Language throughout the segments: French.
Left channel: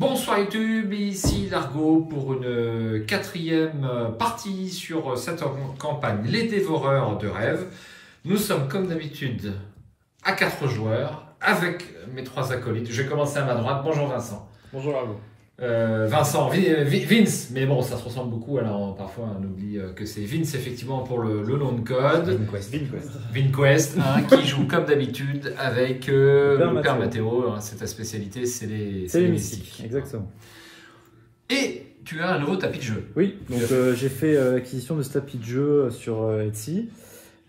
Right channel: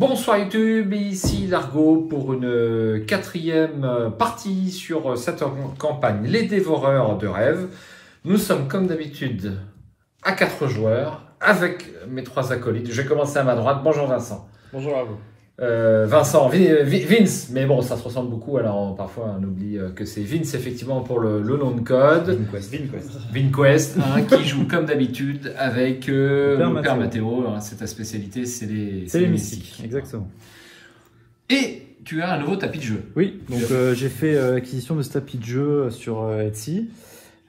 Bonsoir YouTube, ici Largo pour une quatrième partie sur cette campagne Les Dévoreurs de Rêves. Nous sommes comme d'habitude à 4 joueurs avec mes 3 acolytes. Je vais commencer à ma droite. Bonjour Vincent. Bonjour Largo. Vincent, Vince, mais bon ça se ressemble beaucoup alors parfois on oublie que c'est Vince effectivement pour le nom de code. Vinquest, hein, qui joue comme d'habitude avec le père Mathéo, hein, c'est ta spécialité, c'est les mystiques. Exactement. Et tu as un nouveau tapis de jeu. Oui, j'ai fait l'acquisition de ce tapis de jeu sur Etsy.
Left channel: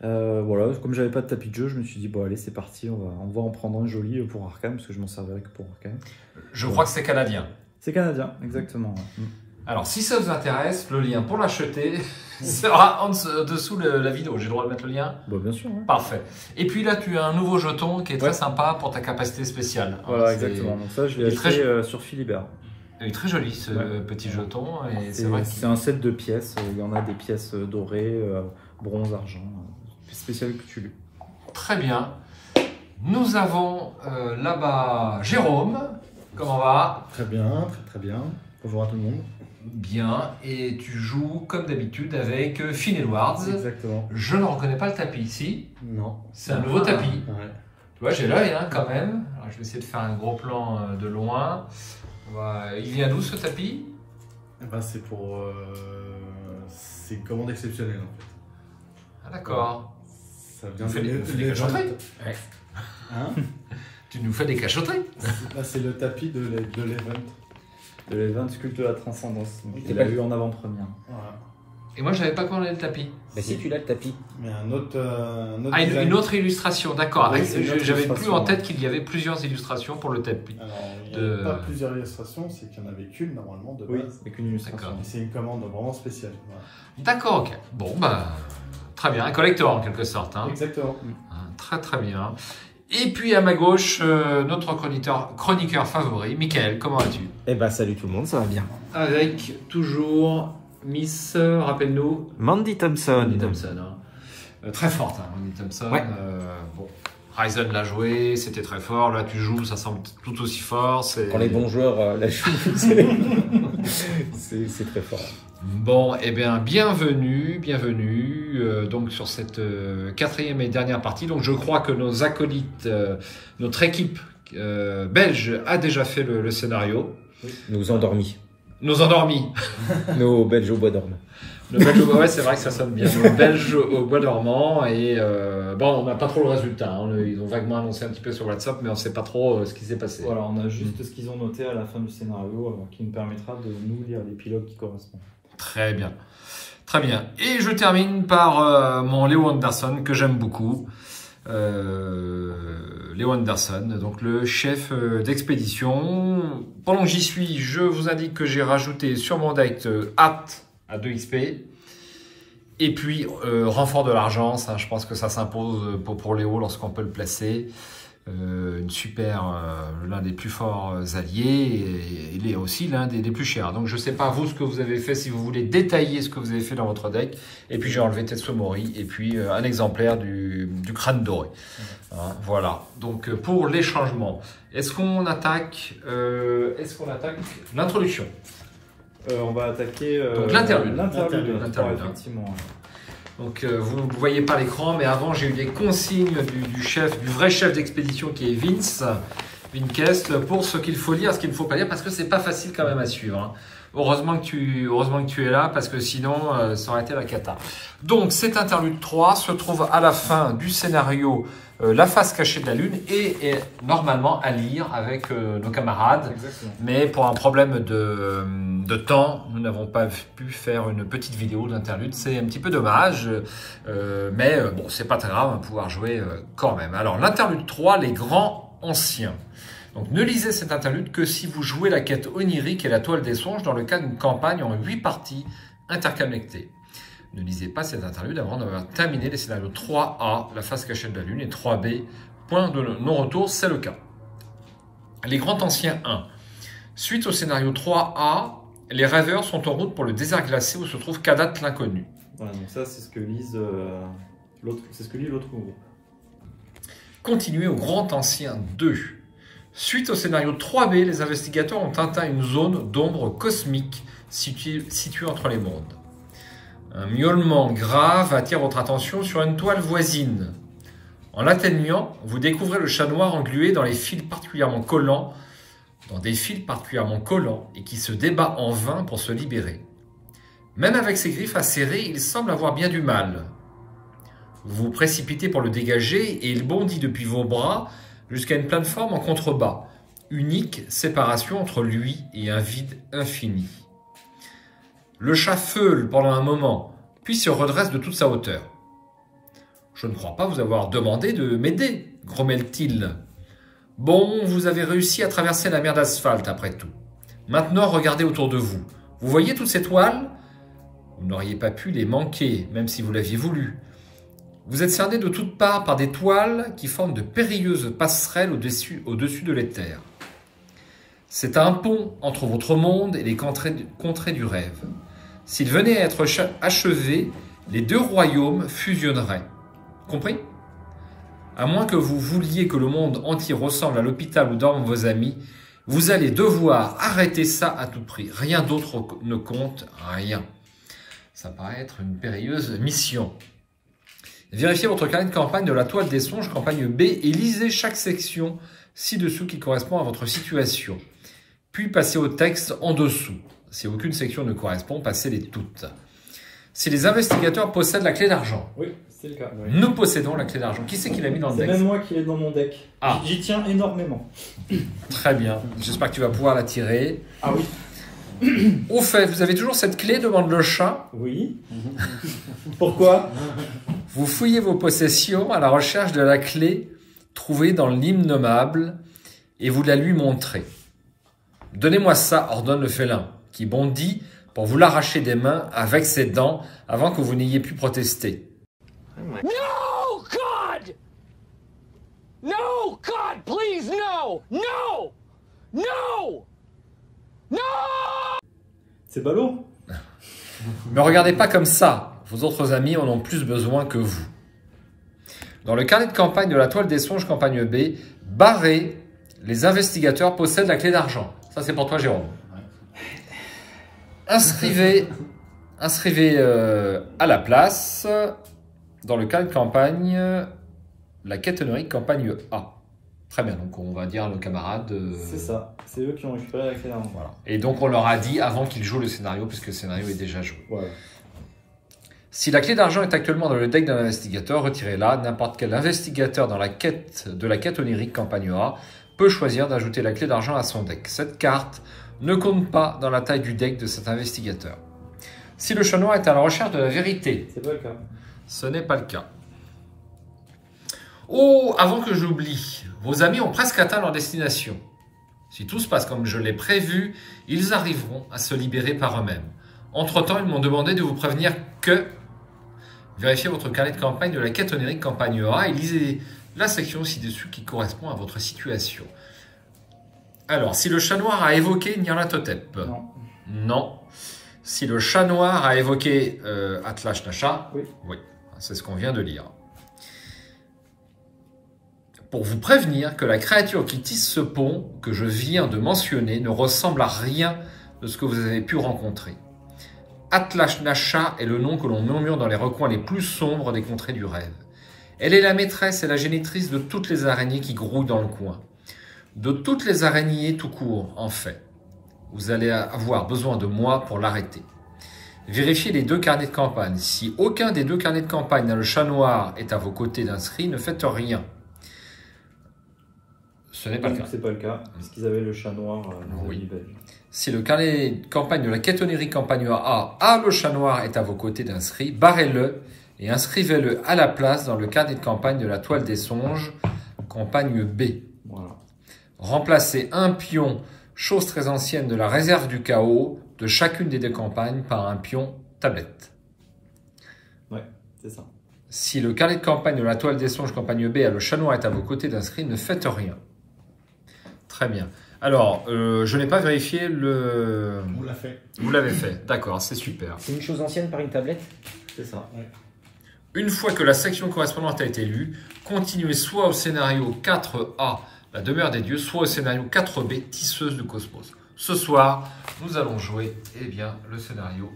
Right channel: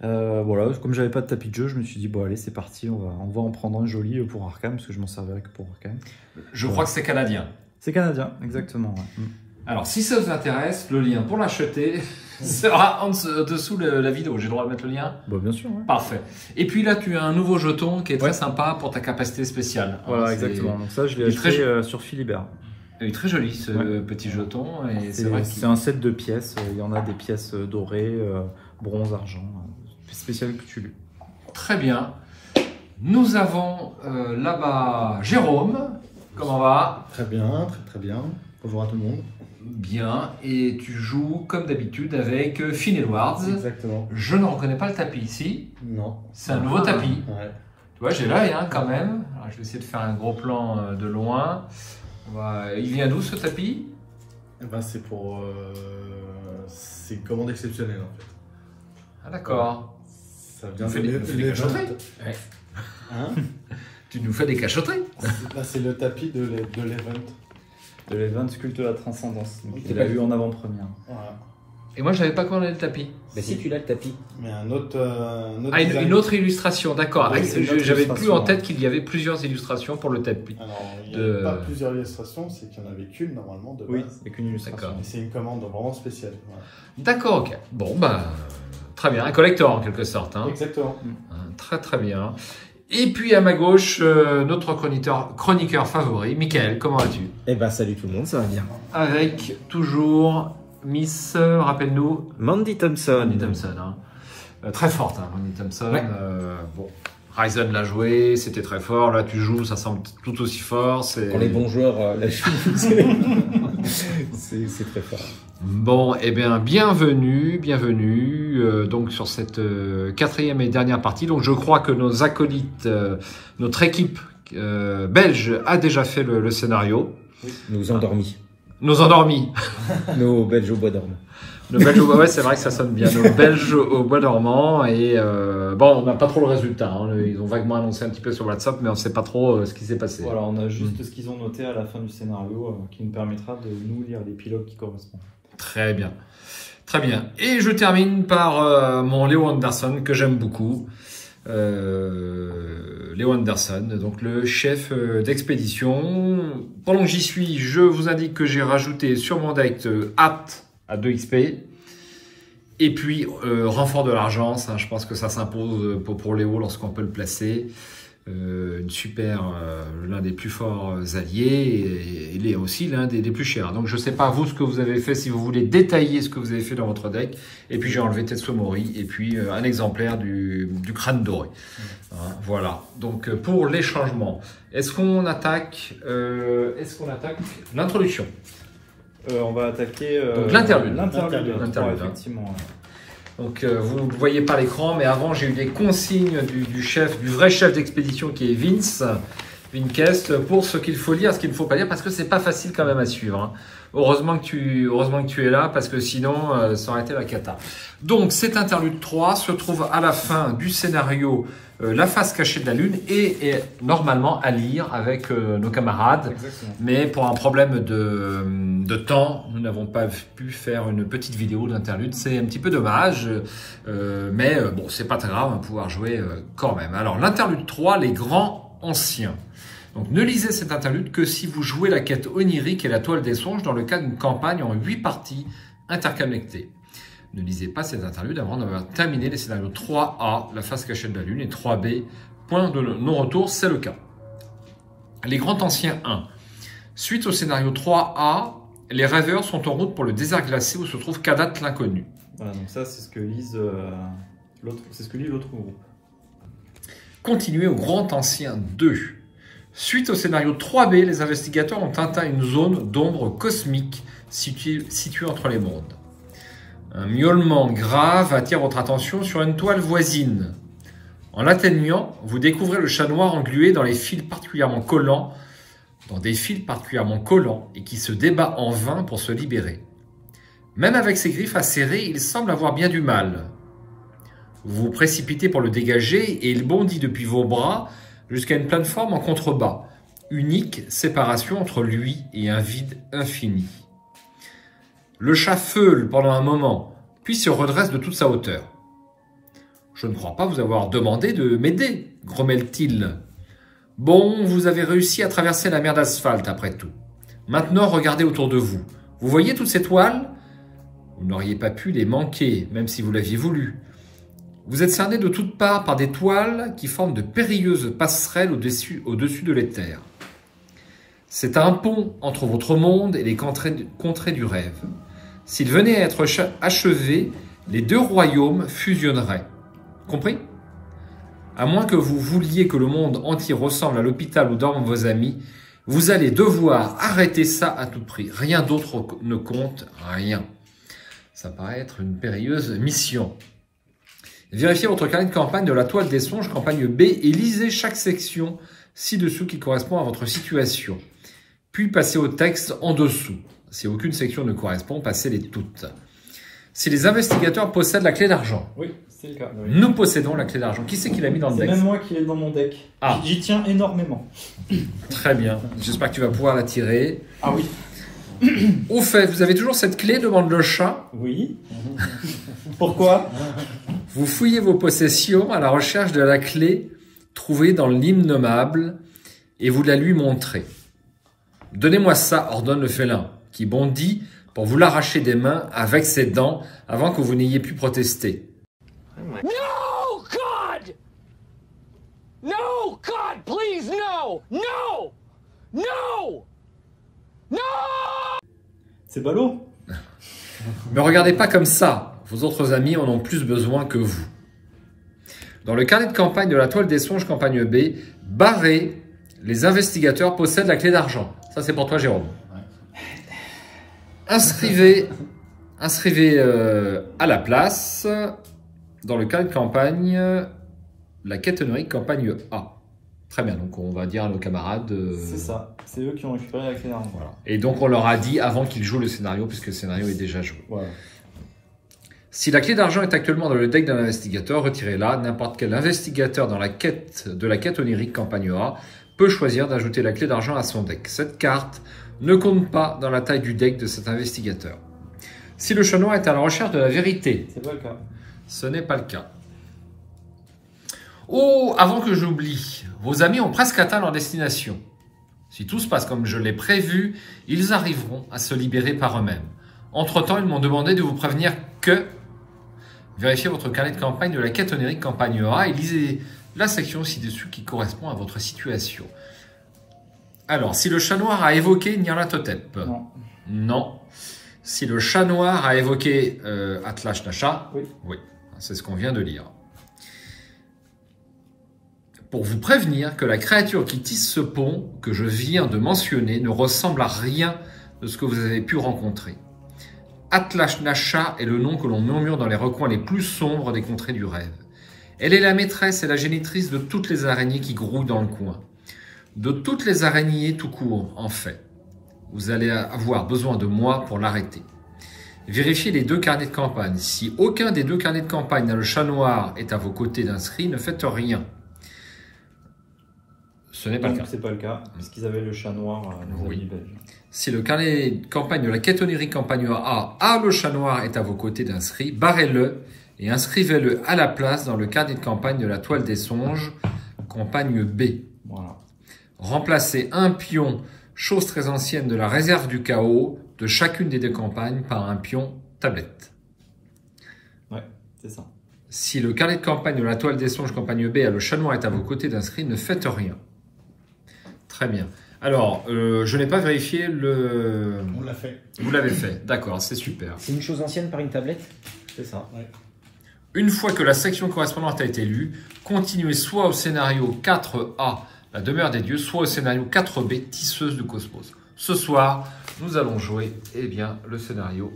Voilà, comme j'avais pas de tapis de jeu, je me suis dit bon allez c'est parti, on va en prendre un joli pour Arkham parce que je m'en servais que pour Arkham. Je crois que c'est canadien. C'est canadien, exactement. Alors, si ça vous intéresse, le lien pour l'acheter sera en dessous de la vidéo. J'ai le droit de mettre le lien? Bah, bien sûr. Hein. Parfait. Et puis là, tu as un nouveau jeton qui est très sympa pour ta capacité spéciale. Ouais, exactement. Donc ça, je l'ai acheté sur Philibert. Il est très joli ce petit jeton. C'est vrai que c'est un set de pièces. Il y en a des pièces dorées, bronze, argent. Spécial Cthulhu. Très bien. Nous avons là-bas Jérôme. Comment va? Très bien, très bien. Bonjour à tout le monde. Bien, et tu joues comme d'habitude avec Finn Edwards. Exactement. Je ne reconnais pas le tapis ici. Non. C'est un nouveau tapis. Ouais. Tu vois, j'ai l'œil hein, quand même. Alors, je vais essayer de faire un gros plan de loin. Il vient d'où ce tapis? Eh ben, c'est pour... c'est une commande exceptionnelle en fait. Ah d'accord. Ça vient de cachotteries. Hein? Tu nous fais des cachotteries. C'est le tapis de l'event. De l'event culte de la transcendance. Tu l'as vu en avant-première. Voilà. Et moi, je n'avais pas commandé le tapis. Mais si tu l'as le tapis. Mais un autre une autre illustration, d'accord. Oui, J'avais plus en tête qu'il y avait plusieurs illustrations pour le tapis. Alors, il n'y a pas plusieurs illustrations, c'est qu'il n'y en avait qu'une normalement de base. Oui, et qu'une illustration. D'accord. C'est une commande vraiment spéciale. Voilà. D'accord, ok. Bon, bah, très bien. Un collector en quelque sorte. Hein. Exactement. Très bien. Et puis à ma gauche, notre chroniqueur favori, Michael, comment vas-tu? Eh ben salut tout le monde, ça va bien. Avec toujours Miss, rappelle-nous. Mandy Thompson. Mandy Thompson, hein. Très forte, hein, Mandy Thompson. Ouais. Bon, Ryzen l'a joué, c'était très fort. Là, tu joues, ça semble tout aussi fort. Quand les bons joueurs la jouent, c'est très fort. Bon, eh bien, bienvenue, donc sur cette quatrième et dernière partie. Donc, je crois que nos acolytes, notre équipe belge a déjà fait le scénario. Nos endormis. Nos endormis. Nos Belges au bois dormant. Nos Belges au bois, ouais, c'est vrai que ça sonne bien. Nos Belges au bois dormant. Et bon, on n'a pas trop le résultat. Hein. Ils ont vaguement annoncé un petit peu sur WhatsApp, mais on ne sait pas trop ce qui s'est passé. Voilà, on a juste ce qu'ils ont noté à la fin du scénario qui nous permettra de nous lire les pilotes qui correspondent. Très bien. Très bien. Et je termine par mon Léo Anderson, que j'aime beaucoup. Léo Anderson, donc le chef d'expédition. Pendant que j'y suis, je vous indique que j'ai rajouté sur mon deck Hâte à 2 XP. Et puis, renfort de l'argent, ça, je pense que ça s'impose pour Léo lorsqu'on peut le placer. L'un des plus forts alliés et il est aussi l'un des plus chers. Donc je ne sais pas vous ce que vous avez fait, si vous voulez détailler ce que vous avez fait dans votre deck. Et puis j'ai enlevé Tetsuo Mori et puis un exemplaire du crâne doré. Voilà. Donc pour les changements, est-ce qu'on attaque l'introduction? On va attaquer donc l'interlude. L'interlude, effectivement. Donc vous ne voyez pas l'écran, mais avant j'ai eu des consignes du vrai chef d'expédition qui est Vinquest, pour ce qu'il faut lire, ce qu'il ne faut pas lire, parce que c'est pas facile quand même à suivre. Hein. Heureusement que tu es là, parce que sinon ça aurait été la cata. Donc cet interlude 3 se trouve à la fin du scénario La face cachée de la lune et est normalement à lire avec nos camarades. Exactement. Mais pour un problème de temps, nous n'avons pas pu faire une petite vidéo d'interlude. C'est un petit peu dommage, mais bon, c'est pas très grave, on va pouvoir jouer quand même. Alors l'interlude 3, les grands anciens. Donc ne lisez cet interlude que si vous jouez la quête onirique et la toile des songes dans le cadre d'une campagne en 8 parties interconnectées. Ne lisez pas cet interlude avant d'avoir terminé les scénarios 3A, la face cachée de la lune, et 3B, point de non-retour, c'est le cas. Les grands anciens 1. Suite au scénario 3A, les rêveurs sont en route pour le désert glacé où se trouve Kadat l'inconnu. voilà, donc ça c'est ce que lise l'autre groupe. Continuez au grand ancien 2. Suite au scénario 3B, les investigateurs ont atteint une zone d'ombre cosmique située entre les mondes. Un miaulement grave attire votre attention sur une toile voisine. En l'atteignant, vous découvrez le chat noir englué dans des fils particulièrement collants et qui se débat en vain pour se libérer. Même avec ses griffes acérées, il semble avoir bien du mal. Vous vous précipitez pour le dégager et il bondit depuis vos bras jusqu'à une plateforme en contrebas, unique séparation entre lui et un vide infini. Le chat feule pendant un moment, puis se redresse de toute sa hauteur. « Je ne crois pas vous avoir demandé de m'aider, grommelle-t-il. Bon, vous avez réussi à traverser la mer d'asphalte après tout. Maintenant, regardez autour de vous. Vous voyez toutes ces toiles? Vous n'auriez pas pu les manquer, même si vous l'aviez voulu. Vous êtes cerné de toutes parts par des toiles qui forment de périlleuses passerelles au-dessus de l'éther. C'est un pont entre votre monde et les contrées du rêve. S'il venait à être achevé, les deux royaumes fusionneraient. Compris? À moins que vous vouliez que le monde entier ressemble à l'hôpital où dorment vos amis, vous allez devoir arrêter ça à tout prix. Rien d'autre ne compte, rien. Ça paraît être une périlleuse mission. Vérifiez votre carnet de campagne de la toile des songes, campagne B, et lisez chaque section ci-dessous qui correspond à votre situation. Puis passez au texte en dessous. Si aucune section ne correspond, passez-les toutes. Si les investigateurs possèdent la clé d'argent. Oui, c'est le cas. Oui. Nous possédons la clé d'argent. Qui c'est qui l'a mis dans le deck? C'est même moi qui l'ai dans mon deck. Ah. J'y tiens énormément. Très bien. J'espère que tu vas pouvoir la tirer. Ah oui. Au fait, vous avez toujours cette clé, demande le chat. Oui. Pourquoi? Vous fouillez vos possessions à la recherche de la clé trouvée dans l'innommable et vous la lui montrez. Donnez-moi ça, ordonne le félin, qui bondit pour vous l'arracher des mains avec ses dents avant que vous n'ayez pu protester. No, God! No, God, please, no! No! No! No! C'est ballot. Ne regardez pas comme ça, vos autres amis en ont plus besoin que vous. Dans le carnet de campagne de la toile des songes, campagne B, barré, les investigateurs possèdent la clé d'argent. Ça, c'est pour toi, Jérôme. Inscrivez à la place, dans le carnet de campagne, la quête onirique campagne A. Très bien, donc on va dire à nos camarades... C'est ça, c'est eux qui ont récupéré la clé d'argent. Voilà. Et donc on leur a dit avant qu'ils jouent le scénario, puisque le scénario est déjà joué. Ouais. Si la clé d'argent est actuellement dans le deck d'un investigateur, retirez-la. N'importe quel investigateur dans la quête onirique campagne A peut choisir d'ajouter la clé d'argent à son deck. Cette carte ne compte pas dans la taille du deck de cet investigateur. Si le chat noir est à la recherche de la vérité, c'est pas le cas. Ce n'est pas le cas. Oh, avant que j'oublie, vos amis ont presque atteint leur destination. Si tout se passe comme je l'ai prévu, ils arriveront à se libérer par eux-mêmes. Entre-temps, ils m'ont demandé de vous prévenir que... Vérifiez votre carnet de campagne de la quête onirique campagne A et lisez la section ci-dessus qui correspond à votre situation. Alors, si le chat noir a évoqué Nyarlathotep. Non. Non. Si le chat noir a évoqué Atlash Nasha. Oui. Oui, c'est ce qu'on vient de lire. Pour vous prévenir que la créature qui tisse ce pont que je viens de mentionner ne ressemble à rien de ce que vous avez pu rencontrer. Atlash Nasha est le nom que l'on murmure dans les recoins les plus sombres des contrées du rêve. Elle est la maîtresse et la génitrice de toutes les araignées qui grouillent dans le coin. De toutes les araignées tout court, en fait. Vous allez avoir besoin de moi pour l'arrêter. Vérifiez les deux carnets de campagne. Si aucun des deux carnets de campagne n'a le chat noir est à vos côtés d'inscrit, ne faites rien. Ce n'est pas le cas. C'est pas le cas, parce qu'ils avaient le chat noir dans Oui. les belges. Si le carnet de campagne de la quête onirique campagne A a le chat noir est à vos côtés d'inscrit, barrez-le et inscrivez-le à la place dans le carnet de campagne de la toile des songes, campagne B. Voilà. Remplacez un pion, chose très ancienne de la réserve du chaos, de chacune des deux campagnes par un pion tablette. Ouais, c'est ça. Si le carnet de campagne de la toile des songes, campagne B, a le chat noir est à vos côtés d'inscrit, ne faites rien. Très bien. Alors, je n'ai pas vérifié le... On l'a fait. Vous l'avez fait, d'accord, c'est super. C'est une chose ancienne par une tablette? C'est ça, ouais. Une fois que la section correspondante a été lue, continuez soit au scénario 4A la demeure des dieux, soit au scénario 4B, Tisseuse du cosmos. Ce soir, nous allons jouer eh bien, le scénario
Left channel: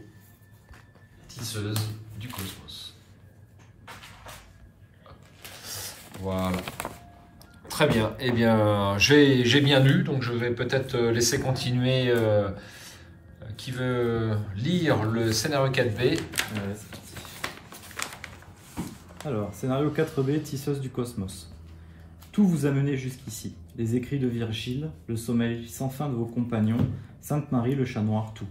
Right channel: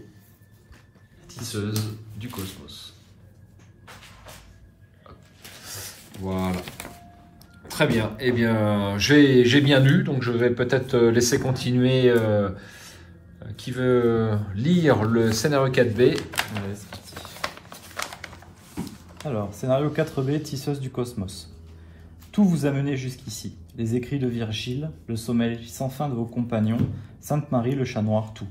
Tisseuse du cosmos. Voilà. Très bien. Eh bien, j'ai bien lu, donc je vais peut-être laisser continuer qui veut lire le scénario 4B. Ouais, c'est parti. Alors, scénario 4B, Tisseuse du cosmos. Tout vous a mené jusqu'ici. Les écrits de Virgile, le sommeil sans fin de vos compagnons, Sainte Marie, le chat noir, tout.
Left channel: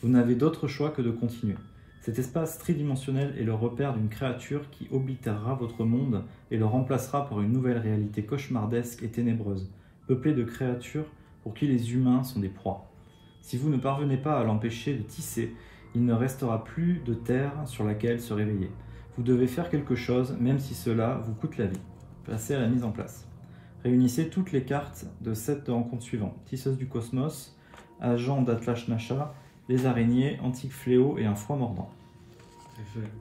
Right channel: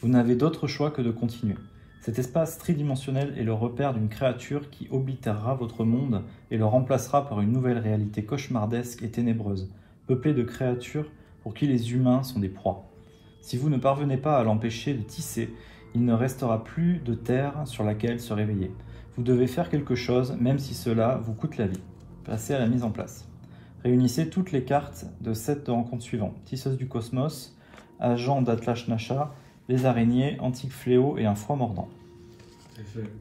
Vous n'avez d'autre choix que de continuer. Cet espace tridimensionnel est le repère d'une créature qui oblitérera votre monde et le remplacera par une nouvelle réalité cauchemardesque et ténébreuse, peuplée de créatures pour qui les humains sont des proies. Si vous ne parvenez pas à l'empêcher de tisser, il ne restera plus de terre sur laquelle se réveiller. Vous devez faire quelque chose, même si cela vous coûte la vie. Passez à la mise en place. Réunissez toutes les cartes de cette rencontre suivante. Tisseuse du cosmos, agent d'Atlash Nasha, les araignées, antique fléau et un froid mordant.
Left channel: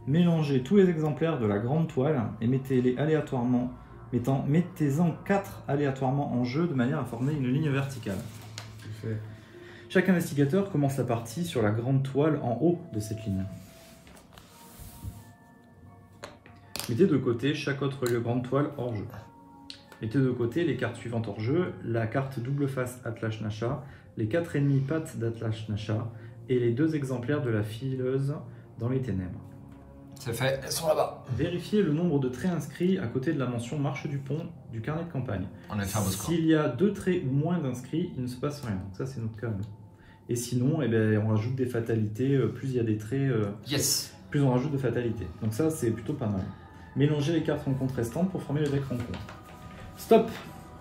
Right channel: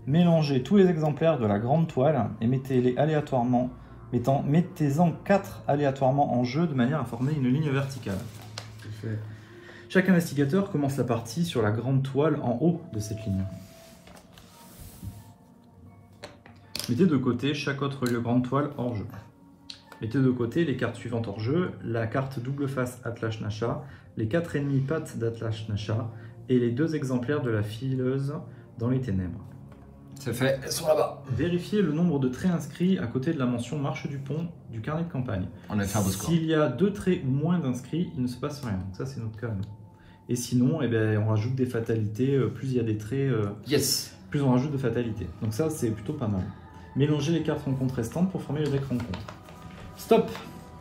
Mélangez tous les exemplaires de la grande toile et mettez-les aléatoirement, mettez-en 4 aléatoirement en jeu de manière à former une ligne verticale. C'est fait. Chaque investigateur commence la partie sur la grande toile en haut de cette ligne. Mettez de côté chaque autre grande toile hors jeu. Mettez de côté les cartes suivantes hors jeu, la carte double face Atlash Nasha, les 4 ennemis pattes d'Atlash Nasha et les 2 exemplaires de la fileuse dans les ténèbres. C'est fait, elles sont là-bas. Vérifiez le nombre de traits inscrits à côté de la mention marche du pont du carnet de campagne. On a fait un beau score. S'il y a 2 traits ou moins d'inscrits, il ne se passe rien. Ça, c'est notre cas. Et sinon, eh bien, on rajoute des fatalités. Plus il y a des traits, Yes. plus on rajoute de fatalités. Donc ça, c'est plutôt pas mal. Mélangez les cartes rencontres restantes pour former le deck rencontre. Stop!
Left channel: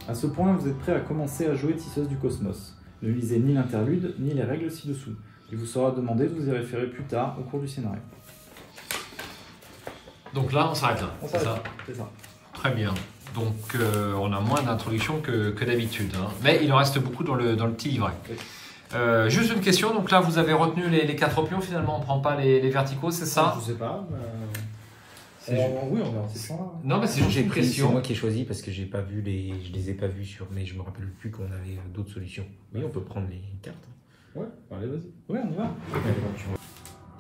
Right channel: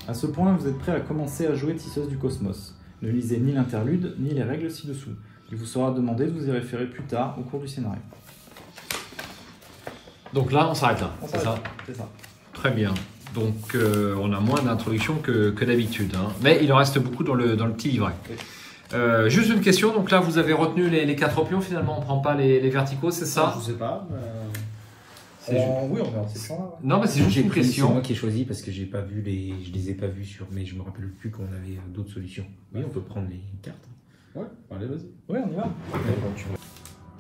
À ce point, vous êtes prêt à commencer à jouer Tisseuse du cosmos. Ne lisez ni l'interlude, ni les règles ci-dessous. Il vous sera demandé de vous y référer plus tard au cours du scénario. Donc là, on s'arrête là, c'est ça? C'est ça. Très bien. Donc, on a moins d'introduction que d'habitude. Hein. Mais il en reste beaucoup dans le petit livret. Juste une question. Donc là, vous avez retenu les 4 pions. Finalement, on ne prend pas les verticaux, c'est ça? Je sais pas. C'est juste... Oui, on va c'est ça. Non, mais c'est juste une C'est question. moi qui ai choisi parce que j'ai pas vu je les ai pas vus sur, mais je me rappelle plus qu'on avait d'autres solutions. Oui, on peut prendre les cartes. Ouais, allez, vas-y. Ouais, on y va.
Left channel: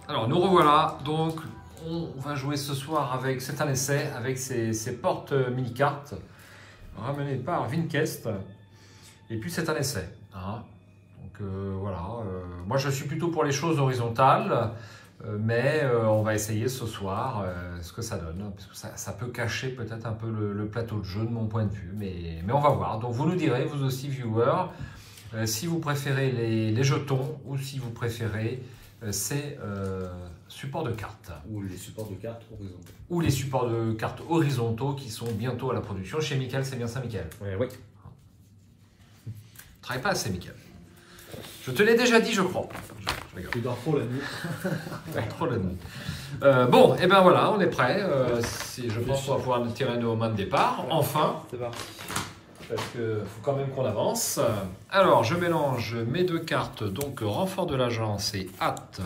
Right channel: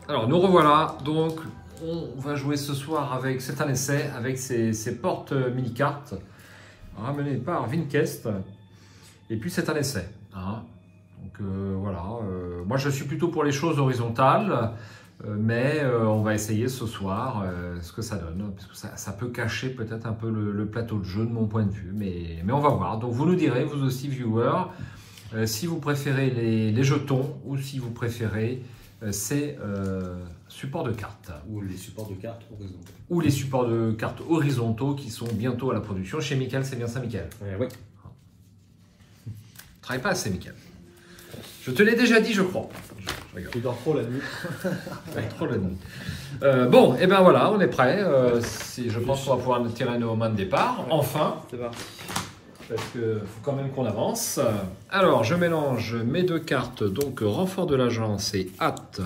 Alors, nous revoilà. Donc, on va jouer ce soir avec, c'est un essai, avec ces portes mini-cartes ramenées par Vinkest. Et puis, c'est un essai. Hein. Donc, voilà. Moi, je suis plutôt pour les choses horizontales. Mais on va essayer ce soir ce que ça donne, parce que ça peut cacher peut-être un peu le plateau de jeu de mon point de vue, mais on va voir. Donc vous nous direz, vous aussi viewers, si vous préférez les jetons ou si vous préférez ces supports de cartes. Ou les supports de cartes horizontaux. Ou les supports de cartes horizontaux qui sont bientôt à la production. Chez Mickaël, c'est bien ça, Mickaël? Oui. Travaille pas assez, Mickaël. Je te l'ai déjà dit, je crois. Tu dors trop la nuit. Trop la nuit. Bon, et ben voilà, on est prêt. Je pense qu'on va pouvoir tirer nos mains de départ. Enfin, C'est parti. parce qu'il faut quand même qu'on avance. Alors, je mélange mes 2 cartes, donc renfort de l'agence et hâte.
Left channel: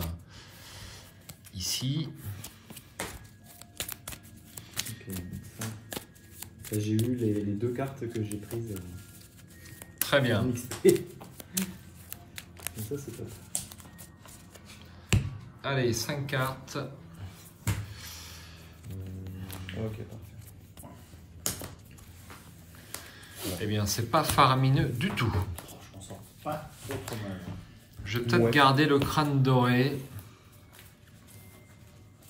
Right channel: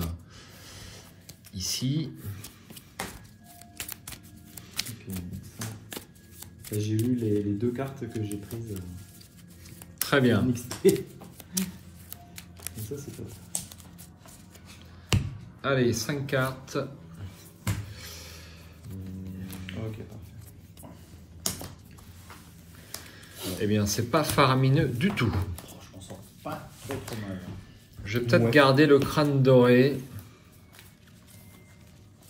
Ici. J'ai eu les 2 cartes que j'ai prises. Très bien. Mixées. Donc ça, c'est top. Allez, 5 cartes. Ok, Eh bien, c'est pas faramineux du tout. Je m'en sors pas trop mal. Je vais peut-être garder le crâne doré.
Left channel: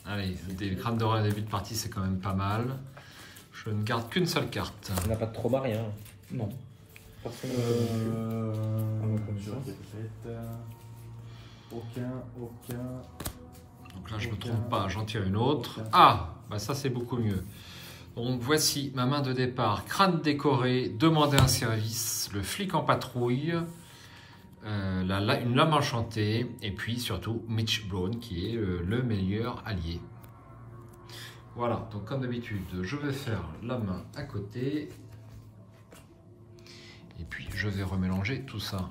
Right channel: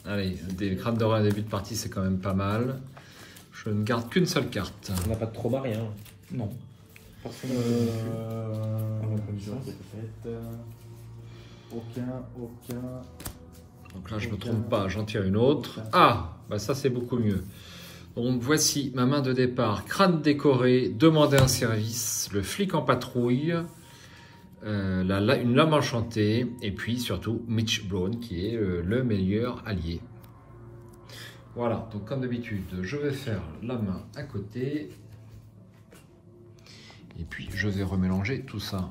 Allez, des crânes dorés à début de partie, c'est quand même pas mal. Je ne garde qu'une seule carte. On n'a pas de trop marié. Hein. Non. Aucun. Donc là, je ne me trompe pas, j'en tire une autre. Ah, bah ça c'est beaucoup mieux. Donc voici ma main de départ. Crâne décoré, demander un service, le flic en patrouille, une lame enchantée, et puis surtout Mitch Brown qui est le meilleur allié. Voilà, donc comme d'habitude, je vais faire la main à côté. Et puis je vais remélanger tout ça.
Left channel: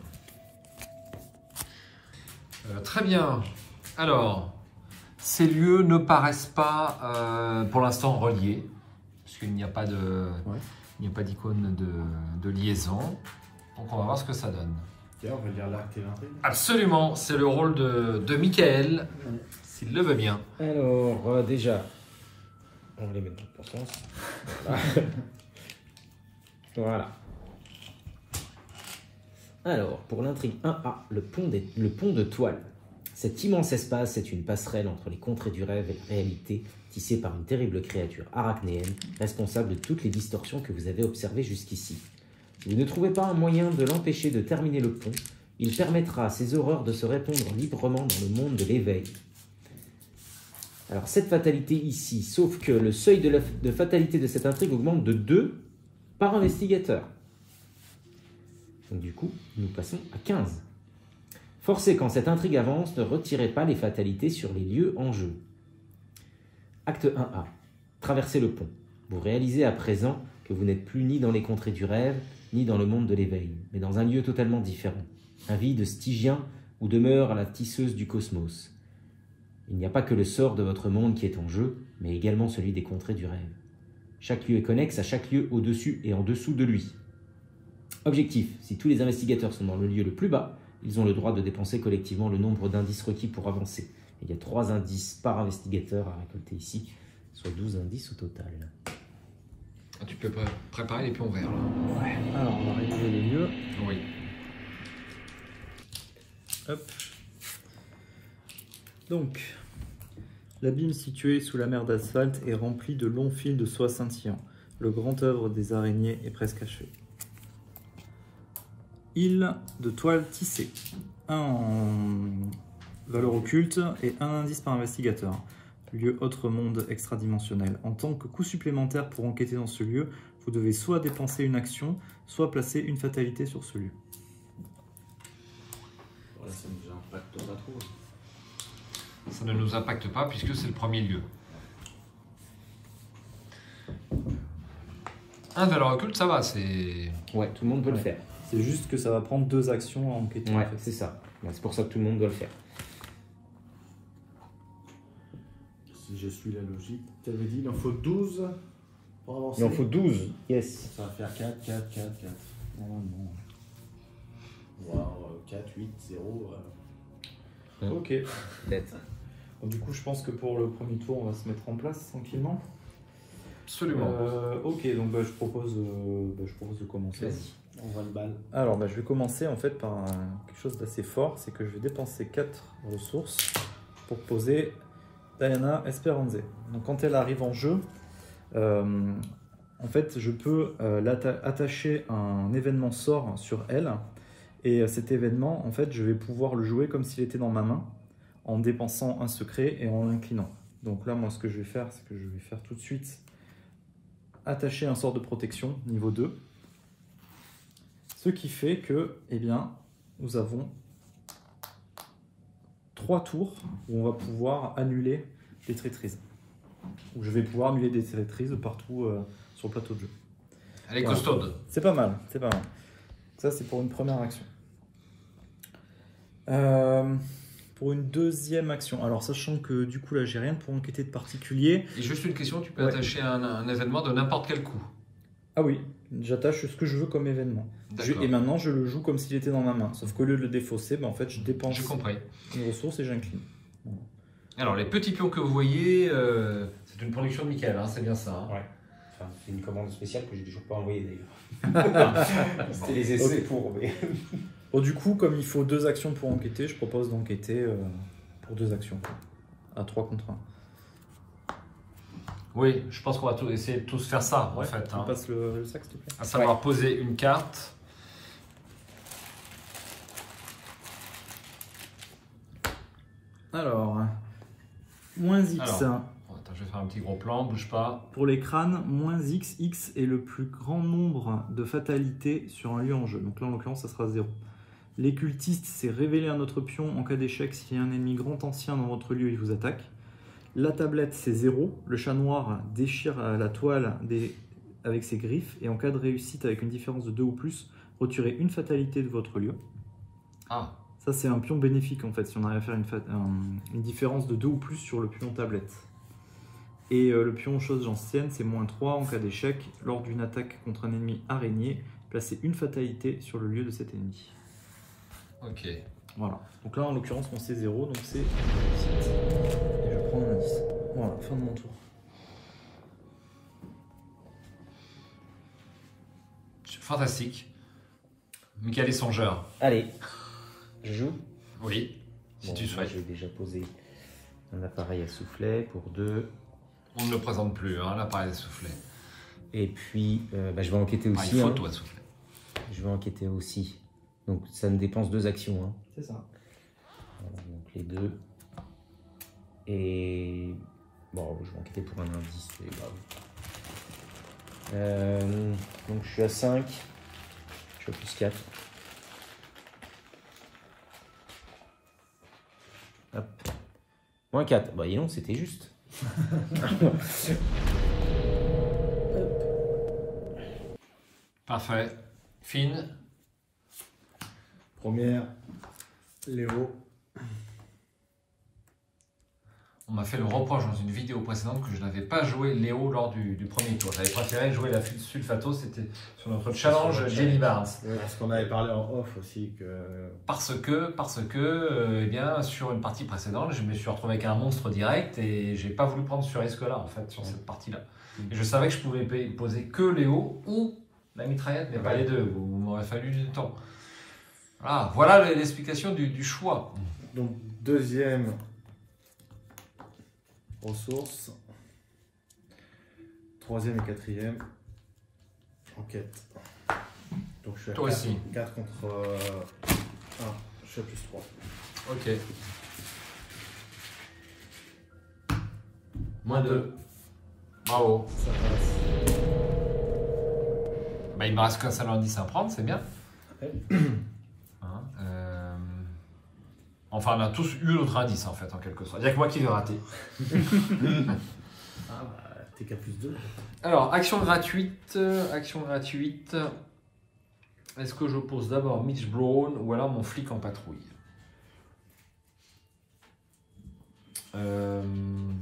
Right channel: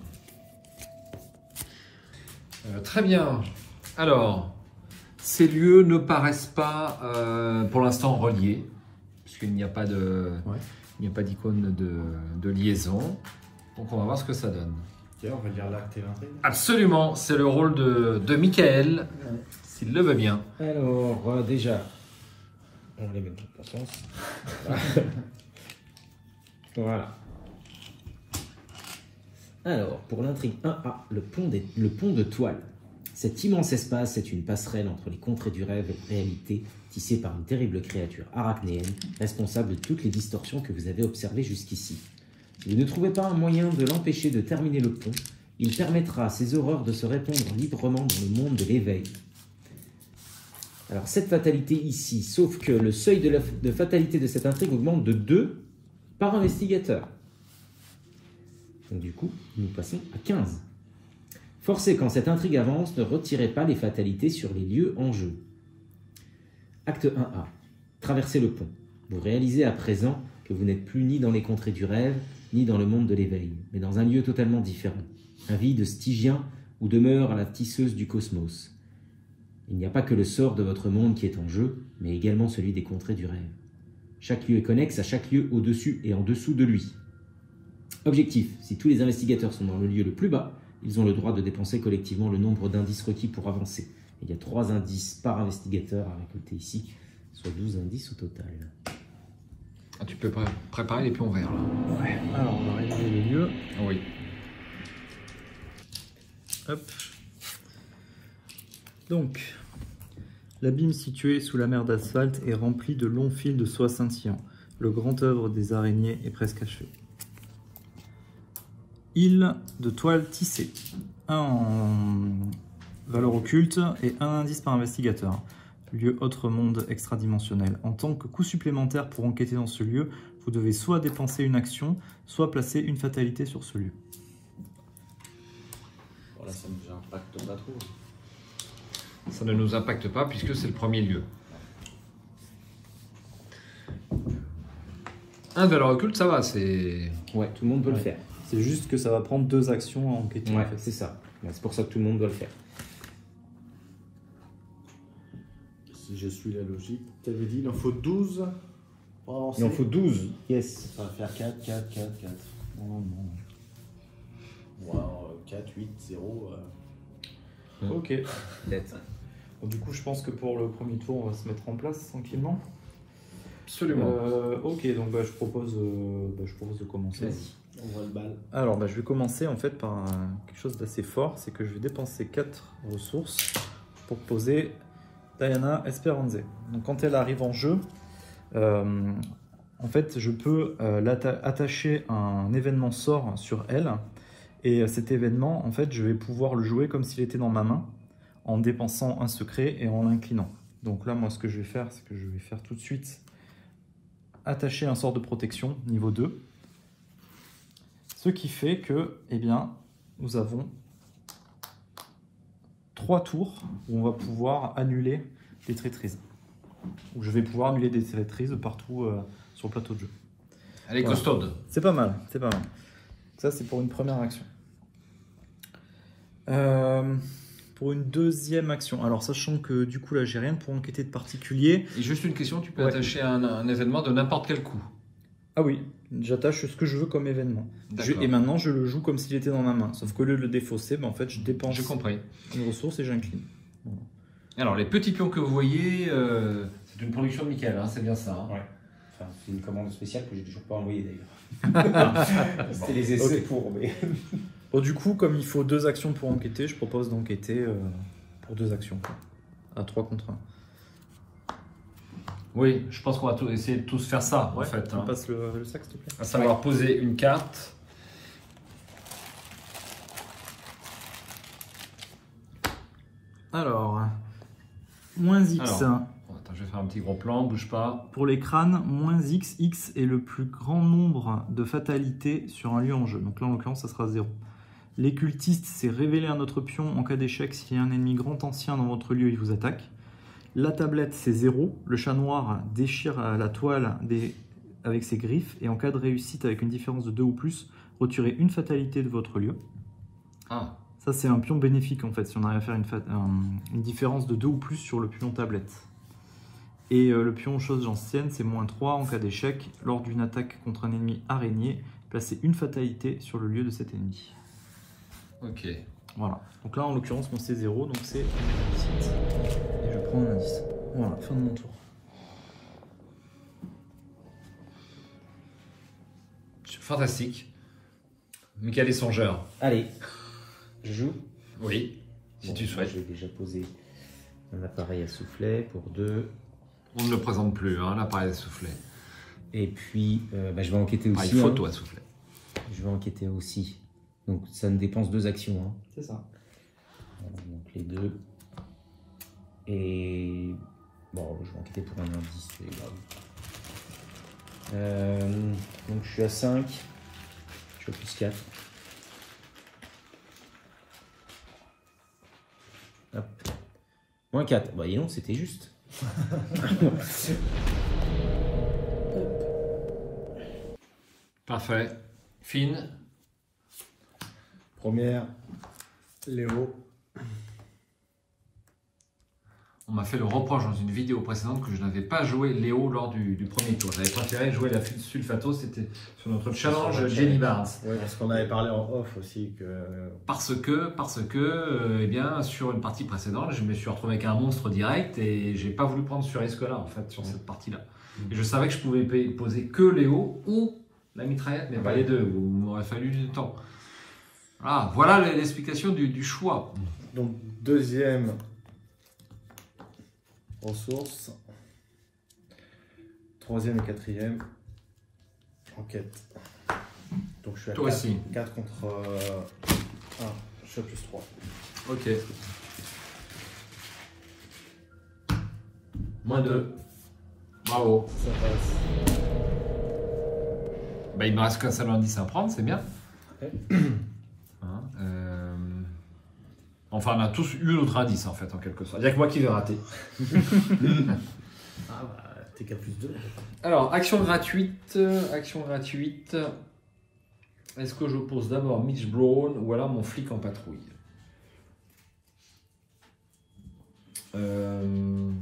Très bien. Alors, ces lieux ne paraissent pas pour l'instant reliés, puisqu'il n'y a pas de... Il n'y a pas d'icône de liaison. Donc on va voir ce que ça donne. Tiens, on va lire l'acte et l'intrigue. Absolument, c'est le rôle de Michael, s'il le veut bien. Alors, déjà, on va les mettre dans le bon sens. Voilà. Voilà. Alors, pour l'intrigue 1A, le pont de toile. Cet immense espace est une passerelle entre les contrées du rêve et la réalité, tissée par une terrible créature arachnéenne, responsable de toutes les distorsions que vous avez observées jusqu'ici. Si vous ne trouvez pas un moyen de l'empêcher de terminer le pont, il permettra à ces horreurs de se répandre librement dans le monde de l'éveil. Alors, cette fatalité ici, sauf que le seuil de fatalité de cette intrigue augmente de 2 par investigateur. Donc du coup, nous passons à 15. Forcez quand cette intrigue avance, ne retirez pas les fatalités sur les lieux en jeu. Acte 1A. Traversez le pont. Vous réalisez à présent que vous n'êtes plus ni dans les contrées du rêve, ni dans le monde de l'éveil, mais dans un lieu totalement différent. Un vide stygien où demeure la tisseuse du cosmos. Il n'y a pas que le sort de votre monde qui est en jeu, mais également celui des contrées du rêve. Chaque lieu est connexe à chaque lieu au-dessus et en dessous de lui. Objectif, si tous les investigateurs sont dans le lieu le plus bas, ils ont le droit de dépenser collectivement le nombre d'indices requis pour avancer. Il y a 3 indices par investigateur à récolter ici, soit 12 indices au total. Ah, tu peux préparer les pions verts là. Ouais. Alors, on va regarder le lieu. Oui. Hop. Donc, l'abîme situé sous la mer d'asphalte est rempli de longs fils de soie scintillant. Le grand œuvre des araignées est presque achevé. Île de toile tissée. 1 en valeur occulte et 1 indice par investigateur. Lieu autre monde extradimensionnel. En tant que coût supplémentaire pour enquêter dans ce lieu, vous devez soit dépenser une action, soit placer une fatalité sur ce lieu. Voilà, ça nous impacte pas trop. Ça ne nous impacte pas puisque c'est le premier lieu. Un valeur occulte, ça va, c'est... Ouais, tout le monde peut le faire. C'est juste que ça va prendre 2 actions à enquêter. Ouais, en fait. c'est ça. C'est pour ça que tout le monde doit le faire. Si je suis la logique, tu avais dit il en faut 12 pour avancer. Il en faut 12, yes. Ça va faire 4, 4, 4, 4. Wow, 4, 8, 0. Ok. Bon, du coup, je pense que pour le premier tour, on va se mettre en place tranquillement. Absolument. Ok, donc je propose de commencer. On voit le bal. Alors, je vais commencer en fait par quelque chose d'assez fort, c'est que je vais dépenser 4 ressources pour poser Diana Esperanze. Donc, quand elle arrive en jeu, en fait, je peux attacher un événement sort sur elle, et cet événement, en fait, je vais pouvoir le jouer comme s'il était dans ma main, en dépensant un secret et en l'inclinant. Donc là, moi, ce que je vais faire, c'est que je vais faire tout de suite attacher un sort de protection niveau 2. Ce qui fait que, eh bien, nous avons 3 tours où on va pouvoir annuler des traîtrises. Donc, je vais pouvoir annuler des traîtrises partout sur le plateau de jeu. Elle est costaude. C'est pas mal, c'est pas mal. Ça, c'est pour une première action. Pour une deuxième action, alors sachant que du coup là j'ai rien pour enquêter de particulier. Et juste une question, tu peux attacher un événement de n'importe quel coup. Ah oui, j'attache ce que je veux comme événement. Et maintenant je le joue comme s'il était dans ma main. Sauf que le défausser, en fait je dépense une ressource et j'incline. Voilà. Alors les petits pions que vous voyez, c'est une production de Michael, hein, c'est bien ça. Hein. Ouais. Enfin, c'est une commande spéciale que j'ai toujours pas envoyée d'ailleurs. C'était les essais pour. Mais... Bon, du coup, comme il faut 2 actions pour enquêter, je propose d'enquêter pour 2 actions. À 3 contre 1. Oui, je pense qu'on va essayer de tous faire ça en fait. On Hein. passe le sac, s'il te plaît. À savoir poser une carte. Alors, moins X. Alors, attends, je vais faire un petit gros plan, bouge pas. Pour les crânes, moins X. X est le plus grand nombre de fatalités sur un lieu en jeu. Donc là, en l'occurrence, ça sera 0. Les cultistes, c'est révéler un autre pion en cas d'échec. S'il y a un ennemi grand ancien dans votre lieu, il vous attaque. La tablette, c'est 0. Le chat noir déchire la toile avec ses griffes. Et en cas de réussite avec une différence de 2 ou plus, retirez une fatalité de votre lieu. Ah. Ça, c'est un pion bénéfique en fait, si on arrive à faire une différence de 2 ou plus sur le pion tablette. Et le pion chose ancienne, c'est -3 en cas d'échec. Lors d'une attaque contre un ennemi araignée, placez une fatalité sur le lieu de cet ennemi. Ok. Voilà. Donc là, en l'occurrence, mon c'est 0, donc c'est 7. Et je prends mon indice. Voilà, fin de mon tour. Fantastique. Michael est songeur. Allez, je joue. Oui, si Bon, tu souhaites. J'ai déjà posé un appareil à soufflet pour 2. On ne le présente plus, hein, l'appareil à soufflet. Et puis, je vais enquêter aussi. Il photo à soufflet. Je vais enquêter aussi. Donc, ça me dépense 2 actions. Hein. C'est ça. Voilà, donc, les 2. Et... Bon, je vais enquêter pour un indice. C'est grave. Donc, je suis à 5. Je suis à plus 4. Hop. Moins 4. Bah, non, c'était juste. Parfait. Fine. Première, Léo. On m'a fait le reproche dans une vidéo précédente que je n'avais pas joué Léo lors du premier tour. J'avais préféré jouer la Sulfato, c'était sur notre challenge Jenny Barnes. Oui, parce qu'on avait parlé en off aussi que... Parce que, eh bien, sur une partie précédente, je me suis retrouvé avec un monstre direct et j'ai pas voulu prendre ce risque-là, en fait, sur cette partie-là. Et je savais que je pouvais poser que Léo ou la mitraillette, mais pas les deux, où il m'aurait fallu du temps. Voilà l'explication du choix. Donc, deuxième ressource. Troisième et quatrième, enquête. Donc, je suis à Toi 4, aussi. 4 contre 1. Je suis à plus 3. Ok. Moins 2. Bravo. Ça passe. Bah, il me reste qu'un seul indice à prendre, c'est bien. Ouais. Hein, enfin, on a tous eu notre indice, en fait, en quelque sorte. Il n'y a que moi qui vais rater. Ah bah, t'es qu'à plus 2. Alors, action gratuite. Action gratuite. Est-ce que je pose d'abord Mitch Brown ou alors mon flic en patrouille? Je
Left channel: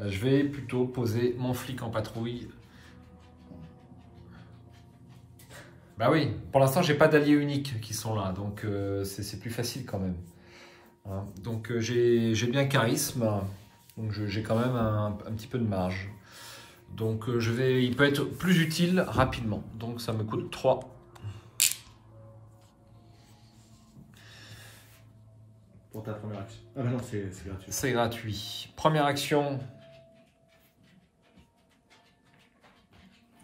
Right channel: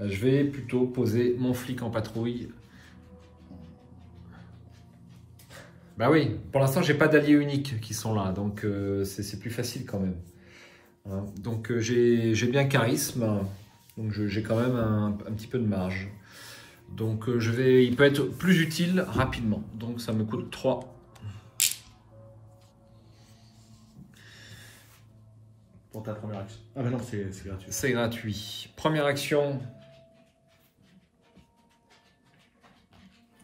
vais plutôt poser mon flic en patrouille. Bah oui, pour l'instant, j'ai pas d'alliés uniques qui sont là, donc c'est plus facile quand même. Hein, donc j'ai bien charisme, donc j'ai quand même un petit peu de marge. Donc il peut être plus utile rapidement, donc ça me coûte 3. Pour ta première action. Ah bah non, c'est gratuit. C'est gratuit. Première action.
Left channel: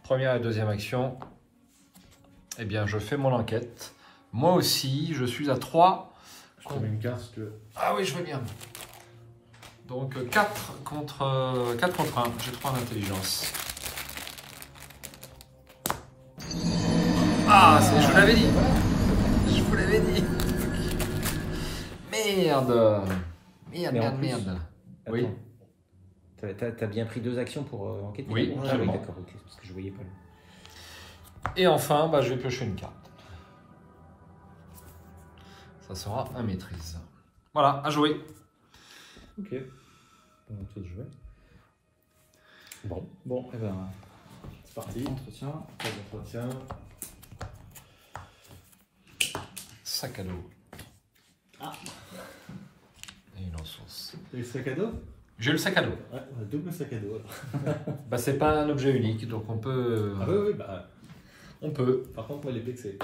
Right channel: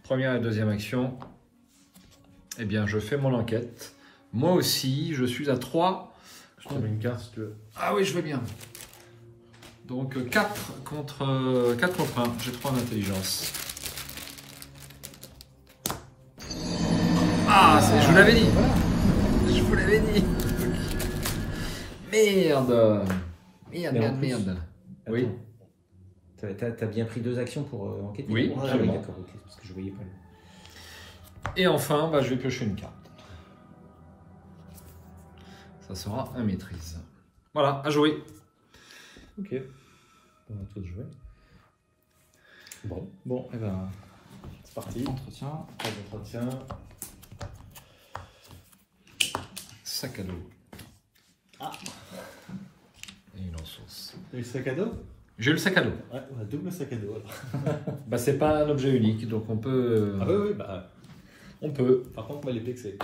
Première et deuxième action. Eh bien, je fais mon enquête. Moi aussi, je suis à 3. Je te mets une carte si tu veux. Ah oui, je veux bien. Donc 4 contre 1. J'ai 3 en intelligence. Ah, je vous l'avais dit. Je vous l'avais dit. Merde. Merde. Oui. T'as bien pris 2 actions pour enquêter? Oui, ah, absolument. oui, d'accord, ok, parce que je voyais pas le... Et enfin, bah, je vais piocher une carte. Ça sera un maîtrise. Voilà, à jouer. Ok. On va tout jouer. Bon, Bon, et ben, c'est parti. entretien. Pas d'entretien. Sac à dos. Ah. Et une ressource. Et le sac à dos? J'ai le sac à dos. Ouais, on a double sac à dos. Bah, c'est pas un objet unique, donc on peut. Ah oui, bah. On peut. Par contre, moi, les plexés.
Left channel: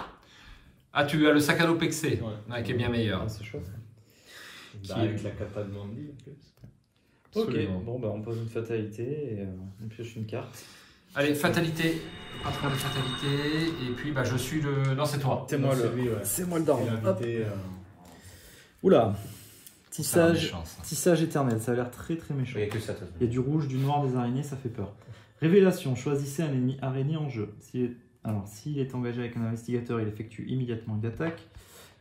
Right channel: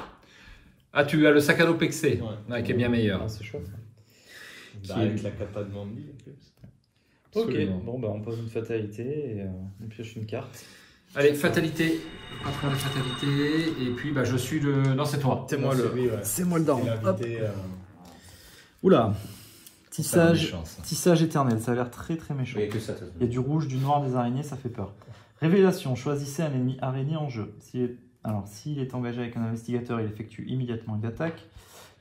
Ah, tu as le sac à dos pexé, Ouais. qui est bien meilleur. Ah, c'est chouette. Bah, avec la capa de Mandy en plus. Ok, Absolument. bon, ben, on pose une fatalité et on pioche une carte. Allez, fatalité. Patron de fatalité. Et puis, bah, je suis le. Non, c'est toi. C'est moi C'est le. lui, ouais. C'est moi le Il daron. a invité. Oula. Ça a l'air Tissage, méchant, ça. tissage éternel, ça a l'air très très méchant. Il n'y a que ça, de toute Il y façon. a du rouge, du noir, des araignées, ça fait peur. Révélation, choisissez un ennemi araignée en jeu. S'il est engagé avec un investigateur, il effectue immédiatement une attaque,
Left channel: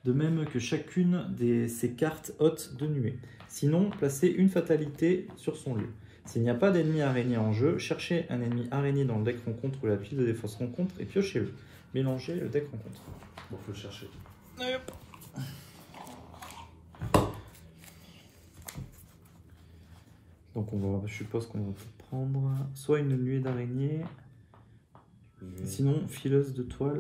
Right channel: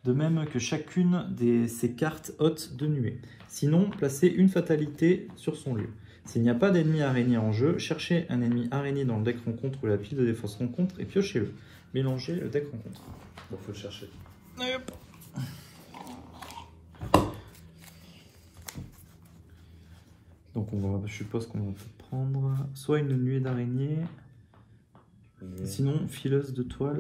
de même que chacune de ses cartes hôtes de nuée. Sinon, placez une fatalité sur son lieu. S'il n'y a pas d'ennemi araignée en jeu, cherchez un ennemi araignée dans le deck rencontre ou la pile de défense rencontre et piochez-le. Mélangez le deck rencontre. Bon, faut le chercher. Donc Donc je suppose qu'on va prendre soit une nuée d'araignée, sinon fileuse de toile.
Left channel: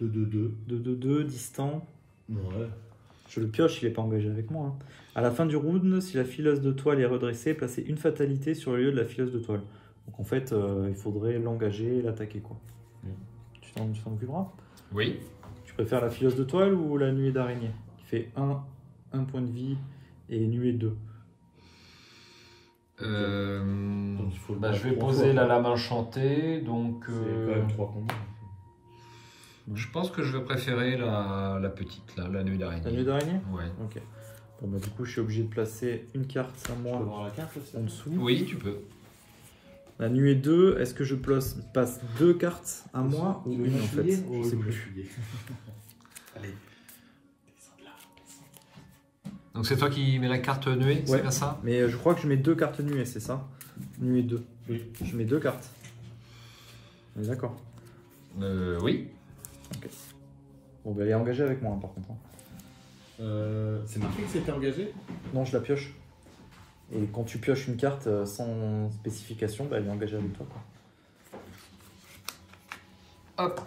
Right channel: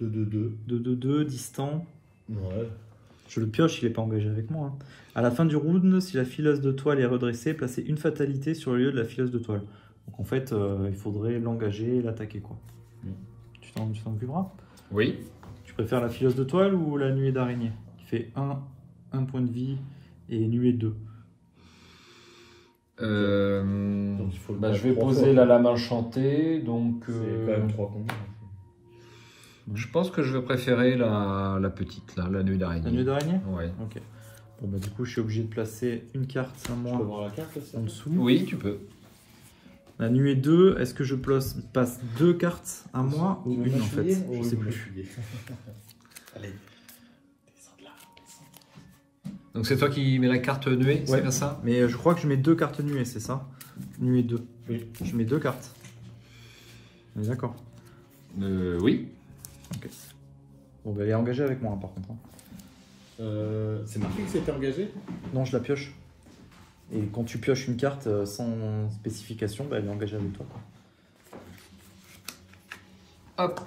2-2-2. 2-2-2, distant. Ouais. Je le pioche, il n'est pas engagé avec moi. Hein. À la fin du round, si la fileuse de toile est redressée, placez une fatalité sur le lieu de la fileuse de toile. Donc en fait, il faudrait l'engager et l'attaquer, quoi. Tu t'en occuperas? Oui. Tu préfères la fileuse de toile ou la nuée d'araignée qui fait 1 point de vie et nuée 2? Donc, il faut le Je battre vais 3 poser fois. la lame enchantée, donc C'est quand même 3 combats. je pense que je vais préférer la petite, là, la nuée La nuée d'araignée. d'araignée? Ouais. Ok. Bon, bah, du coup, je suis obligé de placer une carte à Je peux moi voir la carte aussi. en dessous. Oui, tu peux. La nuée 2, est-ce que je passe 2 cartes à moi ou Tu veux une en m'appuyer? fait? Oui, Je sais je plus. m'appuyer. Allez. Descends de là. Donc c'est toi qui mets la carte nuée, c'est Ouais. bien ça? Mais je crois que je mets 2 cartes nuées, c'est ça? Nuée 2. Oui. Je mets 2 cartes. On est d'accord. Oui. Bon, bah, il est engagé avec moi, par contre. Hein. C'est marqué que c'était engagé? Non, je la pioche. Et quand tu pioches une carte sans spécification, bah, elle est engagée avec toi. Hop.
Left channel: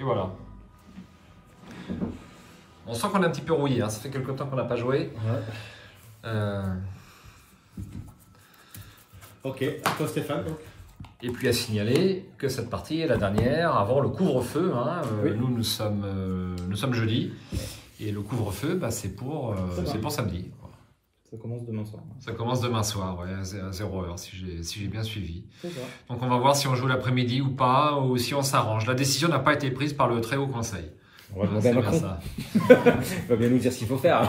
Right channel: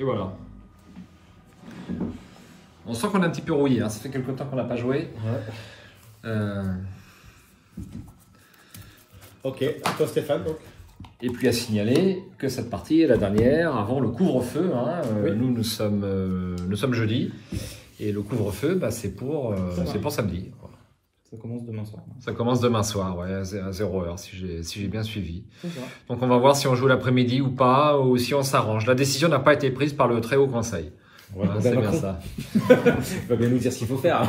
Et voilà. On sent qu'on est un petit peu rouillé, hein. Ça fait quelque temps qu'on n'a pas joué. Ouais. Ok, à toi Stéphane donc. Et puis à signaler que cette partie est la dernière avant le couvre-feu. Hein. Oui. Nous sommes jeudi. Et le couvre-feu, bah, c'est pour samedi. Voilà. Ça commence demain soir. Ça commence demain soir, ouais, à 0h, si j'ai bien suivi. C'est ça. Donc on va voir si on joue l'après-midi ou pas, ou si on s'arrange. La décision n'a pas été prise par le très haut conseil. Ouais, Hein, c'est bien ça. Il va bien nous dire ce qu'il faut faire.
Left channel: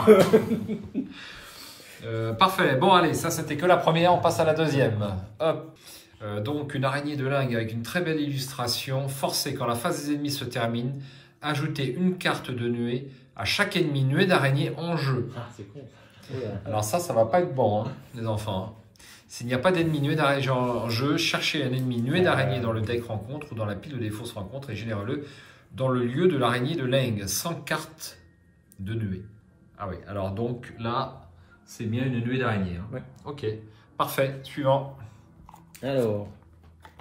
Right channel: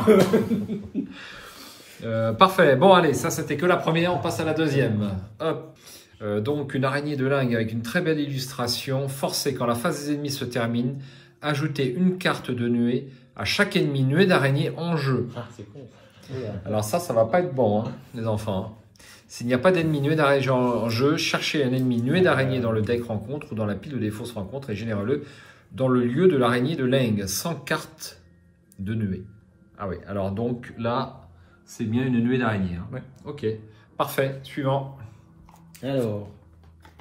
Parfait. Bon, allez, ça c'était que la première, on passe à la deuxième. Hop. Donc une araignée de lingue avec une très belle illustration. Forcez quand la phase des ennemis se termine. Ajoutez une carte de nuée à chaque ennemi nuée d'araignée en jeu. Ah c'est con. Alors ça va pas être bon, hein, les enfants. S'il n'y a pas d'ennemi nuée d'araignée en jeu, cherchez un ennemi nuée d'araignée dans le deck rencontre ou dans la pile de défausse rencontre et générez-le dans le lieu de l'araignée de lingue, sans carte de nuée. Ah oui, alors donc là, c'est bien une nuée d'araignée. Hein. Ouais. Ok, parfait. Suivant. Alors,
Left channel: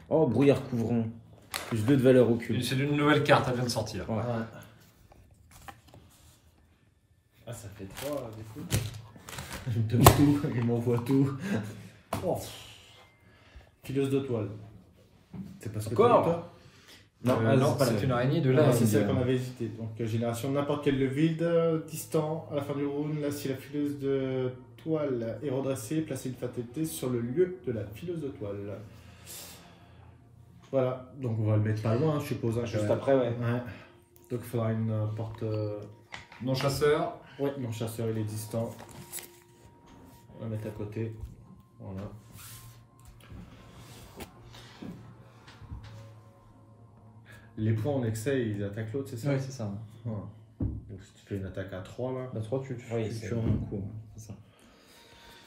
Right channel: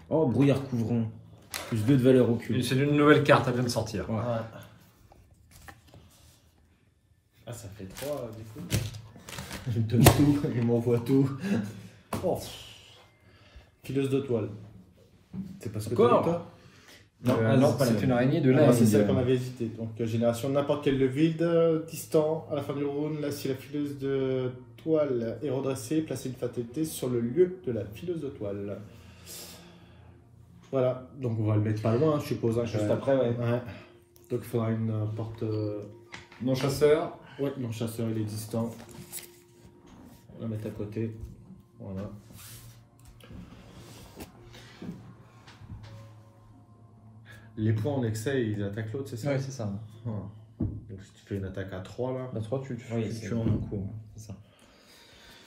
oh, brouillard couvrant. Plus 2 de valeur occulte. C'est une nouvelle carte, elle vient de sortir. Ouais. Ah ça fait 3 du coup. Il me donne tout, il m'envoie tout. Oh. Fileuse de toile. C'est pas ce que tu Encore dis toi? Non, c'est une araignée de Ah, lingue. c'est celle qu'on avait hésité. Donc génération n'importe quel vide, distant, à la fin du round, là si la fileuse de toile est redressée, placez une fatalité sur le lieu de la fileuse de toile. Voilà, donc on va le mettre pas loin, je suppose. Hein, Juste après, ouais. Ouais. Donc il faudra une porte... Non chasseur. Ouais, mon chasseur il est distant. On va mettre à côté. Voilà. Les points en excès, ils attaquent l'autre, c'est ça? Ouais, c'est ça. Voilà. Donc si tu fais une attaque à 3 là. Bah, toi, tu Oui, tu c'est- rends un coup. Hein, c'est ça.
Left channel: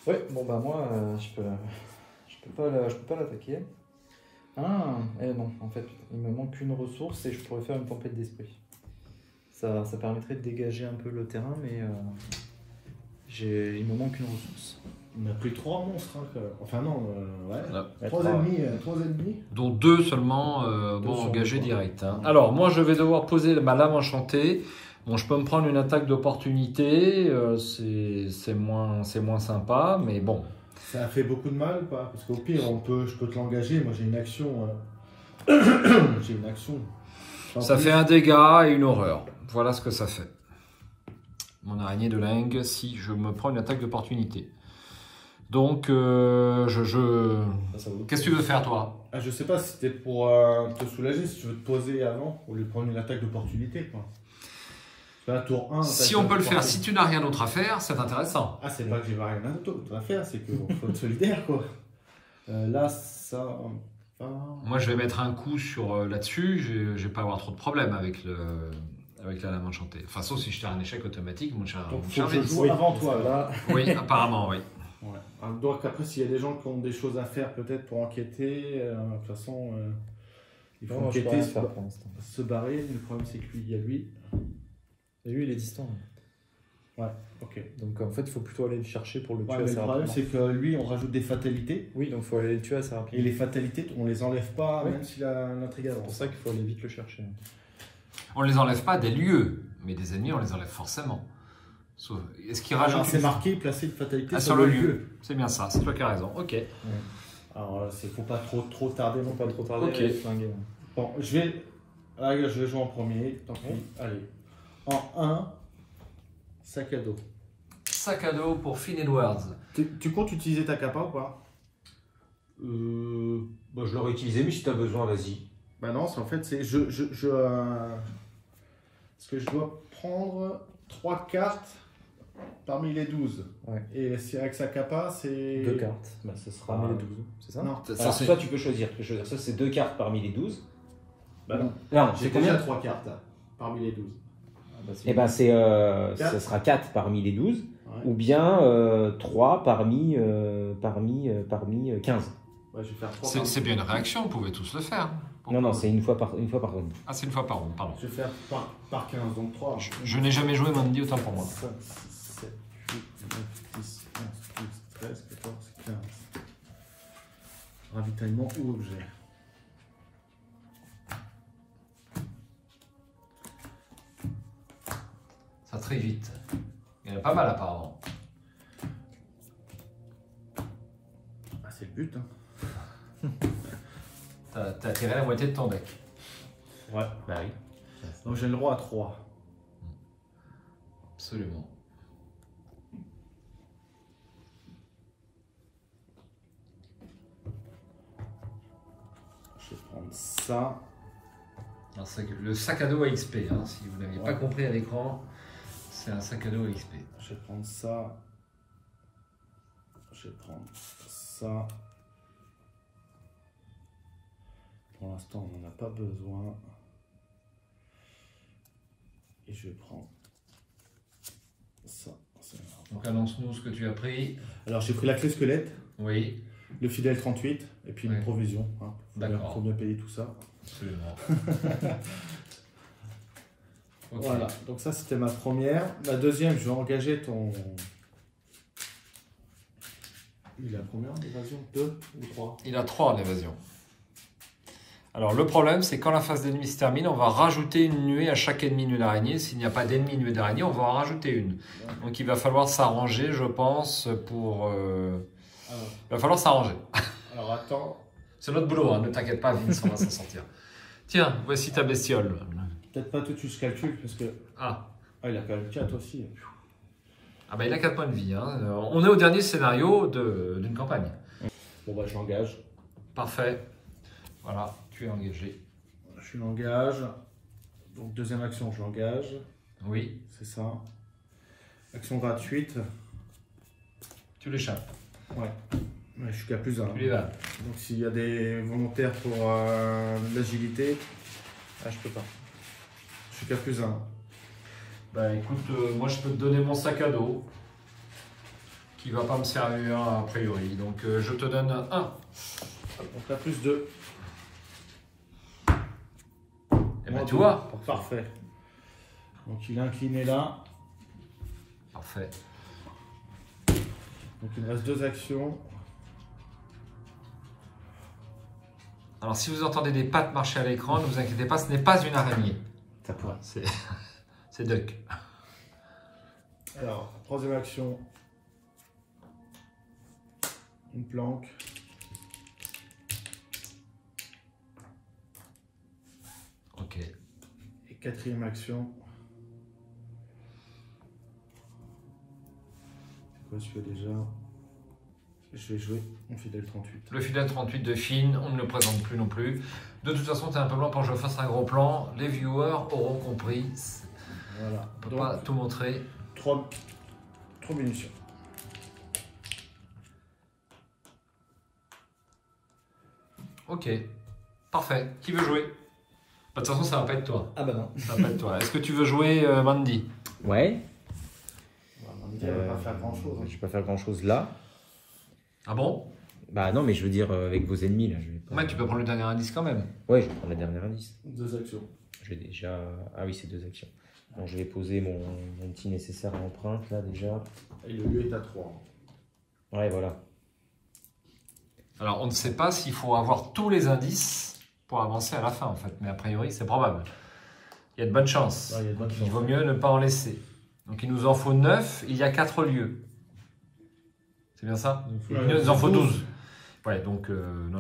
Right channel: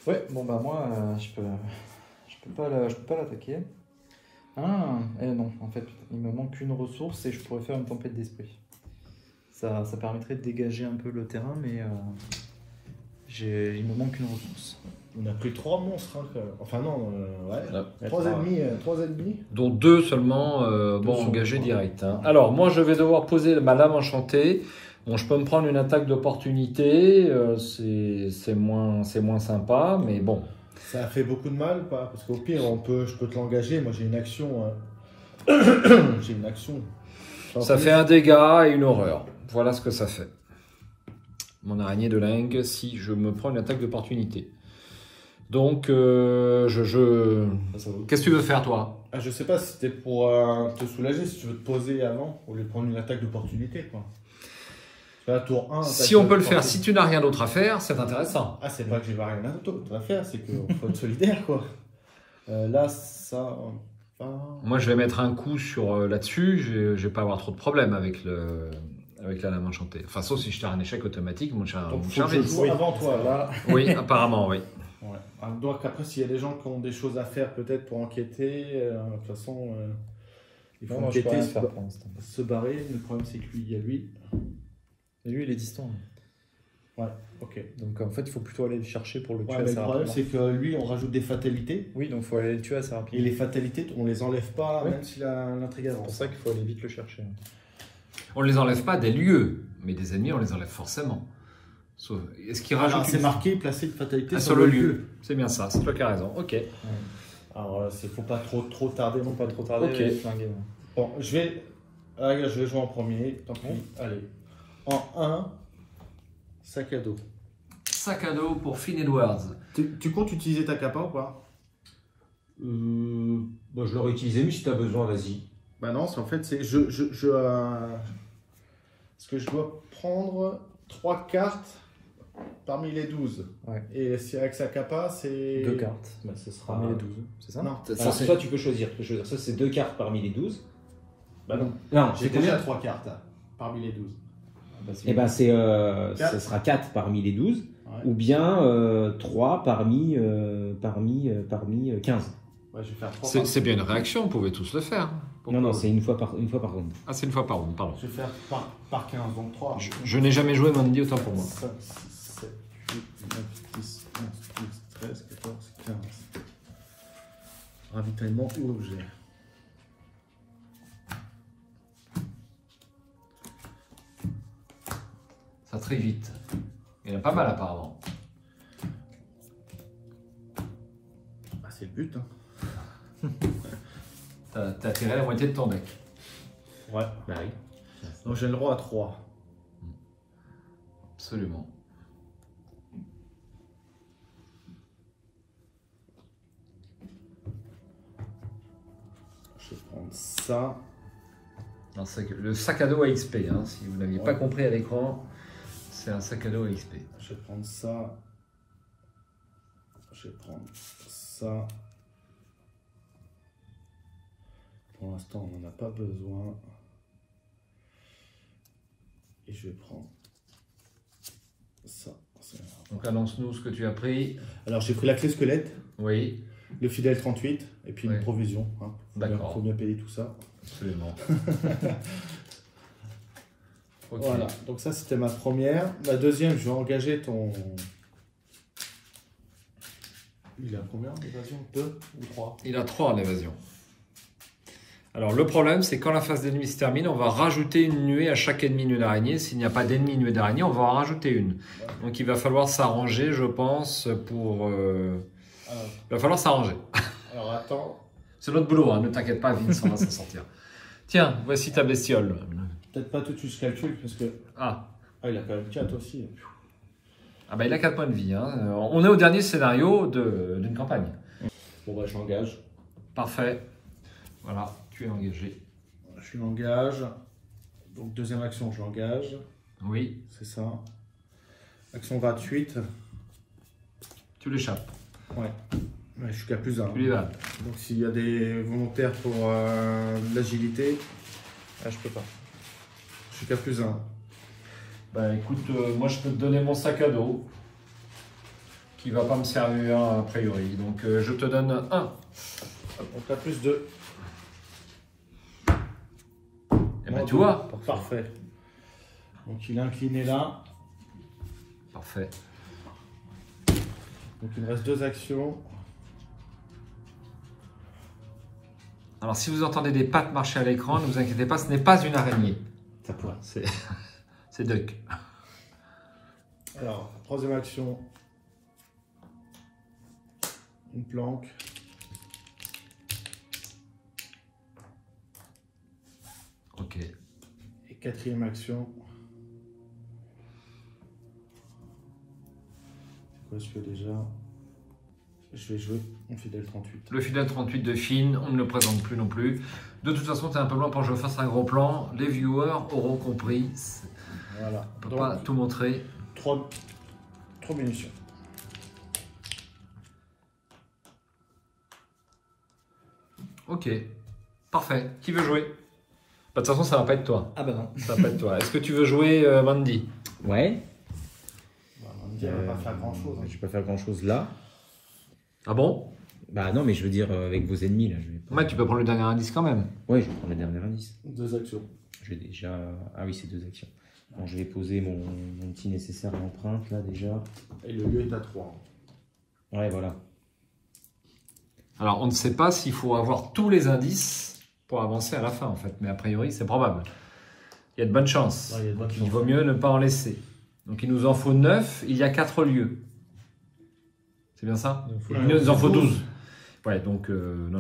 Ouais, bon, bah, moi, je peux pas l'attaquer. Ah, non, en fait, il me manque une ressource et je pourrais faire une tempête d'esprit. Ça permettrait de dégager un peu le terrain, mais il me manque une ressource. On a pris 3 monstres. Hein, enfin non, ouais. Ouais. 3 ennemis, 3 ennemis. Dont 2 seulement engagés direct. Hein. Alors, moi, je vais devoir poser ma lame enchantée. Bon, je peux me prendre une attaque d'opportunité. C'est moins sympa, mais bon. Ça a fait beaucoup de mal ou pas? Parce qu'au pire, je peux te l'engager. Moi j'ai une action. J'ai une action. Ça fait un dégât et une horreur. Voilà ce que ça fait. Mon araignée de lingue, si je me prends une attaque d'opportunité. Donc, qu'est-ce que tu veux faire, toi? Ah, je sais pas si c'était pour te soulager, si tu veux te poser avant, au lieu de prendre une attaque d'opportunité. C'est un tour 1. Si on peut le faire, si tu n'as rien d'autre à faire, c'est intéressant. Ah, c'est pas que j'ai rien d'autre à faire, c'est qu'il faut être solidaire, quoi. Là, ça... Moi, je vais mettre un coup sur là-dessus. Je vais pas avoir trop de problèmes avec la lame enchantée. Enfin, sauf si je tire un échec automatique, mon cher Donc, faut que je Vince. joue avant toi, là. Oui, apparemment, oui. Ouais. Alors, donc après, s'il y a des gens qui ont des choses à faire peut-être pour enquêter, de toute façon, il faut Non, je peux enquêter, rien faire pour l'instant. se barrer. Le problème, c'est que lui, il y a lui. Et lui, il est distant. Ouais, ok. Donc en fait, il faut plutôt aller le chercher pour le tuer Ouais, mais assez le problème, rapidement. c'est que lui, on rajoute des fatalités. Oui, donc il faut aller le tuer assez Et rapidement. les fatalités, on les enlève pas, Ouais. même si l'intrigue C'est pour avance. ça qu'il faut aller vite le chercher. On ne les enlève pas des lieux, mais des ennemis, on les enlève forcément. Est-ce qu'il rajoute Alors, c'est une... marqué, placer une fatalité sur le lieu? C'est bien ça, c'est toi qui as raison. Ok. Alors, il faut pas trop tarder non Pas plus. trop tarder, Ok. je vais flinguer, moi. Bon, je vais jouer en premier. Tant pis. Allez. En 1, sac à dos. Sac à dos pour Finn Edwards. Tu comptes utiliser ta capa ou pas? Bon, je l'aurais utilisé, mais si t'as besoin, vas-y. Bah non, en fait, c'est parce que je dois prendre 3 cartes parmi les 12. Ouais. Et si avec sa capa, c'est... 2 cartes. Bah, ce sera Ah. les 12. C'est ça? Non. Alors, soit tu peux choisir. Ça, c'est 2 cartes parmi les 12. Bah non. Non, J'ai c'est combien? déjà 3 cartes parmi les 12. Eh ben, ça Quatre. sera 4 parmi les 12. Ouais. Ou bien 3 parmi 15. Ouais, je vais faire 3 C'est bien une réaction, on pouvait tous le faire. Pourquoi? Non, c'est une fois par ronde. Ah, c'est une fois par ronde, pardon. Je vais faire par 15, donc 3. Je n'ai jamais joué Mandy, autant pour moi. 5, 6, 7, 8, 9, 10, 11, 12, 13, 14, 15. Ravitaillement ou objet. Ça très vite. Il y en a pas mal apparemment. Ah, c'est le but, hein. T'as tiré la moitié de ton deck. Ouais. Bah oui. Donc j'ai le droit à 3. Absolument. Je vais prendre ça. Non, le sac à dos à XP, hein, si vous n'aviez pas compris à l'écran, c'est un sac à dos à XP. Je vais prendre ça. Je vais prendre ça. Pour l'instant, on n'en a pas besoin. Et je vais prendre ça. Donc annonce-nous ce que tu as pris. Alors j'ai pris la clé squelette, Oui, le fidèle 38 et puis une Oui. provision. Hein. D'accord. Faut bien payer tout ça. absolument. Ok. Voilà, donc ça c'était ma première. La deuxième, je vais engager ton... Il a combien d'évasion? 2 ou 3? Il a 3 en évasion. Alors le problème, c'est quand la phase d'ennemi se termine, on va rajouter une nuée à chaque ennemi nuée d'araignée. S'il n'y a pas d'ennemi nuée d'araignée, on va en rajouter une. Donc il va falloir s'arranger, je pense, pour... Il va falloir s'arranger. Alors attends, C'est notre boulot, hein, ne t'inquiète pas, Vince, on va s'en sortir. Tiens, voici ta bestiole. peut-être pas tout de suite je calcule parce que... Ah, il a quand même 4 aussi. ah bah, il a 4 points de vie. Hein. On est au dernier scénario d'une campagne. Bon bah j'engage. Parfait. Voilà, tu es engagé. Je l'engage. Donc deuxième action, je l'engage. Oui, C'est ça. Action gratuite. tu l'échappes. Ouais. Je suis qu'à plus 1. Tu les vas. Donc s'il y a des volontaires pour l'agilité, Ah, je peux pas. je suis qu'à plus 1. Bah écoute, moi je peux te donner mon sac à dos qui va pas me servir a priori. Donc je te donne 1. Donc là plus 2. Et ben tu vois. Parfait. Donc il est incliné là. Parfait. Donc il me reste 2 actions. Alors si vous entendez des pattes marcher à l'écran, ne vous inquiétez pas, ce n'est pas une araignée. Voilà. C'est Duck. Alors, troisième action. Une planque. Ok. Et quatrième action. C'est quoi je fais déjà? Je vais jouer mon fidèle 38. Le fidèle 38 de Finn, on ne le présente plus non plus. De toute façon, tu es un peu loin pour que je fasse un gros plan. Les viewers auront compris. Voilà. On ne peut pas tout montrer. 3 munitions. Ok. Parfait. Qui veut jouer? Bah, de toute façon, ça va pas être toi. Ah bah non. Ça va pas être toi. Est-ce que tu veux jouer Mandy? Ouais. On va pas faire grand chose. Je vais pas faire grand chose là. Ah bon? Bah non, mais je veux dire avec vos ennemis là. Je vais pas... Ouais, tu peux prendre le dernier indice quand même. Ouais, je vais prendre la dernière indice. 2 actions. Je vais déjà. Ah oui, c'est 2 actions. Alors, je vais poser mon petit nécessaire à empreinte là déjà. Et le lieu est à 3. Ouais, voilà. Alors, on ne sait pas s'il faut avoir tous les indices pour avancer à la fin, en fait. Mais a priori, c'est probable. Il y a de bonnes chances. Ouais, il y a de bonnes Il chances. vaut mieux ne pas en laisser. Donc, il nous en faut 9. Il y a 4 lieux. C'est bien ça? Il nous en faut 12. Ouais, donc, non.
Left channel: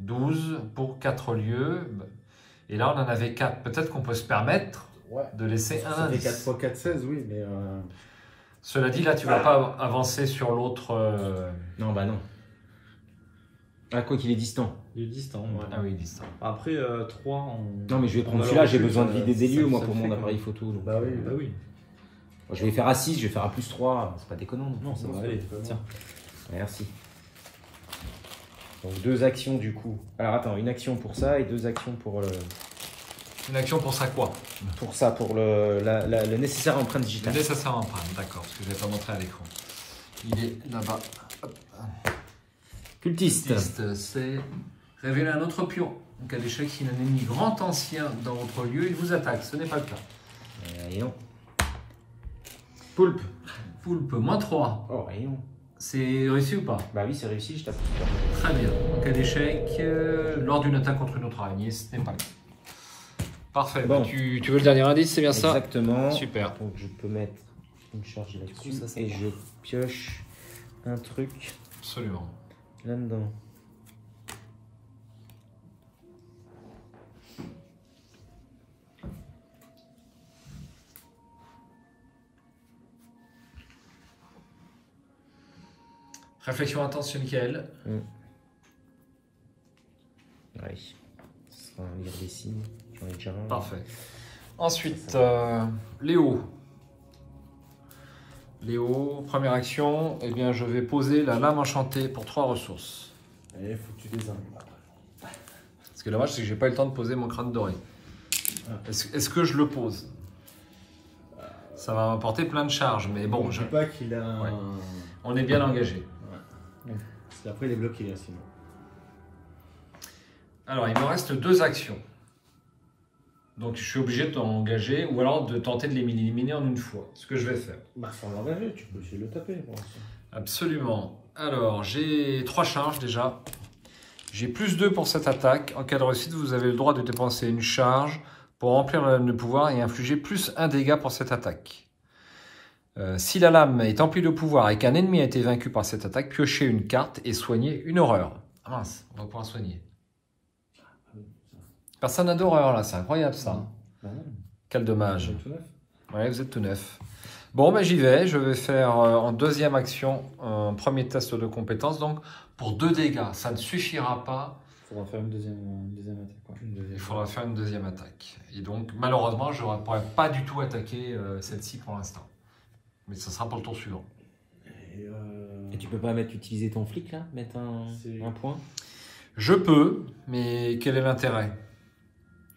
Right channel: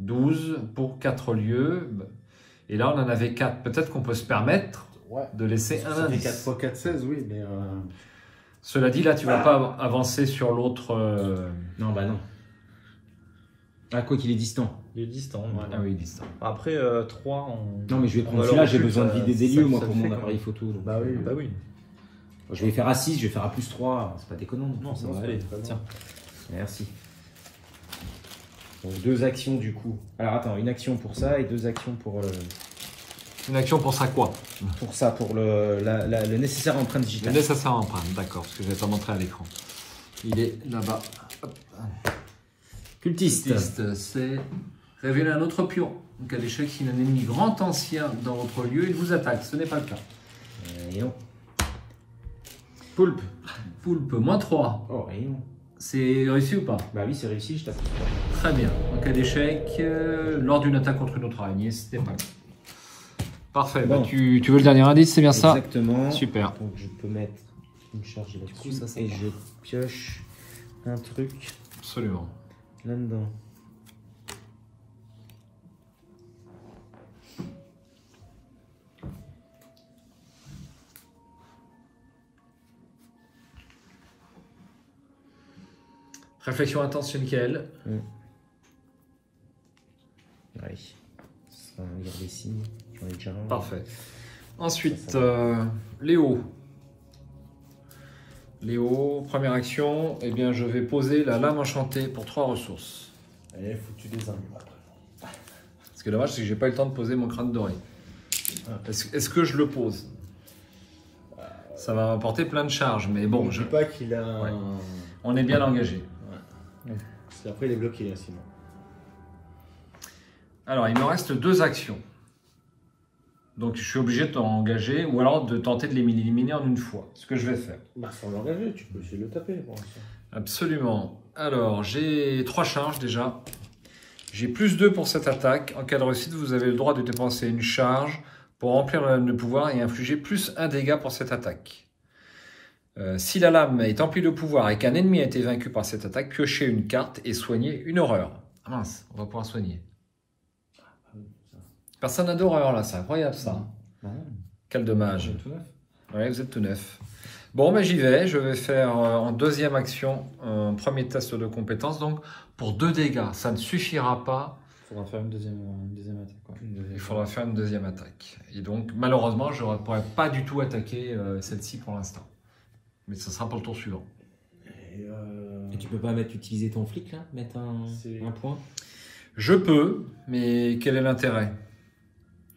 12 pour 4 lieux. Et là, on en avait 4. Peut-être qu'on peut se permettre de laisser un Ça fait indice. 4 x 4, 16, oui, mais... Cela dit, là, tu ne vas pas avancer sur l'autre... Non, bah non. Ah, quoi qu'il est distant. Il est distant. Ouais. Ah oui, distant. Après, 3, on... Non, mais je vais prendre celui-là, j'ai besoin de vider des lieux, moi, pour mon appareil photo. Donc. Bah oui, Bah oui. Je vais faire à 6, je vais faire à +3, c'est pas déconnant. Non, c'est Non, vrai. c'est pas Tiens. Merci. Donc 2 actions du coup. Alors attends, une action pour ça et 2 actions pour Une action pour ça quoi? pour le nécessaire empreinte Le digitale. nécessaire empreinte, d'accord, parce que je n'avais pas montré à l'écran. Il est là-bas. Hop. Cultiste. Cultiste, c'est révéler un autre pion. En cas d'échec, si un ennemi grand ancien dans votre lieu, il vous attaque. Ce n'est pas le cas. Rayon. Poulpe. Poulpe, -3. Oh, rayon. C'est réussi ou pas? Bah oui, c'est réussi, je tape. Très bien. En cas d'échec, lors d'une attaque contre une autre araignée, ce n'est pas le cas. Parfait. Bon. Bah, tu veux le dernier indice, c'est bien ça? Exactement. Super. Donc je peux mettre une charge là-dessus ça, ça et marche. je pioche un truc Absolument. là-dedans. Réflexion intense chez Michael. Oui. Ce sera un lire des signes. J'en ai déjà un. Parfait. Ensuite, Léo. Léo, première action, eh bien, je vais poser la lame enchantée pour 3 ressources. Allez, faut que tu les aimes. Ce qui est dommage, c'est que j'ai pas eu le temps de poser mon crâne doré. Est-ce que je le pose? Ça va m'apporter plein de charges, mais bon, Je dis pas qu'il a un... Ouais. On est bien engagé. Parce qu'après, il est bloqué, là, sinon. Alors, il me reste 2 actions. Donc, je suis obligé de t'engager ou alors de tenter de les éliminer en une fois. Ce que je vais faire. Bah, sans l'engager, tu peux essayer de le taper, pour l'instant. Absolument. Alors, j'ai 3 charges déjà. J'ai +2 pour cette attaque. En cas de réussite, vous avez le droit de dépenser une charge pour remplir la lame de pouvoir et infliger +1 dégât pour cette attaque. Si la lame est emplie de pouvoir et qu'un ennemi a été vaincu par cette attaque, piochez une carte et soignez une horreur. Ah mince, on va pouvoir soigner. Personne n'a d'horreur là, c'est incroyable ça. Non. Quel dommage. Tout neuf. Ouais, vous êtes tout neuf. Bon, ben j'y vais. Je vais faire en deuxième action un premier test de compétence. Donc, pour 2 dégâts, ça ne suffira pas. Il faudra faire une deuxième attaque. Quoi. Il faudra faire une deuxième attaque. Et donc, malheureusement, je ne pourrais pas du tout attaquer celle-ci pour l'instant. Mais ce sera pour le tour suivant. Et tu peux pas utiliser ton flic là? Mettre un point? Je peux, mais quel est l'intérêt?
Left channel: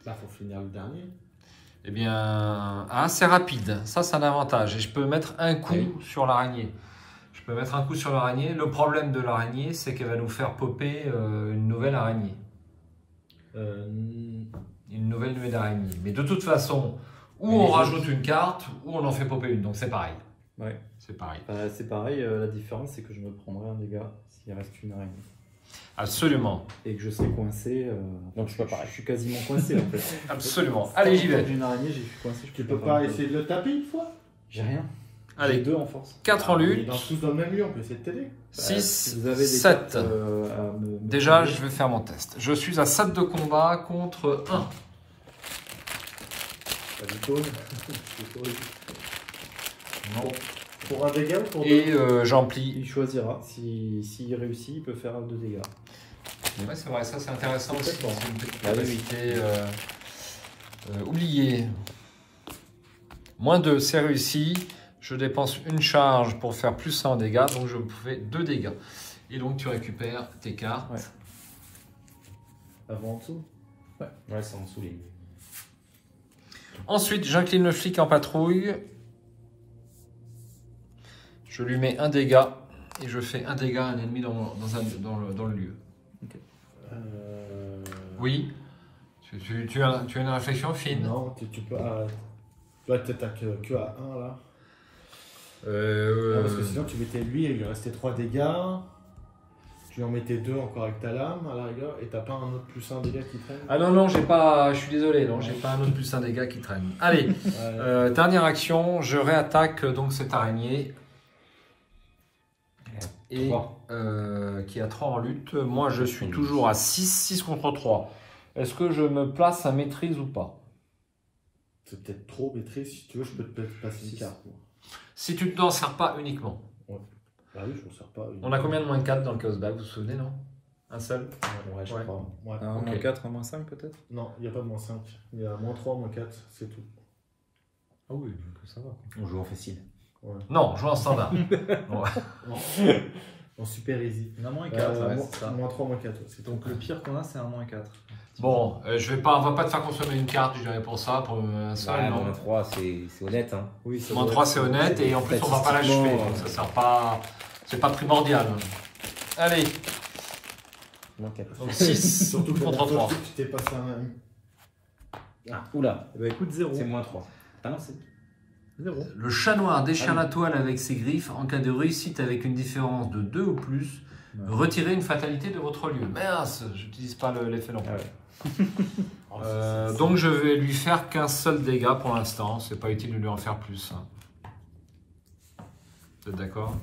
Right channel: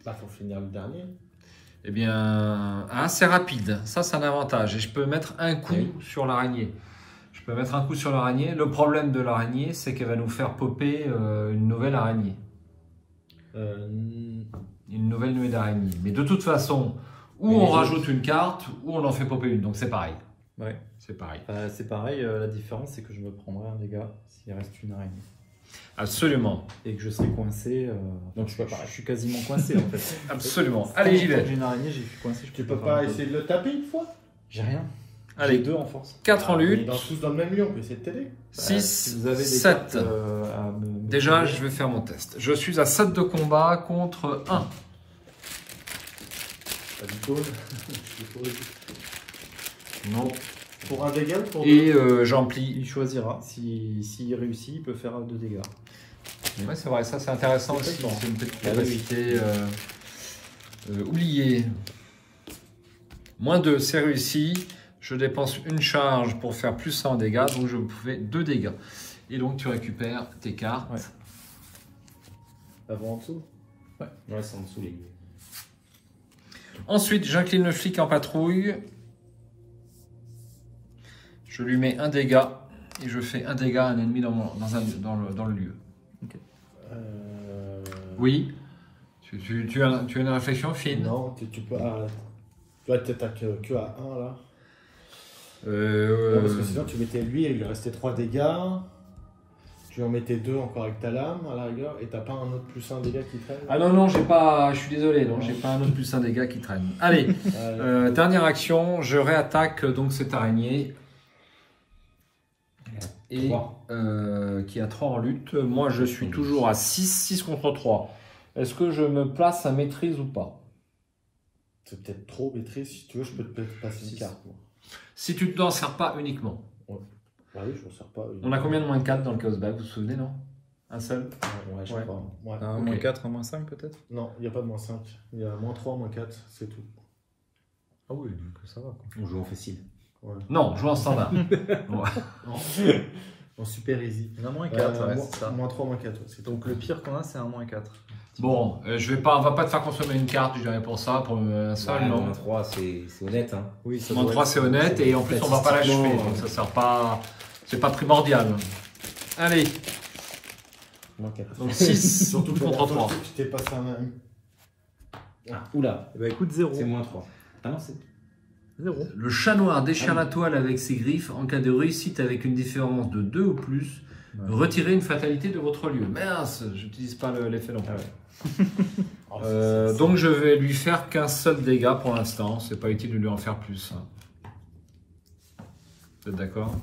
Bah, faut finir le dernier. Eh bien, c'est rapide. Ça, c'est un avantage. Et je peux mettre un coup sur l'araignée. Je peux mettre un coup sur l'araignée. Le problème de l'araignée, c'est qu'elle va nous faire popper une nouvelle araignée. Une nouvelle nuée d'araignées. Mais de toute façon, ou on rajoute une carte, ou on en fait popper une. Donc c'est pareil. Ouais. C'est pareil. C'est pareil, la différence c'est que je me prendrai un dégât s'il reste une araignée. Absolument. Et que je serai coincé. Donc je peux pas. Je suis quasiment coincé en fait. Absolument. Allez, j'y vais. J'ai une araignée, je suis coincé. Je Tu peux peux pas essayer de le taper une fois? J'ai rien. J'ai Allez, 2 en force. 4 en On est lutte. tous dans le même lieu, on peut essayer de t'aider. 6, Si vous avez des 7. cartes, à me- Déjà, je vais faire mon test. Je suis à 7 de combat contre 1. Pas du tout. Non. Pour un dégât ou pour Et j'emplis. Il choisira. S'il réussit, il peut faire 2 dégâts. Ouais, c'est vrai, ça c'est intéressant aussi. C'est une petite Ah oui. capacité oubliée. -2, c'est réussi. Je dépense une charge pour faire +1 en dégâts, donc je fais 2 dégâts. Et donc tu récupères tes cartes. Ouais. Avant en dessous? Ouais, c'est en dessous les lignes. Ensuite, j'incline le flic en patrouille. Je lui mets 1 dégât et je fais 1 dégât à un ennemi dans le lieu. Oui. Tu as une réflexion fine? Non, tu peux... Ah, Tu vois, t'attaques que à 1 là. Non, parce que sinon tu mettais lui et il lui restait 3 dégâts. Tu lui en mettais 2 encore avec ta lame à la rigueur et t'as pas un autre plus 1 dégâts qui traîne. Ah non, j'ai pas, je suis désolé, non, j'ai pas un autre plus un dégât qui traîne. Allez, dernière action, je réattaque donc cette araignée. Et qui a 3 en lutte. Moi je suis toujours à 6 contre 3. Est-ce que je me place à maîtrise ou pas? C'est peut-être trop maîtrise, si tu veux, je peux te passer une carte. Moi. Si tu ne t'en sers pas uniquement. Ouais. Bah oui, je m'en sers pas. On a combien de moins de 4 dans le Chaos Bag, vous vous souvenez, non? Un seul? Ouais, je Ouais. crois. Ouais. Un Ok. moins 4, un moins 5 peut-être? Non, il n'y a pas de moins 5. Il y a moins 3, moins 4, c'est tout. Ah oui, donc ça va. On joue en facile. Ouais. Non, joue en standard. Ouais. En super easy. On a moins Ouais, 4, ouais, moins, c'est ça. moins 3, moins 4, c'est tout. Donc le pire qu'on a, c'est un moins 4. Bon, on va pas te faire consommer une carte, je dirais pour ça, pour un seul, non? Moins 3, c'est honnête. Hein. Oui, c'est Moins 3 c'est honnête et en plus on va pas l'achever, donc ça sert pas, c'est pas primordial. Allez, Moins 4. donc 6 Surtout contre 3. Tu t'es passé un. Ah, oula, Bah écoute, 0. c'est moins 3. Ah non, c'est 0. Le chat noir déchire la toile avec ses griffes. En cas de réussite avec une différence de 2 ou plus, retirez une fatalité de votre lieu. Mince, j'utilise pas l'effet non plus. Donc je vais lui faire qu'un seul dégât pour l'instant. C'est pas utile de lui en faire plus. Vous êtes d'accord?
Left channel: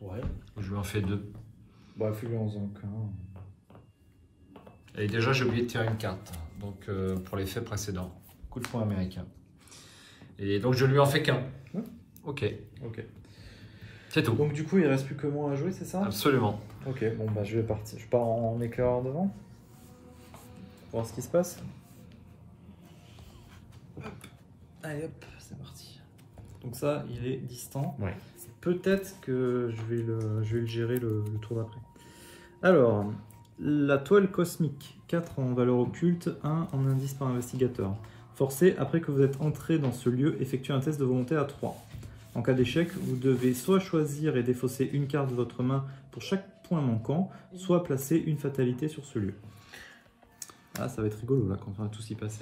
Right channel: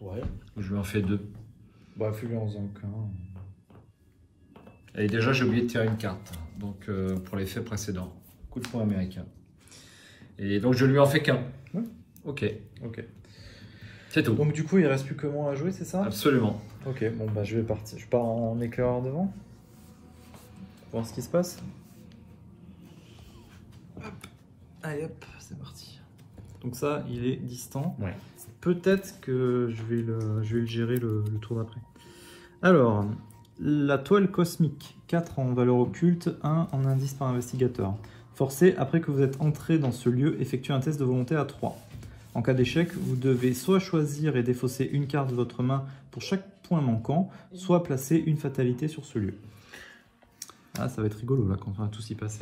Ouais. Je lui en fais 2. Bah figurons-en qu'un. Et déjà j'ai oublié de tirer une carte. Donc pour l'effet précédent. Coup de poing américain. Et donc je lui en fais qu'un. Ok. Ok. C'est tout. Donc du coup, il reste plus que moi à jouer, c'est ça? Absolument. Ok, bon bah je vais partir. Je pars en éclaireur devant. Voir ce qui se passe. Allez hop, c'est parti. Donc ça, il est distant. Ouais. Peut-être que je vais le gérer le tour d'après. Alors, la toile cosmique. 4 en valeur occulte, 1 en indice par investigateur. Forcé, après que vous êtes entré dans ce lieu, effectuez un test de volonté à 3. En cas d'échec, vous devez soit choisir et défausser une carte de votre main pour chaque point manquant, soit placer une fatalité sur ce lieu. Ah, ça va être rigolo là quand on va tous y passer.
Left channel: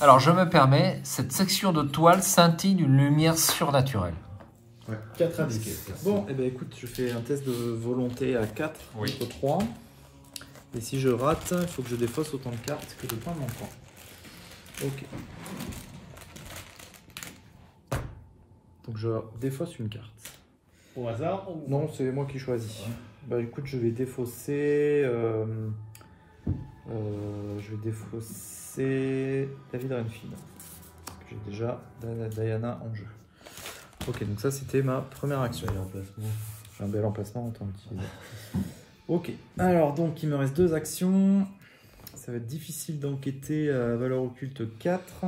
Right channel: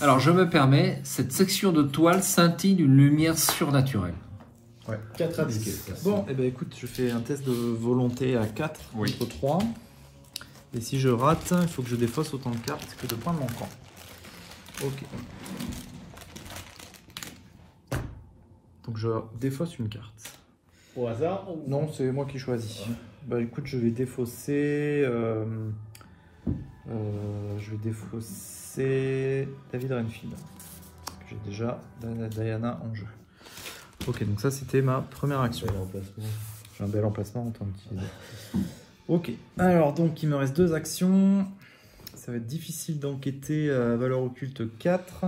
Alors je me permets, cette section de toile scintille d'une lumière surnaturelle. Ouais. 4 indices. Bon, et bien écoute, je fais un test de volonté à 4 contre 3. Et si je rate, il faut que je défausse autant de cartes que de points manquants. Ok. Donc je défausse une carte. Au hasard ou... Non, c'est moi qui choisis. Bah écoute, je vais défausser... je vais défausser David Renfield. Parce que j'ai déjà Diana en jeu. Ok, donc ça c'était ma première action. Bel emplacement. J'ai un bel emplacement en tant que... Ok, alors donc il me reste 2 actions. Ça va être difficile d'enquêter à valeur occulte 4.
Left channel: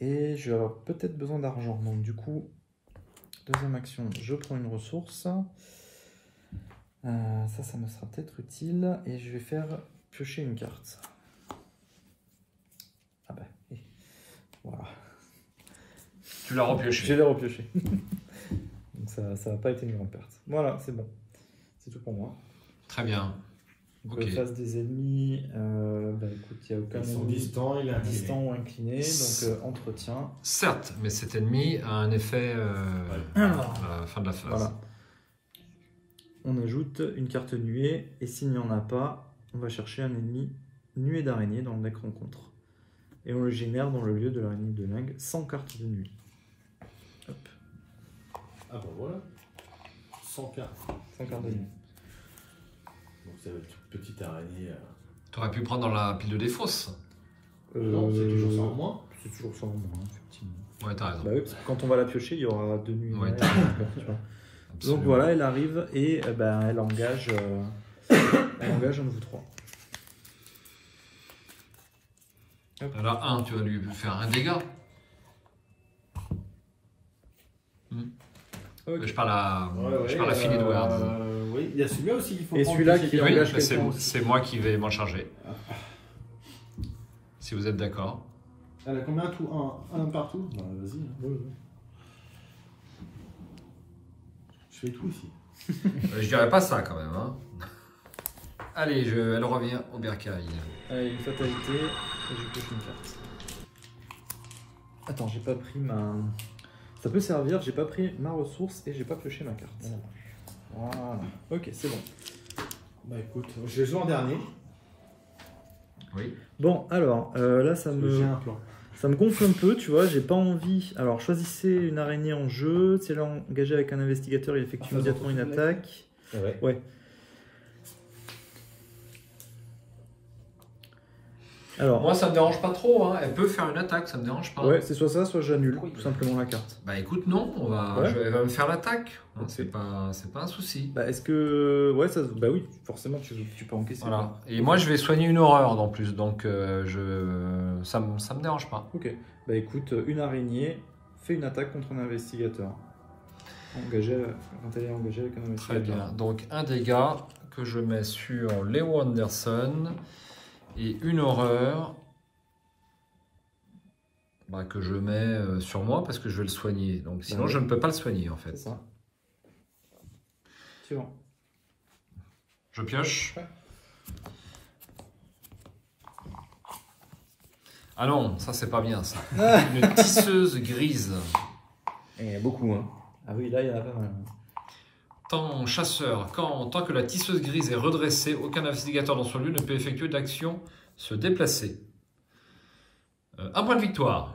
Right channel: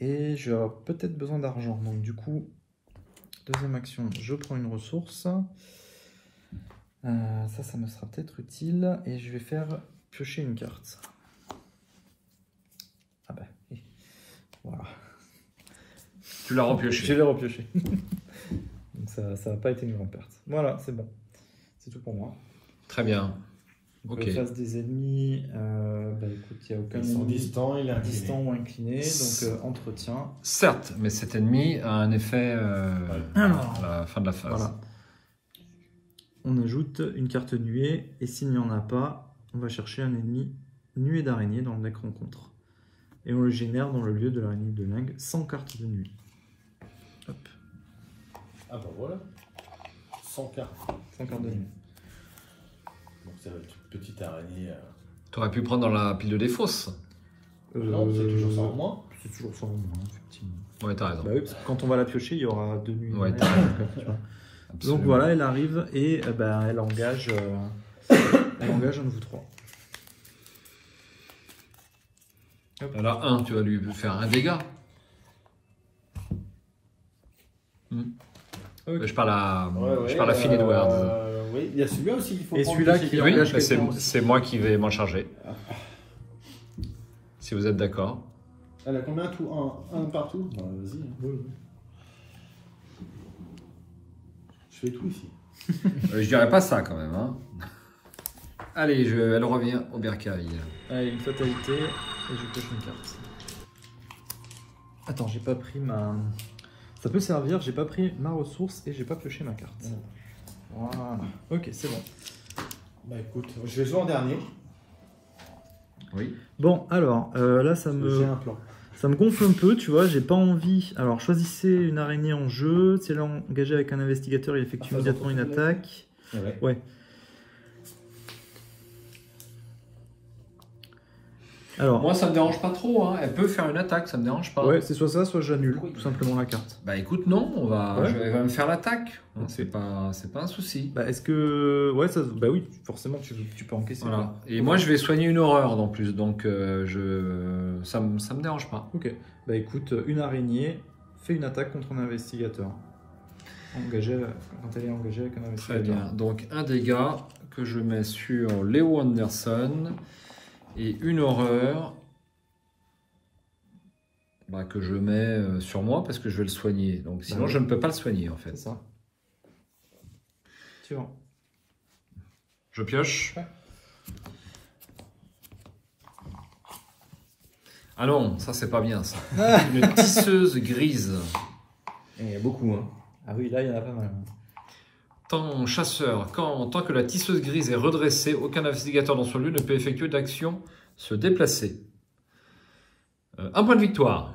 Et je vais avoir peut-être besoin d'argent. Donc du coup, deuxième action, je prends une ressource. Ça me sera peut-être utile. Et je vais faire piocher une carte. Ah bah, voilà. Tu l'as repioché. Je l'ai repioché. Donc ça n'a pas été une grande perte. Voilà, c'est bon. C'est tout pour moi. Très bien. Ok. Face des ennemis, bah écoute, il n'y a aucun Ils sont distants, il est incliné. distant ou incliné, donc entretien. Certes, mais cet ennemi a un effet à la fin de la phase. Voilà. On ajoute une carte nuée, et s'il n'y en a pas, on va chercher un ennemi nuée d'araignée dans le deck rencontre. Et on le génère dans le lieu de l'araignée de Ling sans carte de nuée. Hop. Ah bah voilà. 100 cartes. Sans carte de nuée. Donc ça va être une petite araignée. Tu aurais pu prendre dans la pile de défausse. Non, c'est toujours ça en moins. C'est toujours ça en moins, effectivement. Ouais, t'as raison. Bah oui, parce que quand on va la piocher, il y aura 2 nuits. Ouais, Tu vois. Absolument. Donc voilà, elle arrive et elle engage un de vous trois. Alors, tu vas lui faire un dégât. Okay. Je parle à Finn Edward. Oui, il y a celui-là aussi qu'il faut Et prendre. celui-là qui- qui- Oui, c'est moi qui vais m'en charger. Si vous êtes d'accord. Elle a combien tout? Un partout? Bah, vas-y. Je fais tout ici. Je dirais pas ça quand même. Hein. Allez, elle revient au bercail. Une fatalité et je pioche une carte. Attends, j'ai pas pris ma... Ça peut servir, j'ai pas pris ma ressource et j'ai pas pioché ma carte. Voilà. Ok, c'est bon. Bah écoute, je vais jouer en dernier. Oui. Bon, alors, là, ça J'ai un plan. me gonfle un peu, tu vois, j'ai pas envie... Alors, choisissez une araignée en jeu. Si elle est engagée avec un investigateur, il effectue immédiatement une attaque. Ouais. Alors, Moi, ça me dérange pas trop. Hein. Elle peut faire une attaque, ça me dérange pas. ouais, c'est soit ça, soit j'annule tout simplement la carte. Bah écoute, non, Ouais. elle va me faire l'attaque. Hein, Ok. c'est pas un souci. Bah, est-ce que... Ouais, ça... Bah oui, forcément, tu peux encaisser. Voilà. Et moi, je vais soigner une horreur en plus, donc ça me dérange pas. Ok. Bah écoute, une araignée fait une attaque contre un investigateur. Engagé avec un investigateur. Très bien. Donc un dégât que je mets sur Léo Anderson et une horreur que je mets sur moi parce que je vais le soigner. Donc sinon, je ne peux pas le soigner en fait. C'est ça. Suivant. Je pioche. Ah non, ça c'est pas bien ça. Une tisseuse grise. Il y en a beaucoup, hein. Ah oui, là, il y en a pas mal. Tant chasseur, tant que la tisseuse grise est redressée, aucun investigateur dans son lieu ne peut effectuer d'action se déplacer. Un point de victoire.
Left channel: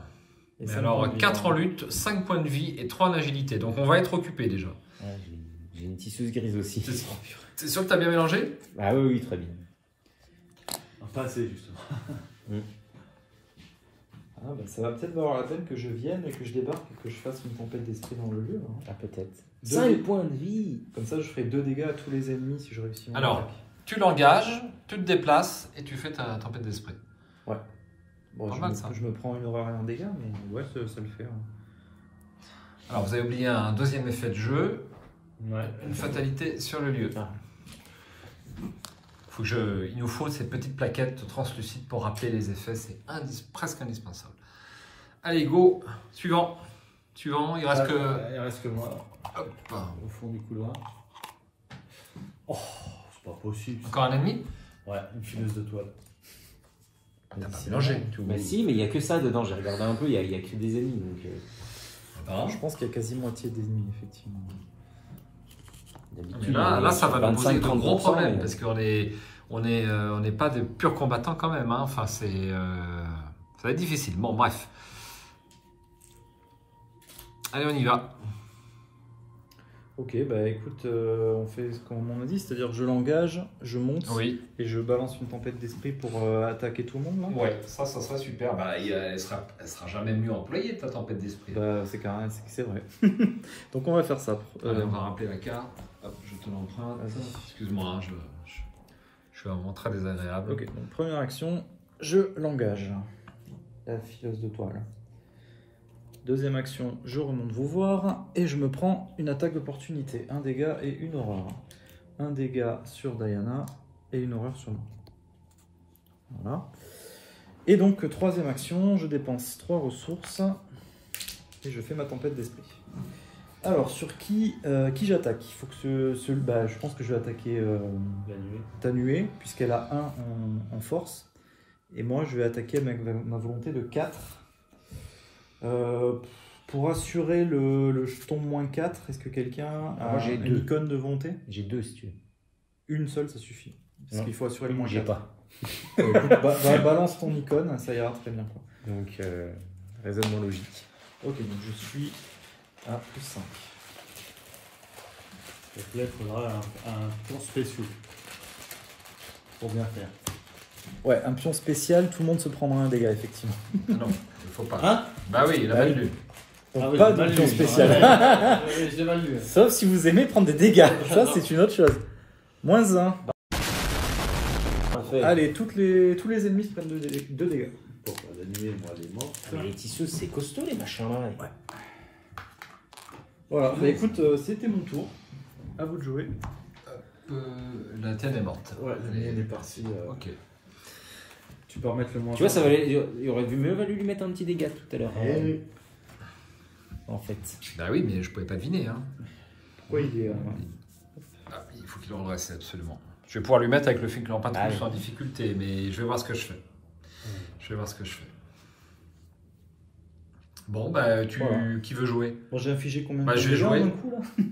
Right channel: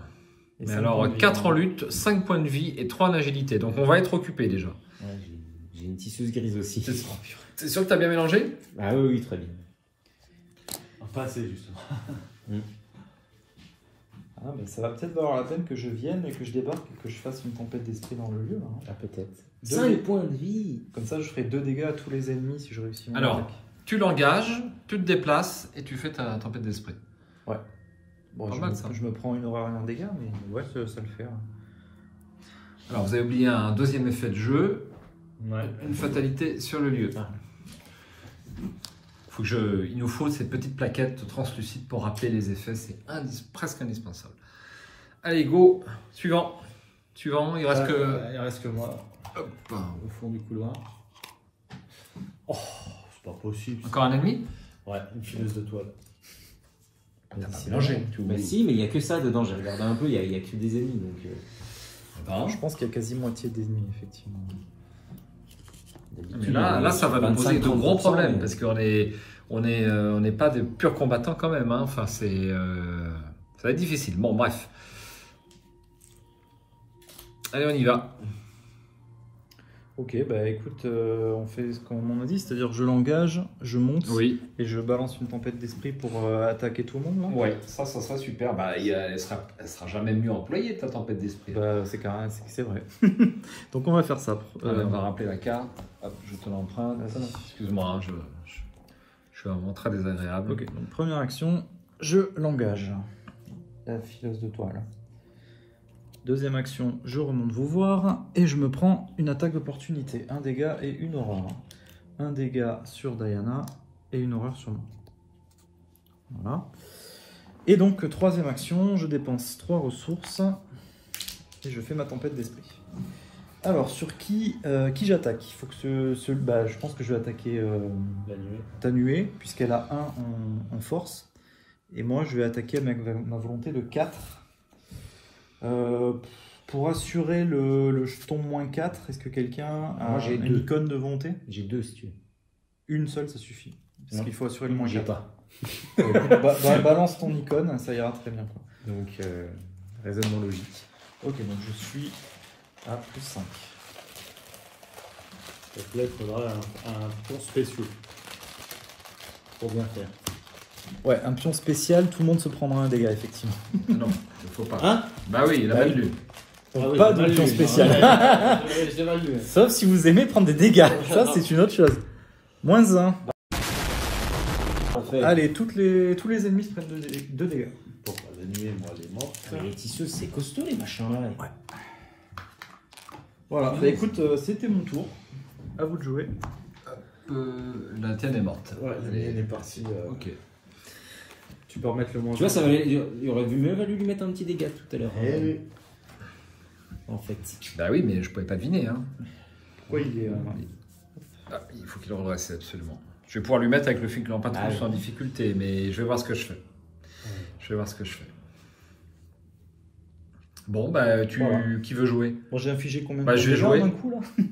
Mais alors 4 en lutte, 5 points de vie et 3 en agilité. Donc on va être occupé déjà. Ouais, j'ai une tisseuse grise aussi. C'est sûr que tu as bien mélangé? Ah oui, oui, très bien. Pas assez, justement. Ah, bah, ça va peut-être valoir la peine que je vienne et que je débarque et que je fasse une tempête d'esprit dans le lieu. Hein. Ah, peut-être. 2 5 points de vie. Comme ça, je ferai 2 dégâts à tous les ennemis si je réussis. mon Alors, attaque. tu l'engages, tu te déplaces et tu fais ta tempête d'esprit. Ouais. Bon, Pas je, mal, me, ça. je me prends une horreur et un dégât, mais ouais, ça le fait. Hein. Alors vous avez oublié un deuxième effet de jeu, Ouais. une fatalité sur le lieu. Ah. Il nous faut ces petites plaquettes translucides pour rappeler les effets, c'est presque indispensable. Allez, go, suivant. Suivant, il reste que... Il reste que moi. Hop. Au fond du couloir. Oh, c'est pas possible. Encore un ennemi? Ouais, une fileuse de toile. T'as pas mélangé. Mais si, mais il n'y a que ça dedans. J'ai regardé un peu, il y a que des ennemis. Donc, Je pense qu'il y a quasi moitié des ennemis, effectivement. Mais là, ça va nous poser de gros problèmes parce qu'on n'est pas des purs combattants quand même. Hein. Enfin, ça va être difficile. Bon, bref. Allez, on y va. Ok, bah écoute, on fait ce qu'on m'a dit, c'est-à-dire je l'engage, je monte Oui. et je balance une tempête d'esprit pour attaquer tout le monde. Là. Ouais, ça sera super. Bah, elle sera jamais mieux employée, ta tempête d'esprit. C'est vrai. Donc on va faire ça. Allez, on va rappeler la carte. Hop, je te l'emprunte. Excuse-moi, hein, je suis vraiment très désagréable. Ok, donc première action, je l'engage. La fileuse de toile. Deuxième action, je remonte vous voir et je me prends une attaque d'opportunité. Un dégât et une horreur. Un dégât sur Diana et une horreur sur moi. Voilà. Et donc, troisième action, je dépense 3 ressources et je fais ma tempête d'esprit. Alors, sur qui j'attaque? Il faut que je pense que je vais attaquer Tanué, puisqu'elle a 1 en force. Et moi, je vais attaquer avec ma volonté de 4. Pour assurer le jeton moins 4, est-ce que quelqu'un a une icône de volonté? j'ai 2 si tu veux. Une seule, ça suffit. Parce Non. qu'il faut assurer le moins 4. J'ai pas. Balance ton icône, ça ira très bien. Quoi. Donc, raisonnement logique. Ok, donc je suis à plus 5. Donc là, il faudra un plan spécial pour bien faire. Ouais, un pion spécial, tout le monde se prendra un dégât, effectivement. Non, il faut pas. Hein? Bah oui, il a mal lu. Donc pas de pion spécial. J'ai mal lu. Sauf si vous aimez prendre des dégâts. Ça, c'est une autre chose. Moins 1. Allez, tous les ennemis se prennent 2 dégâts. Pourquoi l'ennemi, moi, elle est morte. Les tisseuses, c'est costaud les machins là. Voilà, bah, écoute, c'était mon tour. À vous de jouer. La tienne est morte. Voilà, elle est partie. Ok. Tu peux remettre le moins. Tu vois, il aurait mieux valu lui mettre un petit dégât tout à l'heure. Eh oui. En fait. Bah oui, mais je pouvais pas deviner. Hein. Oui, Il faut qu'il le redresse absolument. Je vais pouvoir lui mettre avec le fait que l'empatrie soit en difficulté, mais je vais voir ce que je fais. Je vais voir ce que je fais. Bon, bah, Voilà. qui veut jouer? Bon, j'ai affiché combien Bah, de je vais dégâts jouer. d'un coup, là?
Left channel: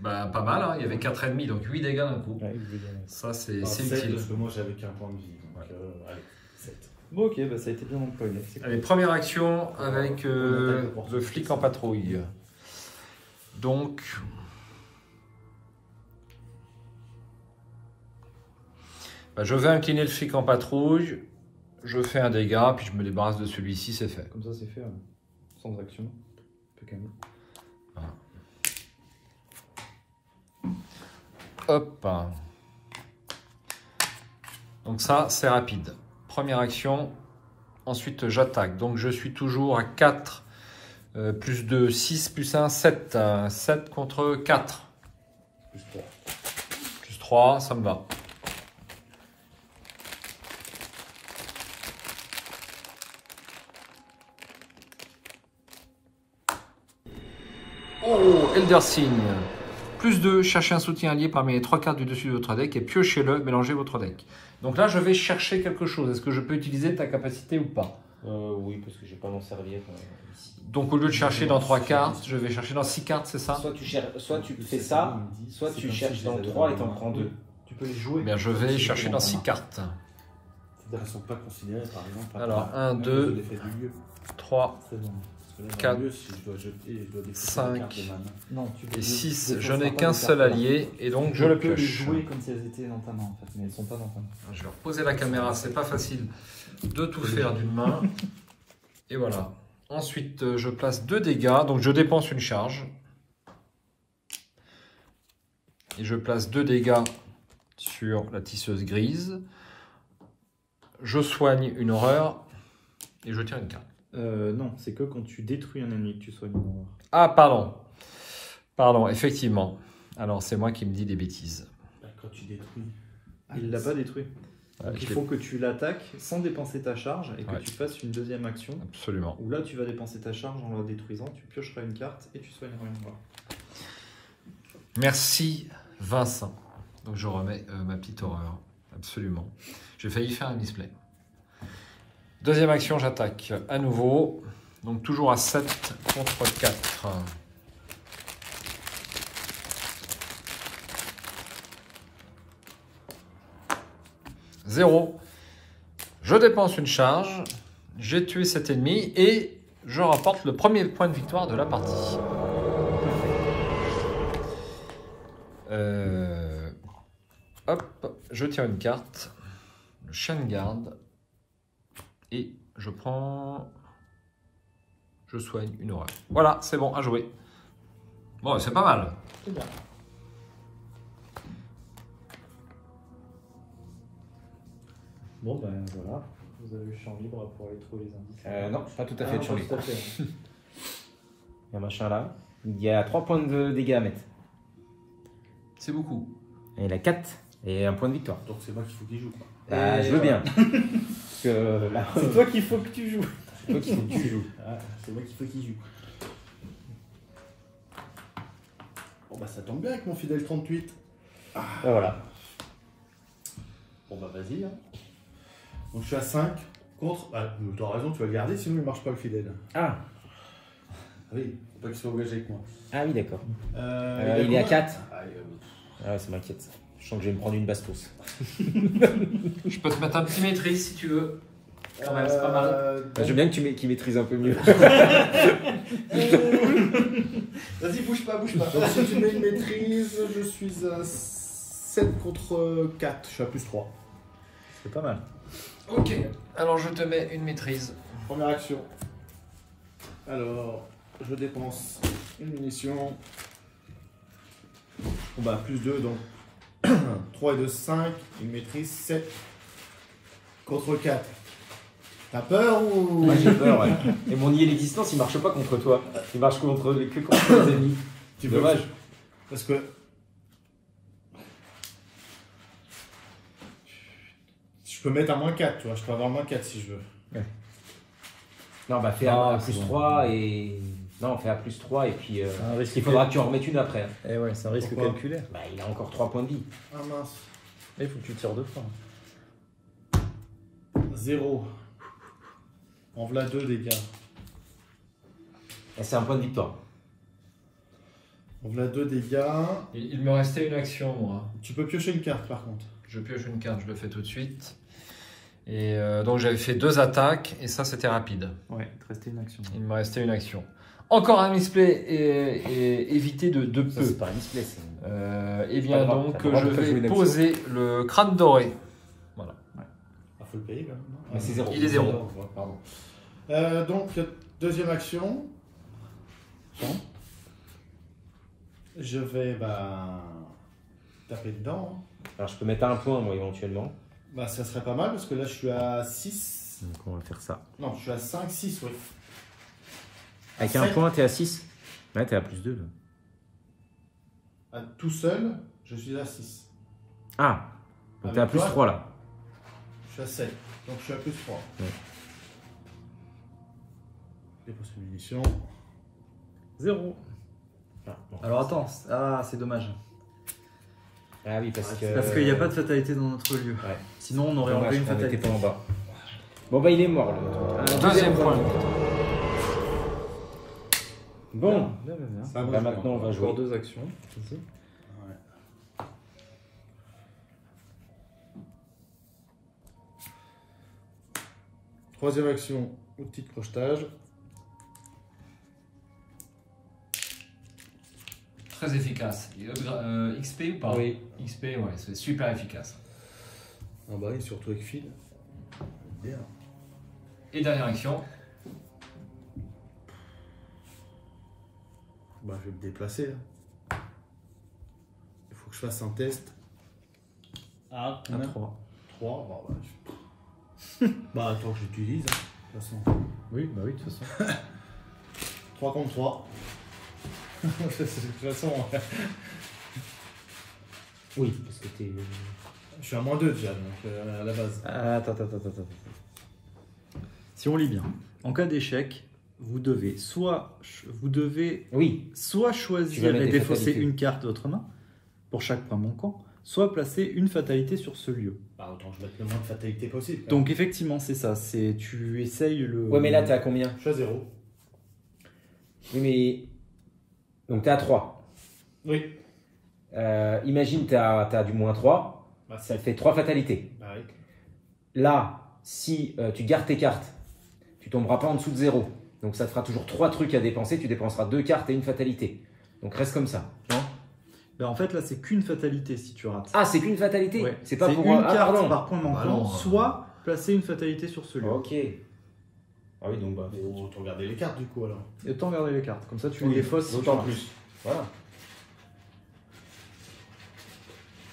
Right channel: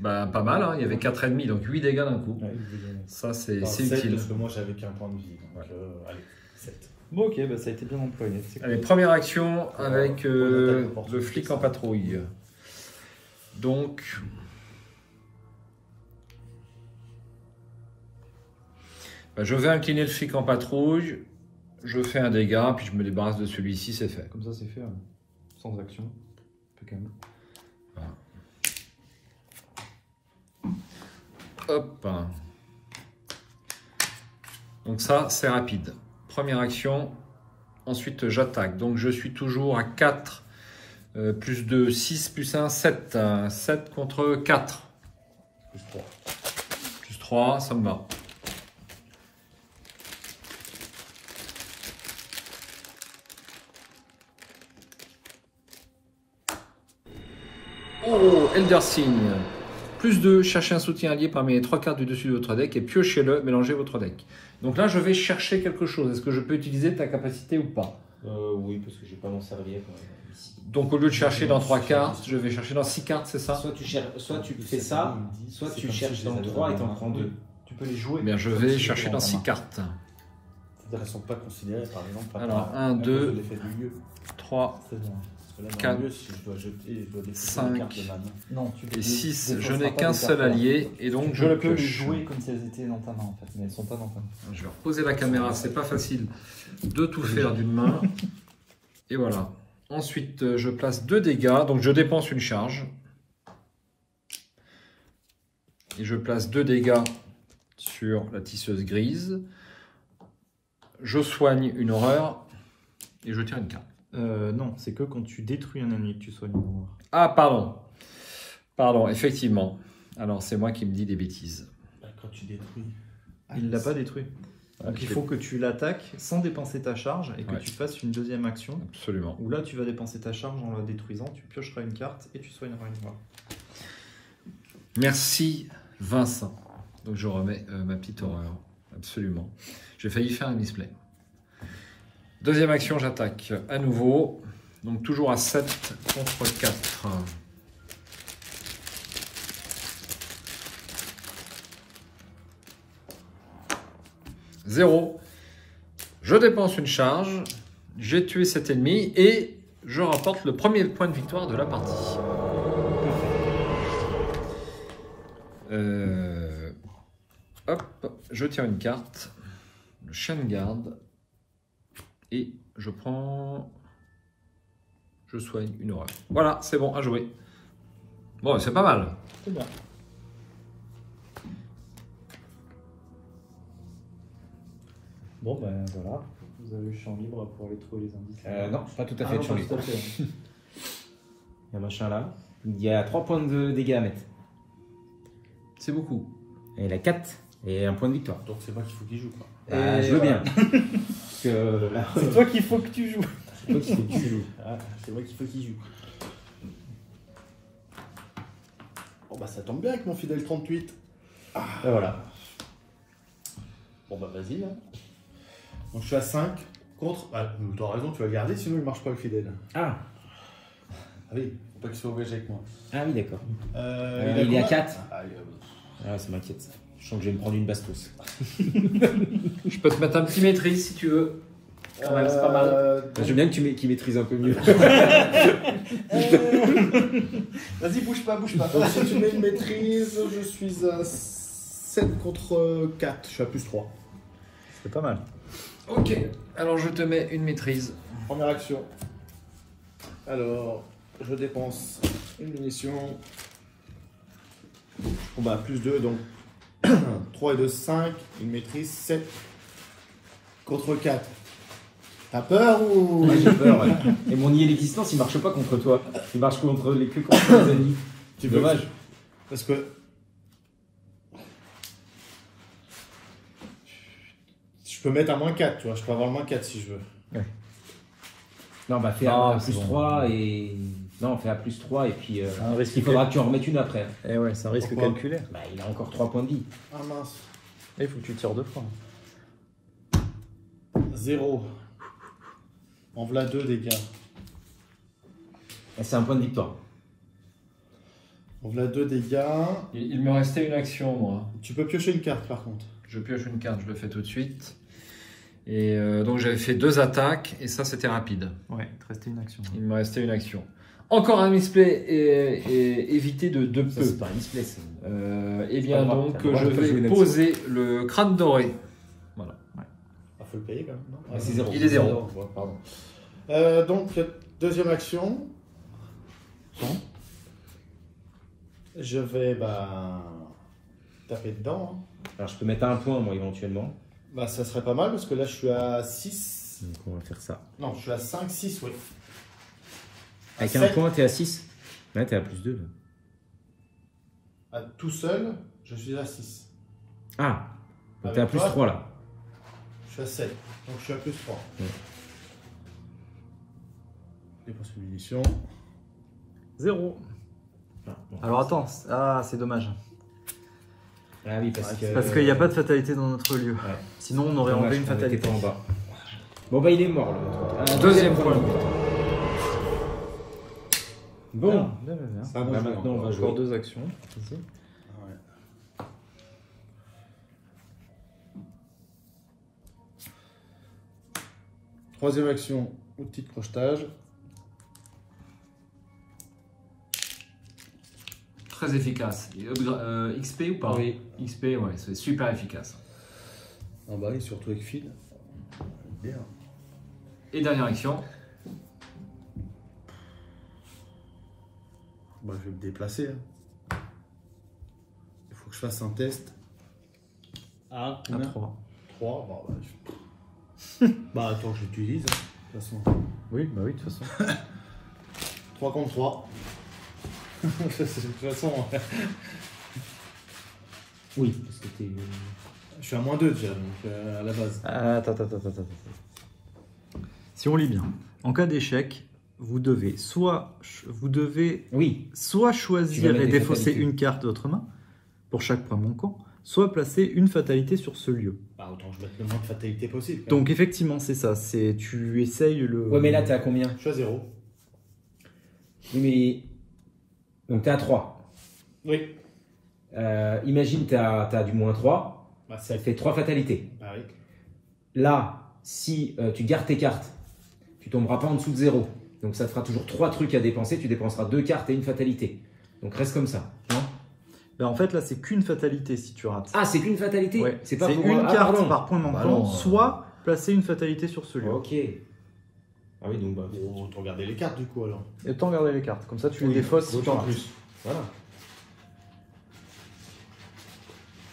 Bah, pas mal, hein. Il y avait 4,5, donc 8 dégâts d'un coup. Ouais, évidemment. Ça, c'est Enfin, 7, utile. parce que moi j'avais qu'un point de vie. Donc, Ouais. allez, 7. Bon, ok, bah, ça a été bien employé. C'est cool. Allez, première action avec le le flic en patrouille. Donc, bah, je vais incliner le flic en patrouille, je fais un dégât, puis je me débarrasse de celui-ci, c'est fait. Comme ça, c'est fait, sans action. Impeccable. Hop. Donc ça, c'est rapide. Première action. Ensuite, j'attaque. Donc, je suis toujours à 4. Plus 2, 6, plus 1, 7. 7 contre 4. Plus 3. Plus 3, ça me va. Oh, Eldersin. Plus 2, cherchez un soutien allié parmi les 3 cartes du dessus de votre deck et piochez-le, mélangez votre deck. Donc là, je vais chercher quelque chose. Est-ce que je peux utiliser ta capacité ou pas? Oui, parce que je vais pas m'en servir ici. Donc au lieu de chercher dans 3 cartes, je vais chercher dans 6 cartes, c'est ça? Soit tu fais ça, soit tu cherches dans 3 et t'en prends 2. Tu peux les jouer. Eh bien, je vais chercher dans 6 cartes. C'est-à-dire qu'elles ne sont pas considérées par exemple. par Alors, rapport 1, à 2, l'effet du lieu. 3, C'est bon. Parce que là, dans 4, le lieu, si je dois jeter, je dois défausser 5, des cartes de mana. Non, tu peux et 6. les Je choses n'ai pas qu'un des seul cartes, là. allié et donc je Je peux les pioche. jouer comme si elles étaient dans ta main en fait, mais elles sont pas dans ta main. Je vais reposer la caméra, c'est pas facile de tout faire d'une main. Et voilà. Ensuite, je place 2 dégâts, donc je dépense une charge. Et je place 2 dégâts sur la tisseuse grise. Je soigne une horreur et je tire une carte. Non, c'est que quand tu détruis un ennemi que tu soignes. Ah, pardon. Pardon, effectivement. Alors, c'est moi qui me dis des bêtises. Bah, quand tu détruis. Il l'a pas détruit. Donc il Ok. faut que tu l'attaques sans dépenser ta charge et que Ouais. tu fasses une deuxième action Absolument. où là tu vas dépenser ta charge en la détruisant, tu piocheras une carte et tu soigneras une mort. Merci, Vincent. Donc, je remets ma petite horreur. Absolument. J'ai failli faire un misplay. Deuxième action, j'attaque à nouveau. Donc, toujours à 7 contre 4. Zéro. Je dépense une charge. J'ai tué cet ennemi et je rapporte le premier point de victoire de la partie. Hop, je tire une carte. Le chien de garde. Et je prends... Je soigne une horreur. Voilà, c'est bon, à jouer. Bon, c'est pas mal. C'est bien. Bon ben voilà, vous avez le champ libre pour aller trouver les indices. Non, pas tout à fait de champ libre. tout à fait. Il y a un machin là. Il y a 3 points de dégâts à mettre. C'est beaucoup. Et il a 4 et un point de victoire. Donc c'est moi qu'il faut qu'il joue. Quoi. Bah, je veux bien. Parce que, là, C'est toi qu'il faut que tu joues. c'est toi qu'il faut que tu joues. Ah, c'est moi qu'il faut qu'il joue. Bon bah ça tombe bien avec mon fidèle 38. Et voilà. Bon bah vas-y. Hein. Donc je suis à 5 contre. Ah, t'as raison, tu vas garder, sinon il marche pas le fidèle. Ah, Allez, faut pas qu'il soit engagé avec moi. ah oui, d'accord. Il Il est à combien 4. Ah, Ah, ça m'inquiète. Je sens que je vais me prendre une bastos. Je peux te mettre un petit maîtrise si tu veux. Quand même, c'est pas mal. Moi, j'aime bien que qu'il maîtrise un peu mieux. Vas-y, bouge pas, bouge pas. Donc si tu mets une maîtrise, je suis à 7 contre 4. Je suis à plus 3. C'est pas mal. Ok, alors je te mets une maîtrise. Première action. Alors, je dépense une munition. Bon bah, plus 2, donc 3 et 2, 5. Une maîtrise, 7 contre 4. T'as peur ou... Et mon nier l'existence, il marche pas contre toi. Il marche que contre les ennemis. Tu veux Dommage. Parce que... Je peux mettre à moins 4, tu vois. Je peux avoir moins 4 si je veux. Non, bah fais Ah, à c'est plus bon. 3 et... Non, fais à plus 3 et puis... Un risque il faudra que tu en remettes une après. Eh ouais, c'est un risque Pourquoi calculé. Bah, il a encore 3 points de vie. Ah mince. Et il faut que tu tires 2 points. 0. En voilà 2 dégâts. Et c'est un point de victoire. On a 2 dégâts. Il me restait une action, moi. Tu peux piocher une carte par contre. Je pioche une carte, je le fais tout de suite. Et donc j'avais fait 2 attaques et ça c'était rapide. Ouais, il te restait une action. Il me restait une action. Encore un misplay et évité de Ça, peu. c'est pas un misplay, c'est... Et bien Pas grave, donc t'as le droit je de pas jouer vais une poser le crâne doré. Voilà. Ah, faut le payer quand même, non? Ah, c'est 0. Il est 0. Ouais, pardon. Donc, deuxième action. Je vais taper dedans. Hein. Alors je peux mettre un point, moi, éventuellement. Bah, ça serait pas mal parce que là, je suis à 6. Donc on va faire ça. Non, je suis à 5, 6, oui. Avec À un 7. point, t'es à 6. Ouais, t'es à plus 2. Là. Tout seul, je suis à 6. Ah, donc Avec t'es à plus toi, 3 là. Je suis à 7. Donc, je suis à plus 3. Ouais. Dépense de munitions. 0. Ah, bon. Alors attends, c'est dommage. Ah oui, parce que... Parce qu'il n'y a pas de fatalité dans notre lieu. Ouais. Sinon, on aurait Dommage, enlevé une on était fatalité. pas en bas. Bon bah il est mort là. Deuxième point. Bon, Bien, bien, bien. Ça va bah, jouer maintenant on encore. va jouer. Encore 2 actions. Ouais. Troisième action, outil de crochetage. Très efficace. Et, XP ou pas? Oui. XP, ouais, c'est super efficace. Ah bah oui, surtout avec fil. Bien. Et dernière action. Bah, je vais me déplacer. Hein. Il faut que je fasse un test. Ah, combien 3. Bah, attends que j'utilise. Hein, de toute façon. Oui, bah oui, de toute façon. 3 contre 3. De toute façon, Oui, parce que t'es... je suis à moins 2 déjà, donc à la base. Attends. Si on lit bien, en cas d'échec, vous devez soit Oui, Tu choisir vas mettre et des défausser fatalités. une carte de votre main pour chaque point manquant, soit placer une fatalité sur ce lieu. Bah, autant je mette le moins de fatalité possible. Donc effectivement, c'est ça. C'est tu essayes le. ouais mais là t'es à combien? Je suis à 0. Oui mais... Donc t'es à 3. Oui. Imagine t'as du moins 3, Bah, ça fait 3 fatalités. Bah oui. Là, si tu gardes tes cartes, tu tomberas pas en dessous de 0. Donc ça te fera toujours 3 trucs à dépenser, tu dépenseras 2 cartes et une fatalité. Donc reste comme ça. Ben, en fait, là, c'est qu'une fatalité si tu rates. Ah, c'est qu'une fatalité? Ouais. C'est pas pour... une Ah, carte pardon. par point manquant, Bah non. soit placer une fatalité sur ce lieu. Ok. Ah oui, donc bah... Bon, autant regarder les cartes du coup alors. Et t'en regarder les cartes. Comme ça, tu Oui, les défausses. si tu d'autant rates. plus. Voilà.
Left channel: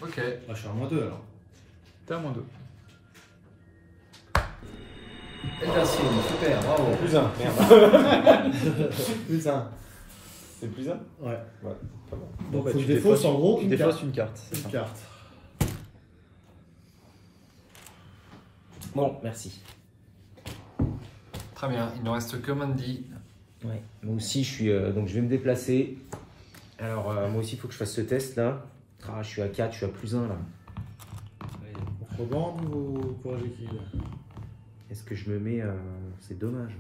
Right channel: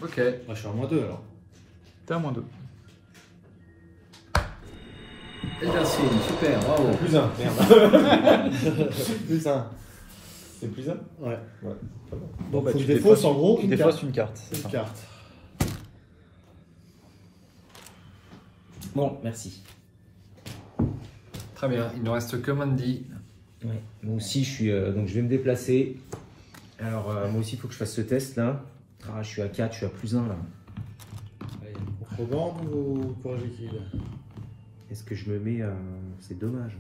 Ok. Moi, je suis à moins 2 alors. T'es à moins 2. Merci, super, bravo. Plus 1, merde. Plus 1. C'est plus 1? Ouais. Bon, Faut que je défausse en gros tu une défausses carte. une carte. c'est Une ça. carte. Bon, merci. Très bien, il ne reste que Mandy. Ouais. Moi aussi, je suis... donc je vais me déplacer. Alors, moi aussi, il faut que je fasse ce test là. Ah, je suis à 4, je suis à plus 1 là. Allez, pour vendre ou pour l'équilibre? Est-ce que je me mets... C'est dommage.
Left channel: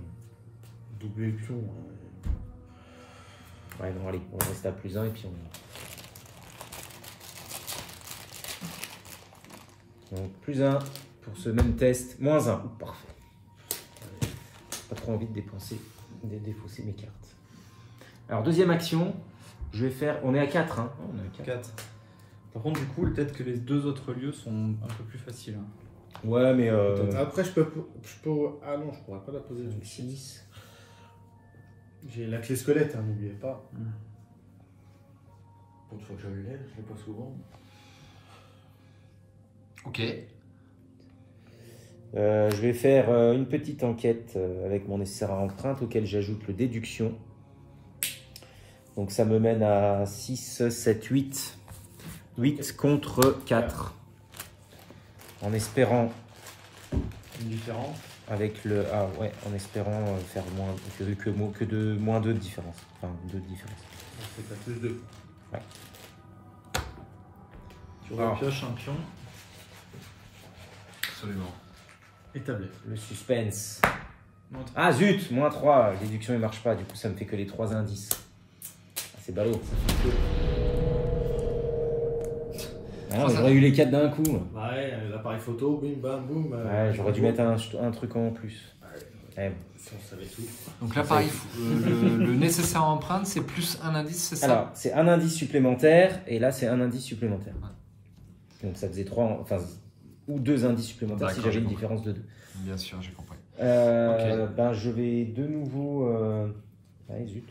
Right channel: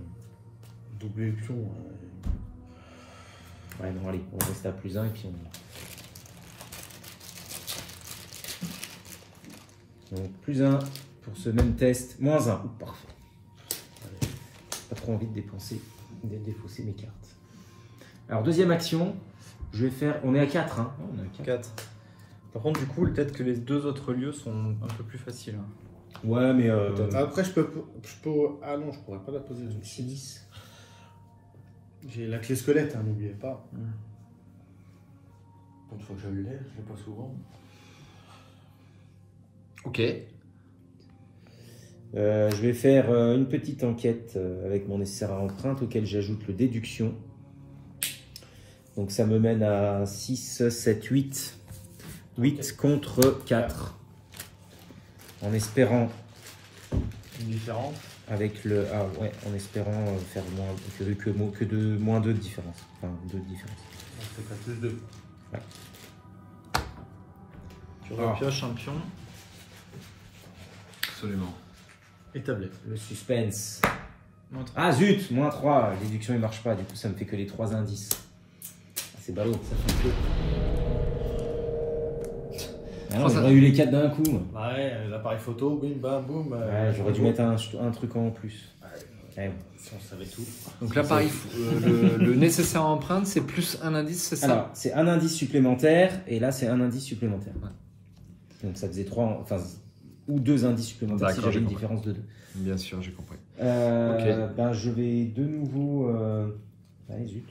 Double épion. Ouais, non, allez, on reste à plus 1 et puis on... Donc, plus 1 pour ce même test. Moins 1. Parfait. Pas trop envie de défausser mes cartes. Alors, deuxième action. Je vais faire... On est à 4, hein. Ouais, on est à 4. 4. Par contre, du coup, peut-être que les deux autres lieux sont un peu plus faciles. Ouais, mais... Après, je peux. Ah non, je pourrais pas la poser. Donc, 6. J'ai la clé squelette, hein, n'oubliez pas. Une fois que je l'ai, je l'ai pas souvent. Ok. Je vais faire une petite enquête avec mon nécessaire à empreinte auquel j'ajoute le déduction. Donc ça me mène à 6, 7, 8. 8 contre 4. En espérant, Une différence. avec le... Ah ouais, en espérant faire moins, que de moins 2 de différence. Enfin, 2 de différence. C'est pas plus 2. Tu repioches un pion. Absolument. Et tablette. Le suspense. Ah zut, moins 3, l'éduction ne marche pas, du coup ça me fait que les 3 indices. C'est ballot, ça fait que... Ah, j'aurais eu les 4 d'un coup. Ouais, l'appareil photo, bim, bam, boum. Ouais, j'aurais dû mettre un truc en plus. Ouais. Si on savait tout. Donc l'appareil, le nécessaire empreinte, c'est plus un indice, c'est ça? Alors, c'est un indice supplémentaire, et là c'est un indice supplémentaire. Ouais. Donc ça faisait 3, enfin, ou 2 indices supplémentaires si j'avais une différence de 2. Bien sûr, j'ai compris. Ben, je vais de nouveau... Ouais, zut.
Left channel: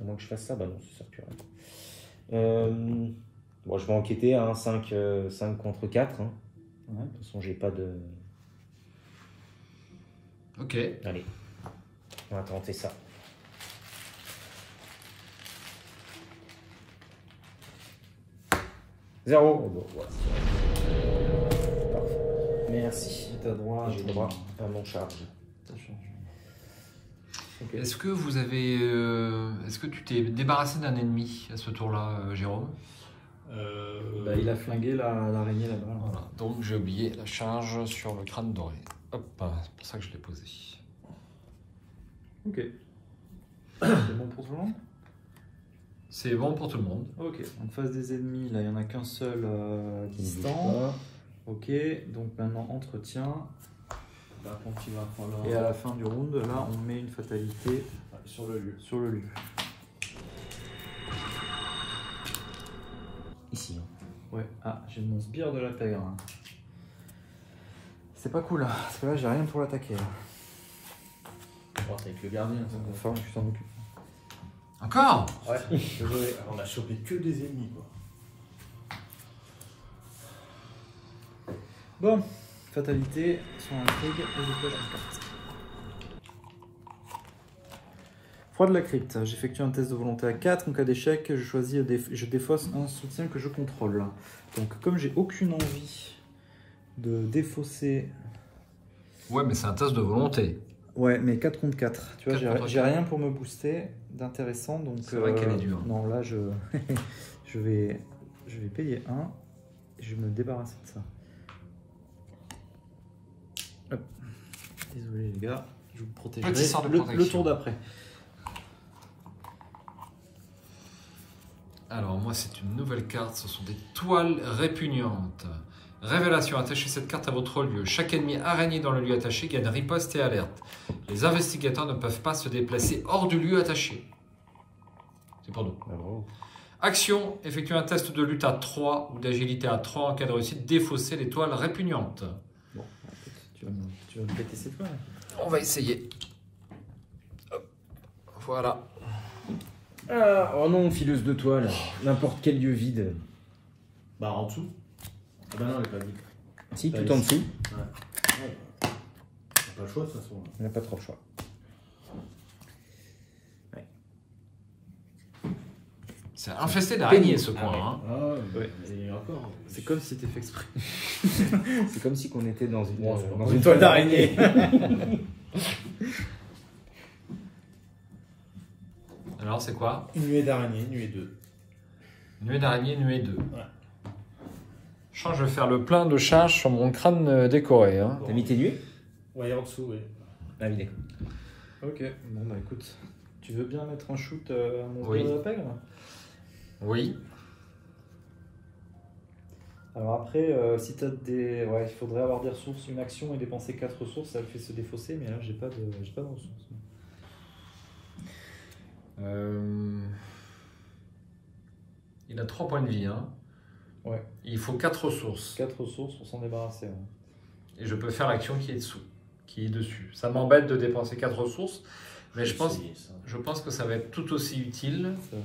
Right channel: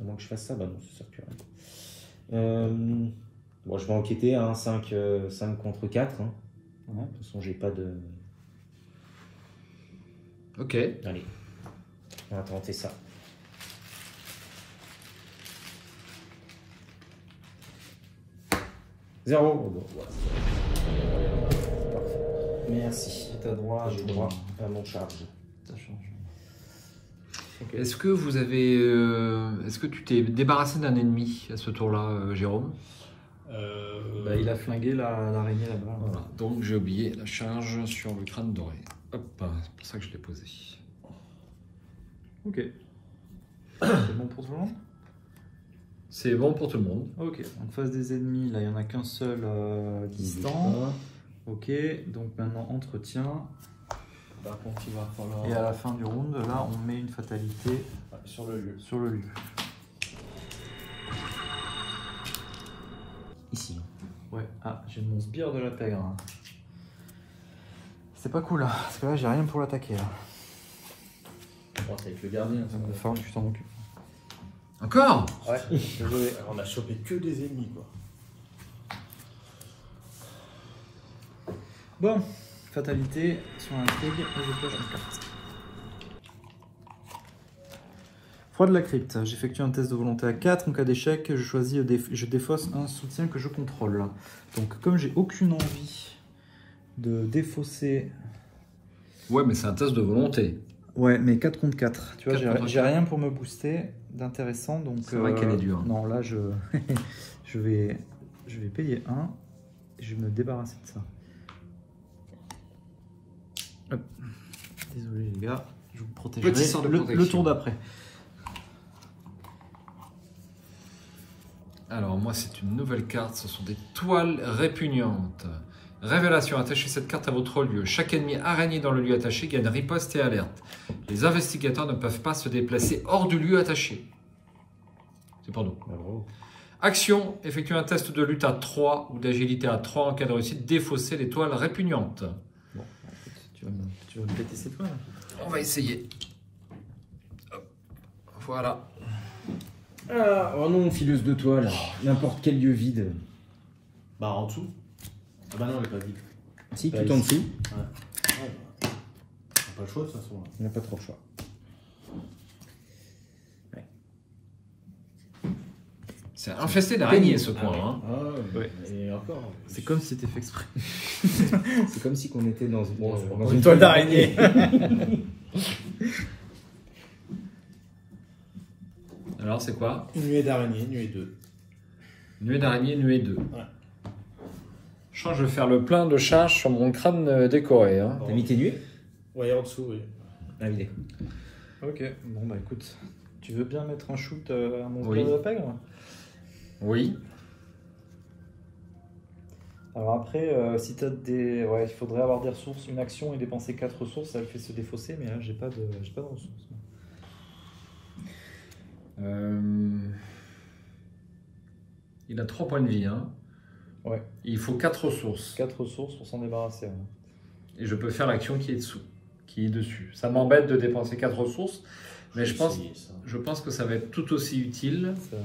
À moins que je fasse ça, bah non, ça sert plus à rien. Bon, je vais enquêter à 5 contre 4. Hein. Ouais. De toute façon, j'ai pas de... Ok. Allez, on va tenter ça. 0. Bon, voilà. Parfait. Merci. T'as droit, J'ai droit à mon charge. Est-ce que vous avez, est-ce que tu t'es débarrassé d'un ennemi à ce tour-là, Jérôme? Bah, il a flingué l'araignée là-bas. Voilà. Donc j'ai oublié la charge sur le crâne doré. Hop, c'est pour ça que je l'ai posé. Ok. C'est bon pour tout le monde? C'est bon pour tout le monde. Ok. En face des ennemis, là, il n'y en a qu'un seul distant. Ok. Donc maintenant, entretien. Par contre, il va falloir. Et à la fin du round, là, on met une fatalité Sur le lieu. sur le lieu. Ici. Ouais. Ah, j'ai mon sbire de la pègre. Hein. C'est pas cool. C'est pas là, j'ai rien pour l'attaquer. Oh, t'es avec le gardien. Ça Il va falloir que tu t'en occupes. Encore? Ouais. On a chopé que des ennemis, quoi. Bon, fatalité sur l'intrigue et je pêche en carte. Foi de la crypte. J'effectue un test de volonté à 4. En cas d'échec, je choisis, je défausse un soutien que je contrôle. Donc, comme j'ai aucune envie de défausser. Ouais, mais c'est un test de volonté. Ouais, mais 4 contre 4. Tu vois, 4 contre j'ai 4. rien pour me booster d'intéressant. Donc, C'est vrai qu'elle est dure. Non, là, je vais payer 1 et je vais me débarrasser de ça. Hop. Désolé les gars, je vous protège. Petit sort de protection. Le tour d'après. Alors moi c'est une nouvelle carte, ce sont des toiles répugnantes. Révélation, attachez cette carte à votre lieu. Chaque ennemi araignée dans le lieu attaché gagne riposte et alerte. Les investigateurs ne peuvent pas se déplacer hors du lieu attaché. C'est pour nous. Action, effectuez un test de lutte à 3 ou d'agilité à 3 en cas de réussite, défausser les toiles répugnantes. Bon, tu vas me péter ces points. On va essayer. Hop. Voilà. Ah, oh non, fileuse de toile. N'importe quel lieu vide. Bah, en dessous. Ah, bah non, elle est pas vide. Si, Bah, tout en ici. dessous. Ouais. On n'a pas le choix, de toute façon. On n'a pas trop le choix. C'est infesté d'araignées ce coin. Hein. Ah, Ouais. et encore. C'est comme si c'était fait exprès. C'est comme si on était dans une, Dans une toile d'araignée. Alors c'est quoi? Une nuée d'araignée, nuée 2. Nuée d'araignée, nuée 2. Ouais. Je crois que je vais faire le plein de charge sur mon crâne décoré. Hein. T'as mis tes nuées? Ouais, en dessous, oui. Ah, vidé. Ok, bon bah écoute, tu veux bien mettre un shoot à mon Oui. de la pègre? Oui. Alors après, si tu as des... Ouais, il faudrait avoir des ressources, une action et dépenser 4 ressources, ça le fait se défausser, mais là j'ai pas de ressources. Il a 3 points de vie. Hein. Ouais. Il faut 4 ressources. 4 ressources pour s'en débarrasser. Ouais. Et je peux faire l'action qui est dessous, qui est dessus. Ça m'embête de dépenser 4 ressources, mais je pense que ça va être tout aussi utile. Ça va.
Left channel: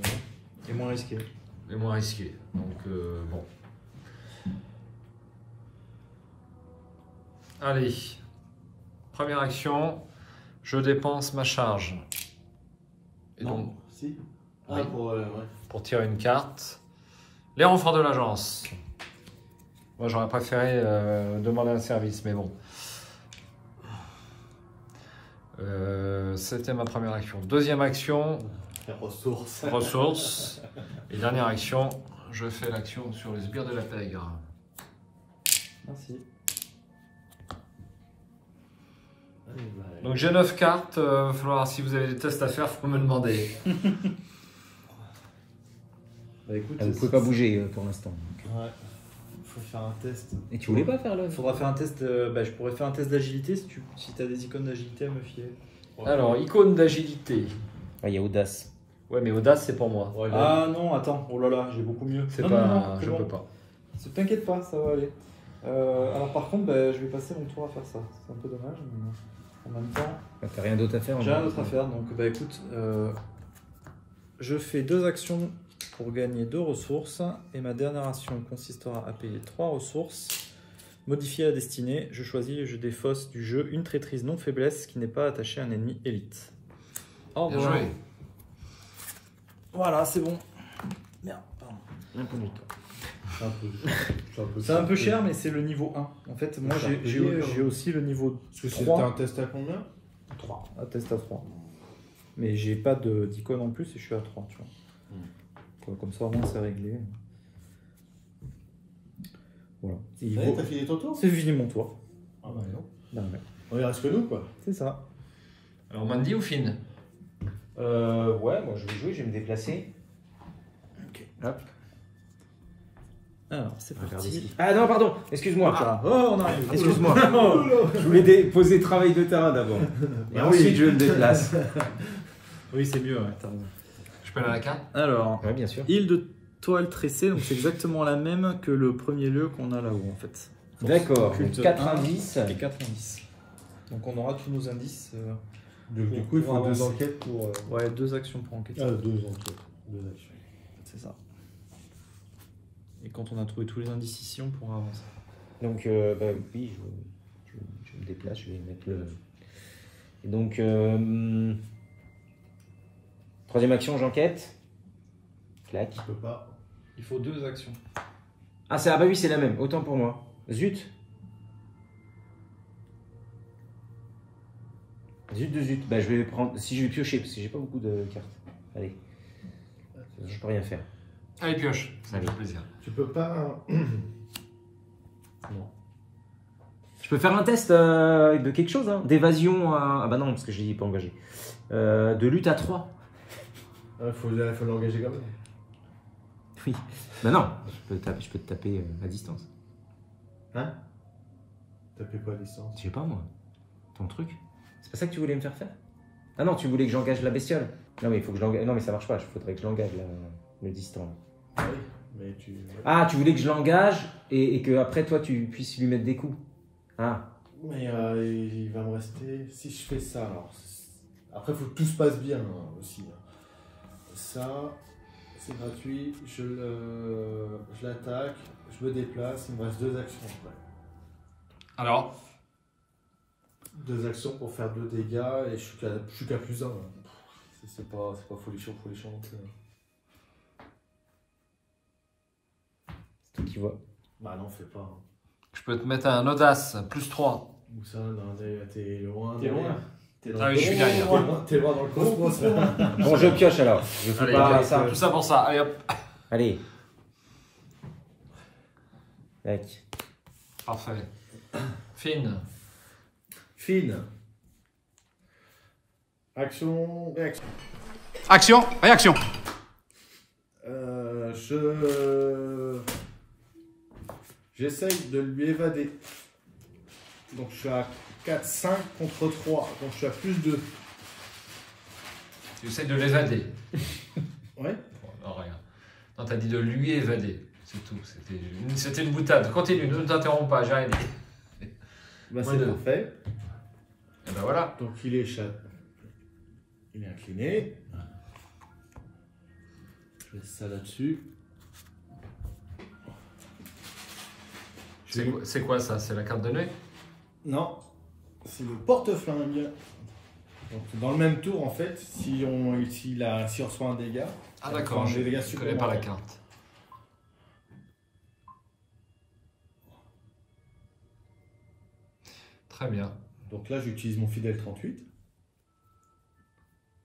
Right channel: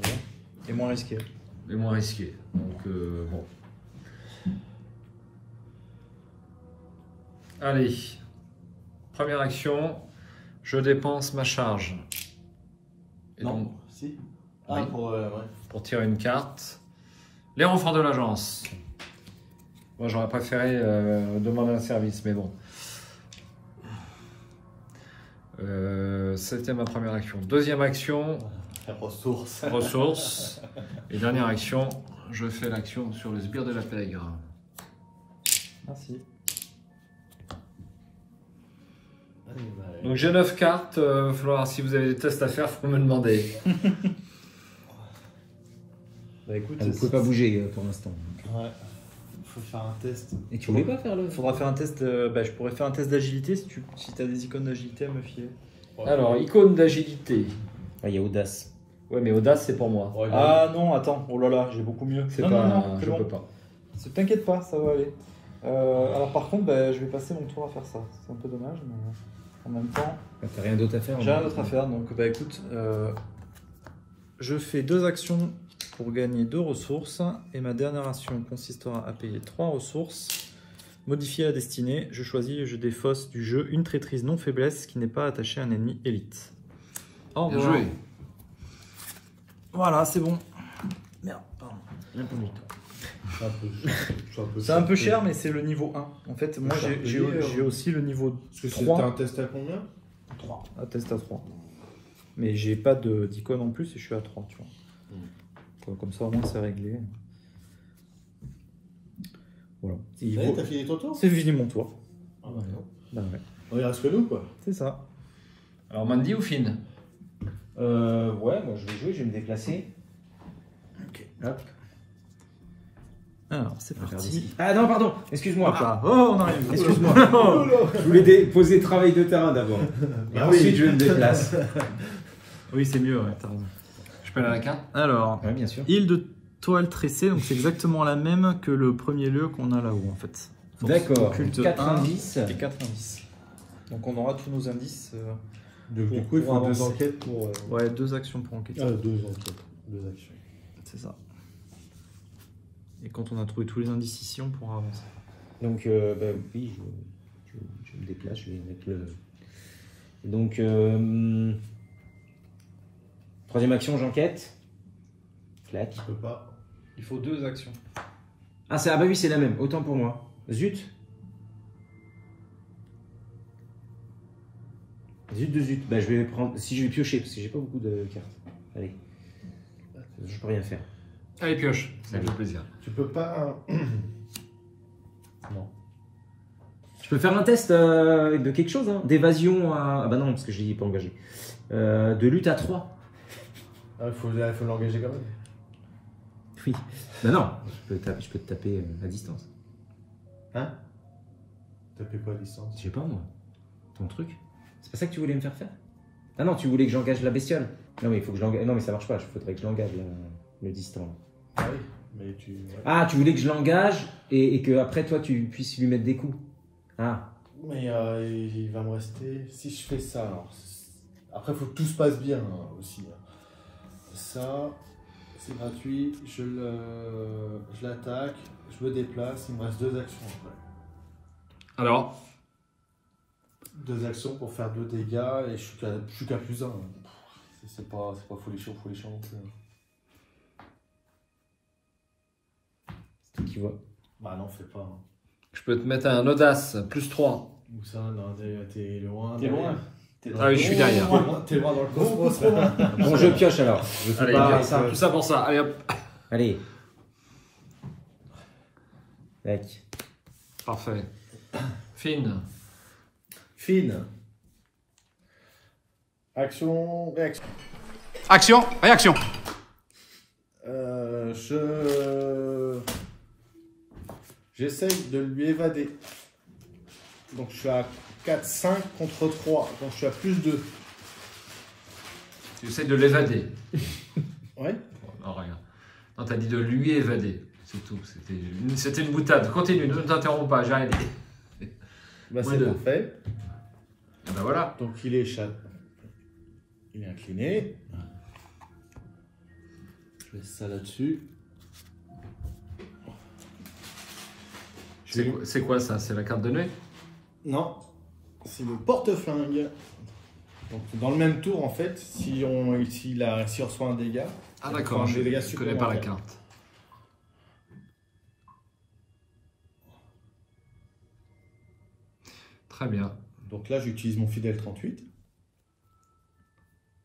Et moins risqué. Mais moins risqué. Donc bon. Allez. Première action. Je dépense ma charge. Et donc, Non, si. Ah, Oui. ouais. pour tirer une carte. Les renforts de l'agence. Moi j'aurais préféré demander un service, mais bon. C'était ma première action. Deuxième action, Ressources. ressources. Et dernière action, je fais l'action sur le sbire de la pègre. Merci. Donc j'ai 9 cartes, il va falloir, si vous avez des tests à faire, faut me demander. Bah, écoute, Elle ne peut pas bouger pour l'instant. Ouais. Il faut faire un test. Et tu voulais pas faire le... il faudra faire un test. Je pourrais faire un test d'agilité si tu as des icônes d'agilité à me filer. Alors, icône d'agilité. Ah, il y a audace. Ouais, mais audace, c'est pour moi. Ouais, Ah non, attends, oh là là, j'ai beaucoup mieux. C'est Non, pas, non, non, je c'est bon. peux pas. T'inquiète pas, ça va aller. Alors par contre, je vais passer mon tour à faire ça. C'est un peu dommage, mais en même temps, Ah, t'as rien d'autre à faire? j'ai rien d'autre à faire. Donc écoute, je fais 2 actions pour gagner 2 ressources. Et ma dernière action consistera à payer 3 ressources. Modifier la destinée, je choisis et je défausse du jeu une traîtrise non faiblesse qui n'est pas attachée à un ennemi élite. Oh, Bien joué. Voilà, c'est bon. Merde, pardon. C'est C'est un peu cher, mais c'est le niveau 1. En fait, moi j'ai aussi le niveau Parce que c'était 3. un test à combien? 3. Un test à 3. Mais j'ai pas d'icône en plus et je suis à 3, tu vois. Comme ça, au moins, c'est réglé. Voilà. Ouais, t'as fini ton tour? C'est fini mon tour. Ah bah non. Bah ouais. On y reste que nous, quoi. C'est ça. Alors, Mandy ou Finn? Ouais, moi je vais jouer, je vais me déplacer. Hop. Alors, c'est Regarder parti. ce qu'il- Ah non, pardon, excuse-moi. Oh, on arrive. Excuse-moi. Je voulais poser le travail de terrain d'abord. Ah Ensuite, oui. je me déplace. Oui, c'est mieux. Attends. Je peux aller à la carte? Alors, Ouais, bien sûr. île de toile tressée, donc c'est exactement la même que le premier lieu qu'on a là-haut, en fait. D'accord. Culte 4 1 indices. et 4 indices. Donc on aura tous nos indices. Donc, du coup, il faut Ouais, 2 c'est- enquêtes pour. Ouais, 2 actions pour enquêter. 2 enquêtes. 2 actions. C'est ça. Et quand on a trouvé tous les indices ici, on pourra avancer. Donc, bah, oui, je me déplace, je vais mettre le. Et donc, troisième action, j'enquête. Clac. Je peux pas. Il faut 2 actions. Ah, ah bah oui, c'est la même, autant pour moi. Zut. Zut de zut. Bah, je vais prendre. Si je vais piocher, parce que j'ai pas beaucoup de cartes. Allez. Je peux rien faire. Allez, pioche. Ça Allez. fait plaisir. Tu peux pas. Non. Je peux faire un test de quelque chose, hein, d'évasion à. Ah bah non, parce que je l'ai pas engagé. De lutte à 3. Ah, faut l'engager quand même. Oui. Bah non, je peux te taper à distance. Hein? Tapez pas à distance. Je sais pas moi. Ton truc. C'est pas ça que tu voulais me faire faire? Ah non, tu voulais que j'engage la bestiole. Non mais il faut que je l'engage. Non mais ça marche pas, il faudrait que je l'engage le distant. Oui, mais tu. Ouais. Ah, tu voulais que je l'engage et que après toi tu puisses lui mettre des coups. Ah. Mais il va me rester. Si je fais ça, alors. Après, il faut que tout se passe bien aussi. Ça, c'est gratuit. Je l'attaque, je me déplace. Il me reste 2 actions. Alors, 2 actions pour faire 2 dégâts et je suis qu'à plus 1. C'est pas folichon. C'est toi qui vois. Bah non, fais pas. je peux te mettre un audace, plus 3. Ou ça, non, t'es loin. T'es loin. Ah oui, je suis derrière. T'es loin dans le cosmos. Bon, je pioche alors. Je fais Allez, pas hop, ça. tout ça pour ça. Allez, hop. Allez. Tac. Parfait. Finn. Fine. Action, réaction. Action, réaction. J'essaye de lui évader. Donc je suis à 4-5 contre 3. Donc je suis à plus 2. Tu essaies de l'évader. Ouais. Non, rien. Non, t'as dit de lui évader. C'est tout. C'était une boutade. Continue, ne t'interromps pas, j'ai rien dit. Bah, Moins c'est deux. parfait. Et ben voilà. Donc il est il est incliné. Je laisse ça là-dessus. C'est quoi ça? C'est la carte de nuit? Non, c'est le porte-flingue. Donc dans le même tour en fait, si on reçoit un dégât. Ah on d'accord, prend je des dégâts ne connais pas la supplémentaires. carte. Très bien. Donc là j'utilise mon fidèle 38.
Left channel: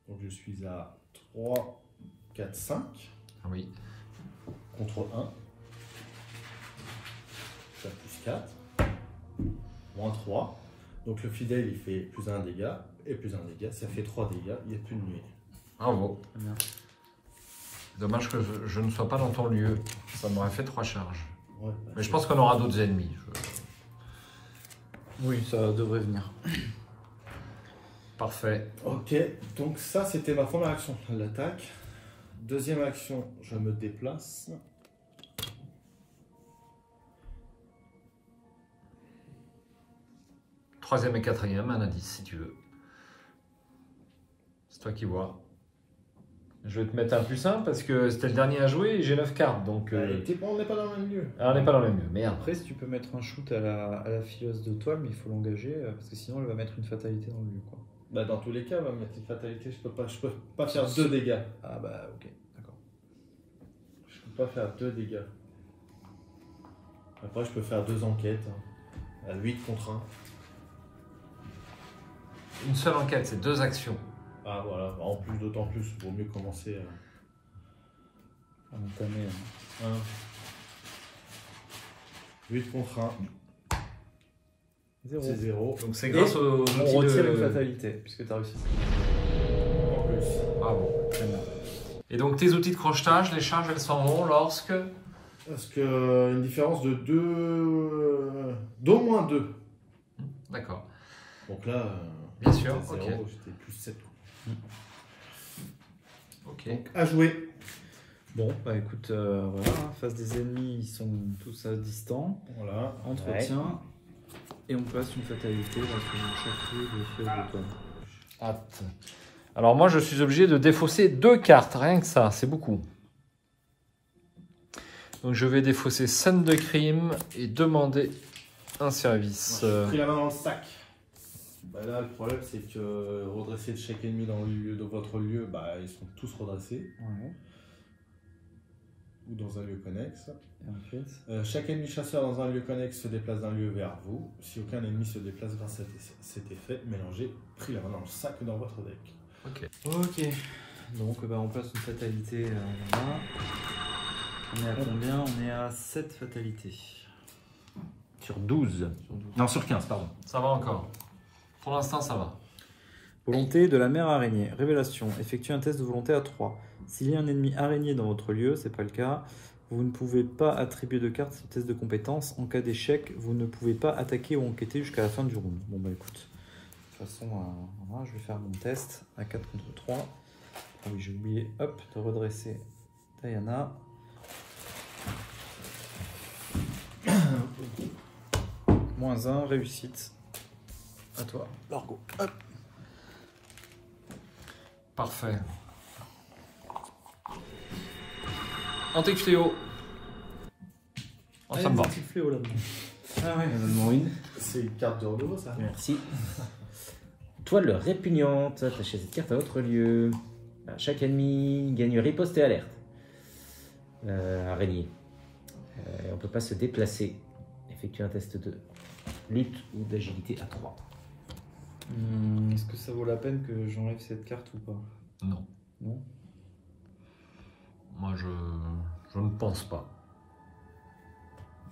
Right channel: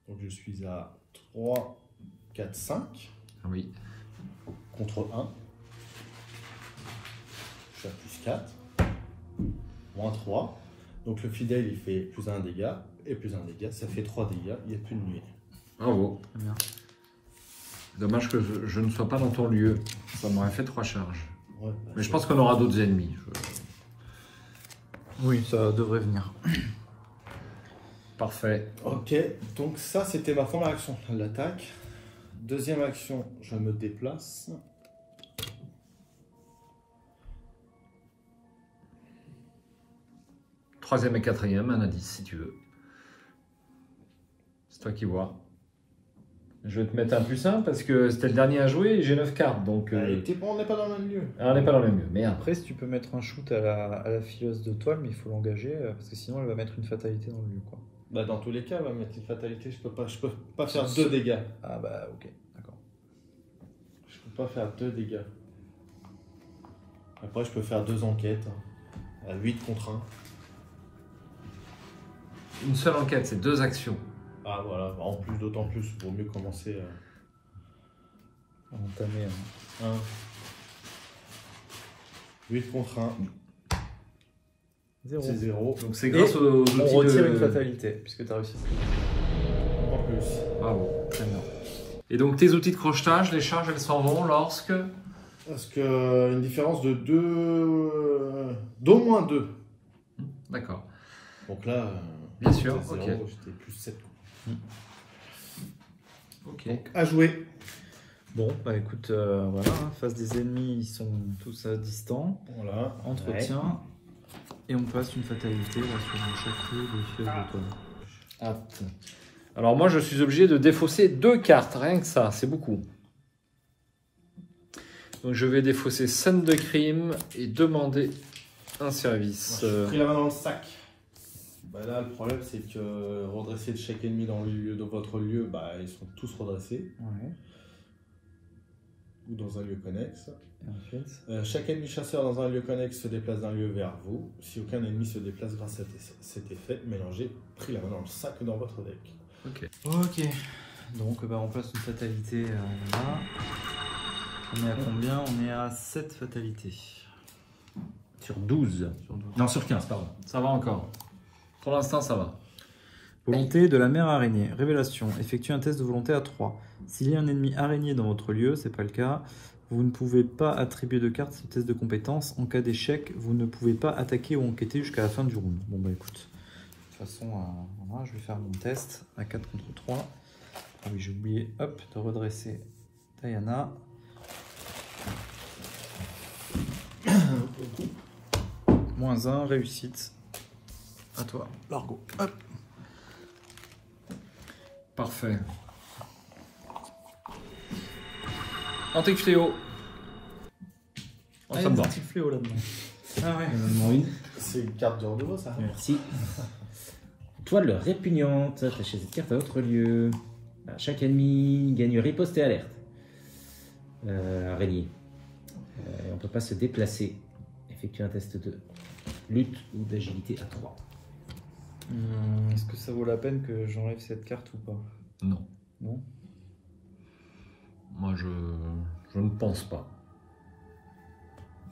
Donc je suis à 3, 4, 5 Ah oui. contre 1. Je suis à plus 4. Moins 3. Donc le fidèle, il fait plus 1 dégât, et plus 1 dégât, ça fait 3 dégâts, il n'y a plus de nuée. Bravo. Dommage que je ne sois pas dans ton lieu. Ça m'aurait fait 3 charges. Ouais, Mais je pense qu'on aura d'autres ennemis. Oui, ça devrait venir. Parfait. Ok, donc ça c'était ma première action, l'attaque. Deuxième action, je me déplace. Troisième et quatrième, un indice si tu veux. C'est toi qui vois. Je vais te mettre un plus 1 parce que c'était le dernier à jouer et j'ai 9 cartes. Donc, On n'est pas dans le même lieu. on n'est pas dans le même lieu. Merde. Après, si tu peux mettre un shoot à la fileuse de toile, mais il faut l'engager parce que sinon elle va mettre une fatalité dans le lieu. Quoi. Bah dans tous les cas, on va mettre une fatalité, je peux pas faire 2 dégâts. Ah bah ok, d'accord. Je peux pas faire 2 dégâts. Après, je peux faire 2 enquêtes. À 8 contre 1. Une seule enquête, c'est 2 actions. Ah voilà, en plus, d'autant plus, il vaut mieux commencer Entamer. 8 contre 1, Zéro. c'est 0. Donc c'est grâce aux On outils retire une de... fatalité, puisque tu as réussi. En plus. Bravo. Et donc tes outils de crochetage, les charges, elles s'en vont lorsque... Parce que une différence de 2... d'au moins 2. D'accord. Donc là, Bien sûr, c'était ok. 0, j'étais plus 7. Ok. Donc à jouer. Bon, bah écoute, voilà, face des ennemis, ils sont tous distants. Voilà. Entretien. Et on passe une fatalité sur le château de fileuse de toile. Hâte. Alors moi, je suis obligé de défausser 2 cartes, rien que ça, c'est beaucoup. Donc je vais défausser scène de crime et demander un service. J'ai pris la main dans le sac. Bah là, le problème, c'est que redresser de chaque ennemi dans votre lieu, bah, ils sont tous redressés. Ouais. Ou dans un lieu connexe. Et ensuite, Chaque ennemi chasseur dans un lieu connexe se déplace d'un lieu vers vous. Si aucun ennemi se déplace grâce à cet effet, mélangez, pris la main dans le sac dans votre deck. Ok. ok. Donc bah, on passe une fatalité. On est à combien? On est à 7 fatalités. Sur 12. Non, sur 15, pardon. Ça va encore. Pour l'instant, ça va. Volonté de la mère araignée. Révélation. Effectuez un test de volonté à 3. S'il y a un ennemi araignée dans votre lieu, c'est pas le cas, vous ne pouvez pas attribuer de cartes au test de compétence. En cas d'échec, vous ne pouvez pas attaquer ou enquêter jusqu'à la fin du round. Bon bah écoute, de toute façon, voilà, je vais faire mon test à 4 contre 3. Ah oui, j'ai oublié, hop, de redresser Diana. Moins 1, réussite. À toi, Largo. Hop. Parfait. Antique fléau. Oh, ça me va. Petit fléau là-dedans. C'est une carte de renouveau, ça. Merci. Toile répugnante. Attachez cette carte à votre lieu. Chaque ennemi gagne riposte et alerte. Araignée. On ne peut pas se déplacer. Effectuez un test de lutte ou d'agilité à 3. Est-ce que ça vaut la peine que j'enlève cette carte ou pas? Non. Non. Moi, je ne pense pas.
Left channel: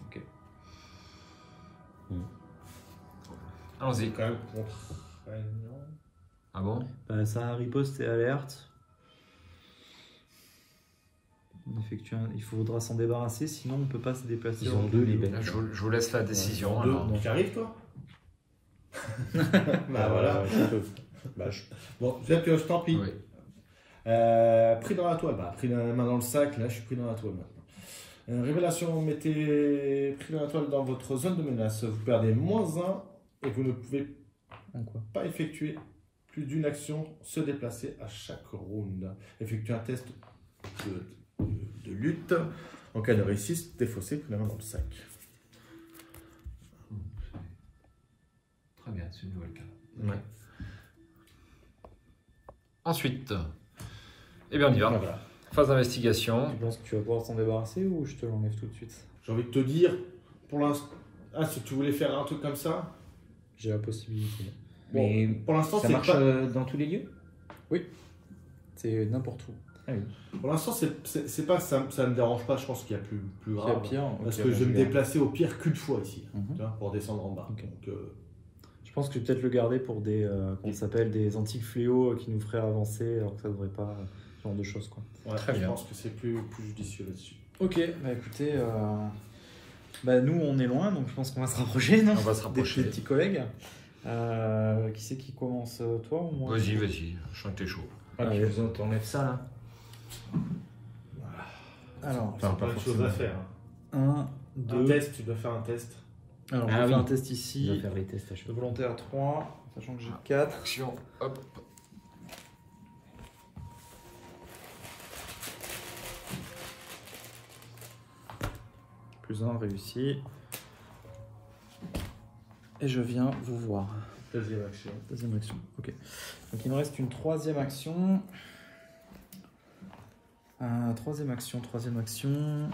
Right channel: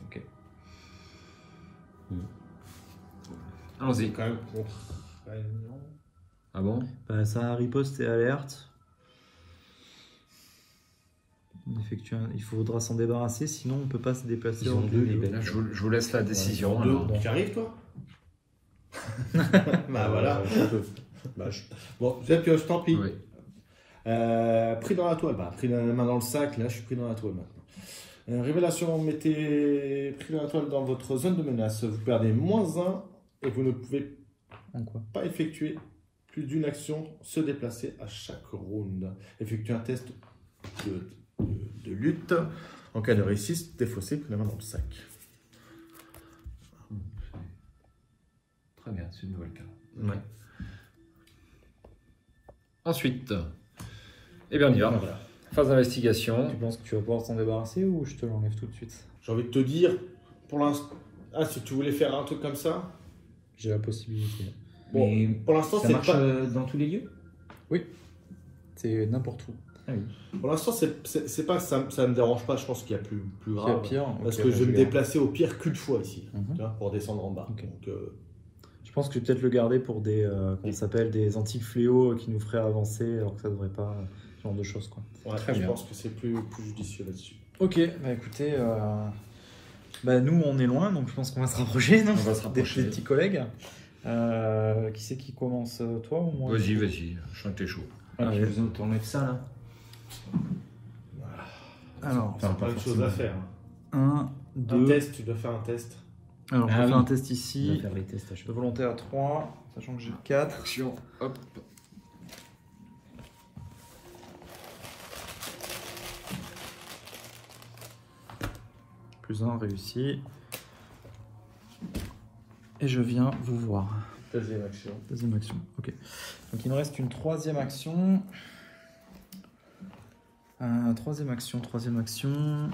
Ok. Allons-y. Quand même contre. Ah bon? Ça a riposte et alerte. Il faudra s'en débarrasser, sinon on ne peut pas se déplacer. Ils ont 2 les Là, bêtes. je vous laisse la décision. Alors. Donc arrive toi. Bah voilà. Bon, peut-être que je t'en prie. Oui. Pris dans la toile, bah, pris la main dans le sac, là je suis pris dans la toile maintenant. Révélation, mettez pris dans la toile dans votre zone de menace. Vous perdez -1 et vous ne pouvez pas effectuer plus d'une action, se déplacer à chaque round. Effectuez un test de lutte. En cas de réussite, défaussez, pris la main dans le sac. Très bien, c'est une nouvelle carte. Ouais. Ensuite, eh bien on y va. Voilà. Phase d'investigation. Tu penses que tu vas pouvoir s'en débarrasser ou je te l'enlève tout de suite? J'ai envie de te dire, pour l'instant, si tu voulais faire un truc comme ça, J'ai la possibilité. bon, Mais pour l'instant ça c'est marche pas... dans tous les lieux? Oui. C'est n'importe où. Ah oui. Pour l'instant, c'est pas que ça me dérange pas, je pense qu'il y a plus grave. C'est pire. Parce Ok, que je vais me vais- déplacer au pire qu'une fois ici, Mhm. tu vois, pour descendre en bas. Ok. Donc, Je pense que je vais peut-être le garder pour des, comment ça s'appelle, des antiques fléaux qui nous feraient avancer, alors que ça devrait pas, ce genre de choses, quoi. Ouais, Très je bien. pense que c'est plus judicieux là-dessus. Ok, bah écoutez, bah nous on est loin, donc je pense qu'on va se rapprocher, non? On va se rapprocher. Des petits collègues. Qui c'est qui commence, toi ou moi? Vas-y, vas-y, je sens que t'es chaud. Ah, tu veux besoin de t'en mettre ça là? Alors, Enfin, Pas de choses à faire. un, Un deux. test, tu dois faire un test. Alors, on Ah va oui. faire un test On va ici. faire les tests à chaque De fois. volonté à 3, sachant que j'ai 4. Action, hop. Plus 1 réussi. Et je viens vous voir. Deuxième action. Deuxième action. Ok. Donc il nous reste une troisième action. Troisième action.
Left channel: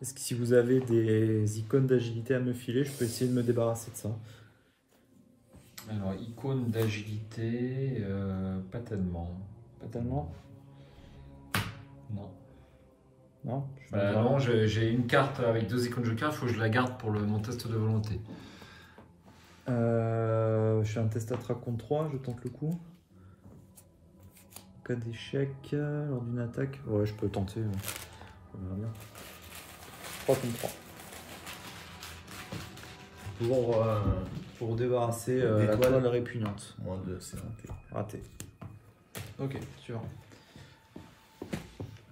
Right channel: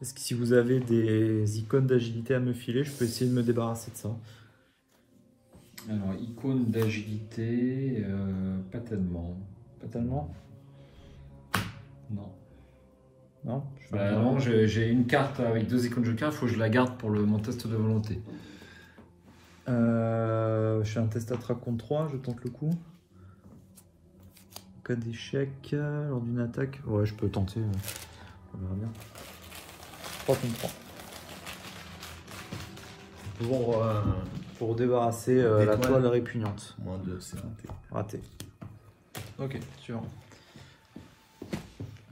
Est-ce que si vous avez des icônes d'agilité à me filer, je peux essayer de me débarrasser de ça. Alors, icône d'agilité, pas tellement. Pas tellement? Non. Non? Bah non, j'ai une carte avec 2 icônes joker, il faut que je la garde pour mon test de volonté. Je fais un test à track contre 3, je tente le coup. En cas d'échec, lors d'une attaque. Ouais, je peux tenter. 3 contre 3. Pour débarrasser la D'étoiles. toile répugnante. Moins 2, c'est raté. Raté. Ok, suivant.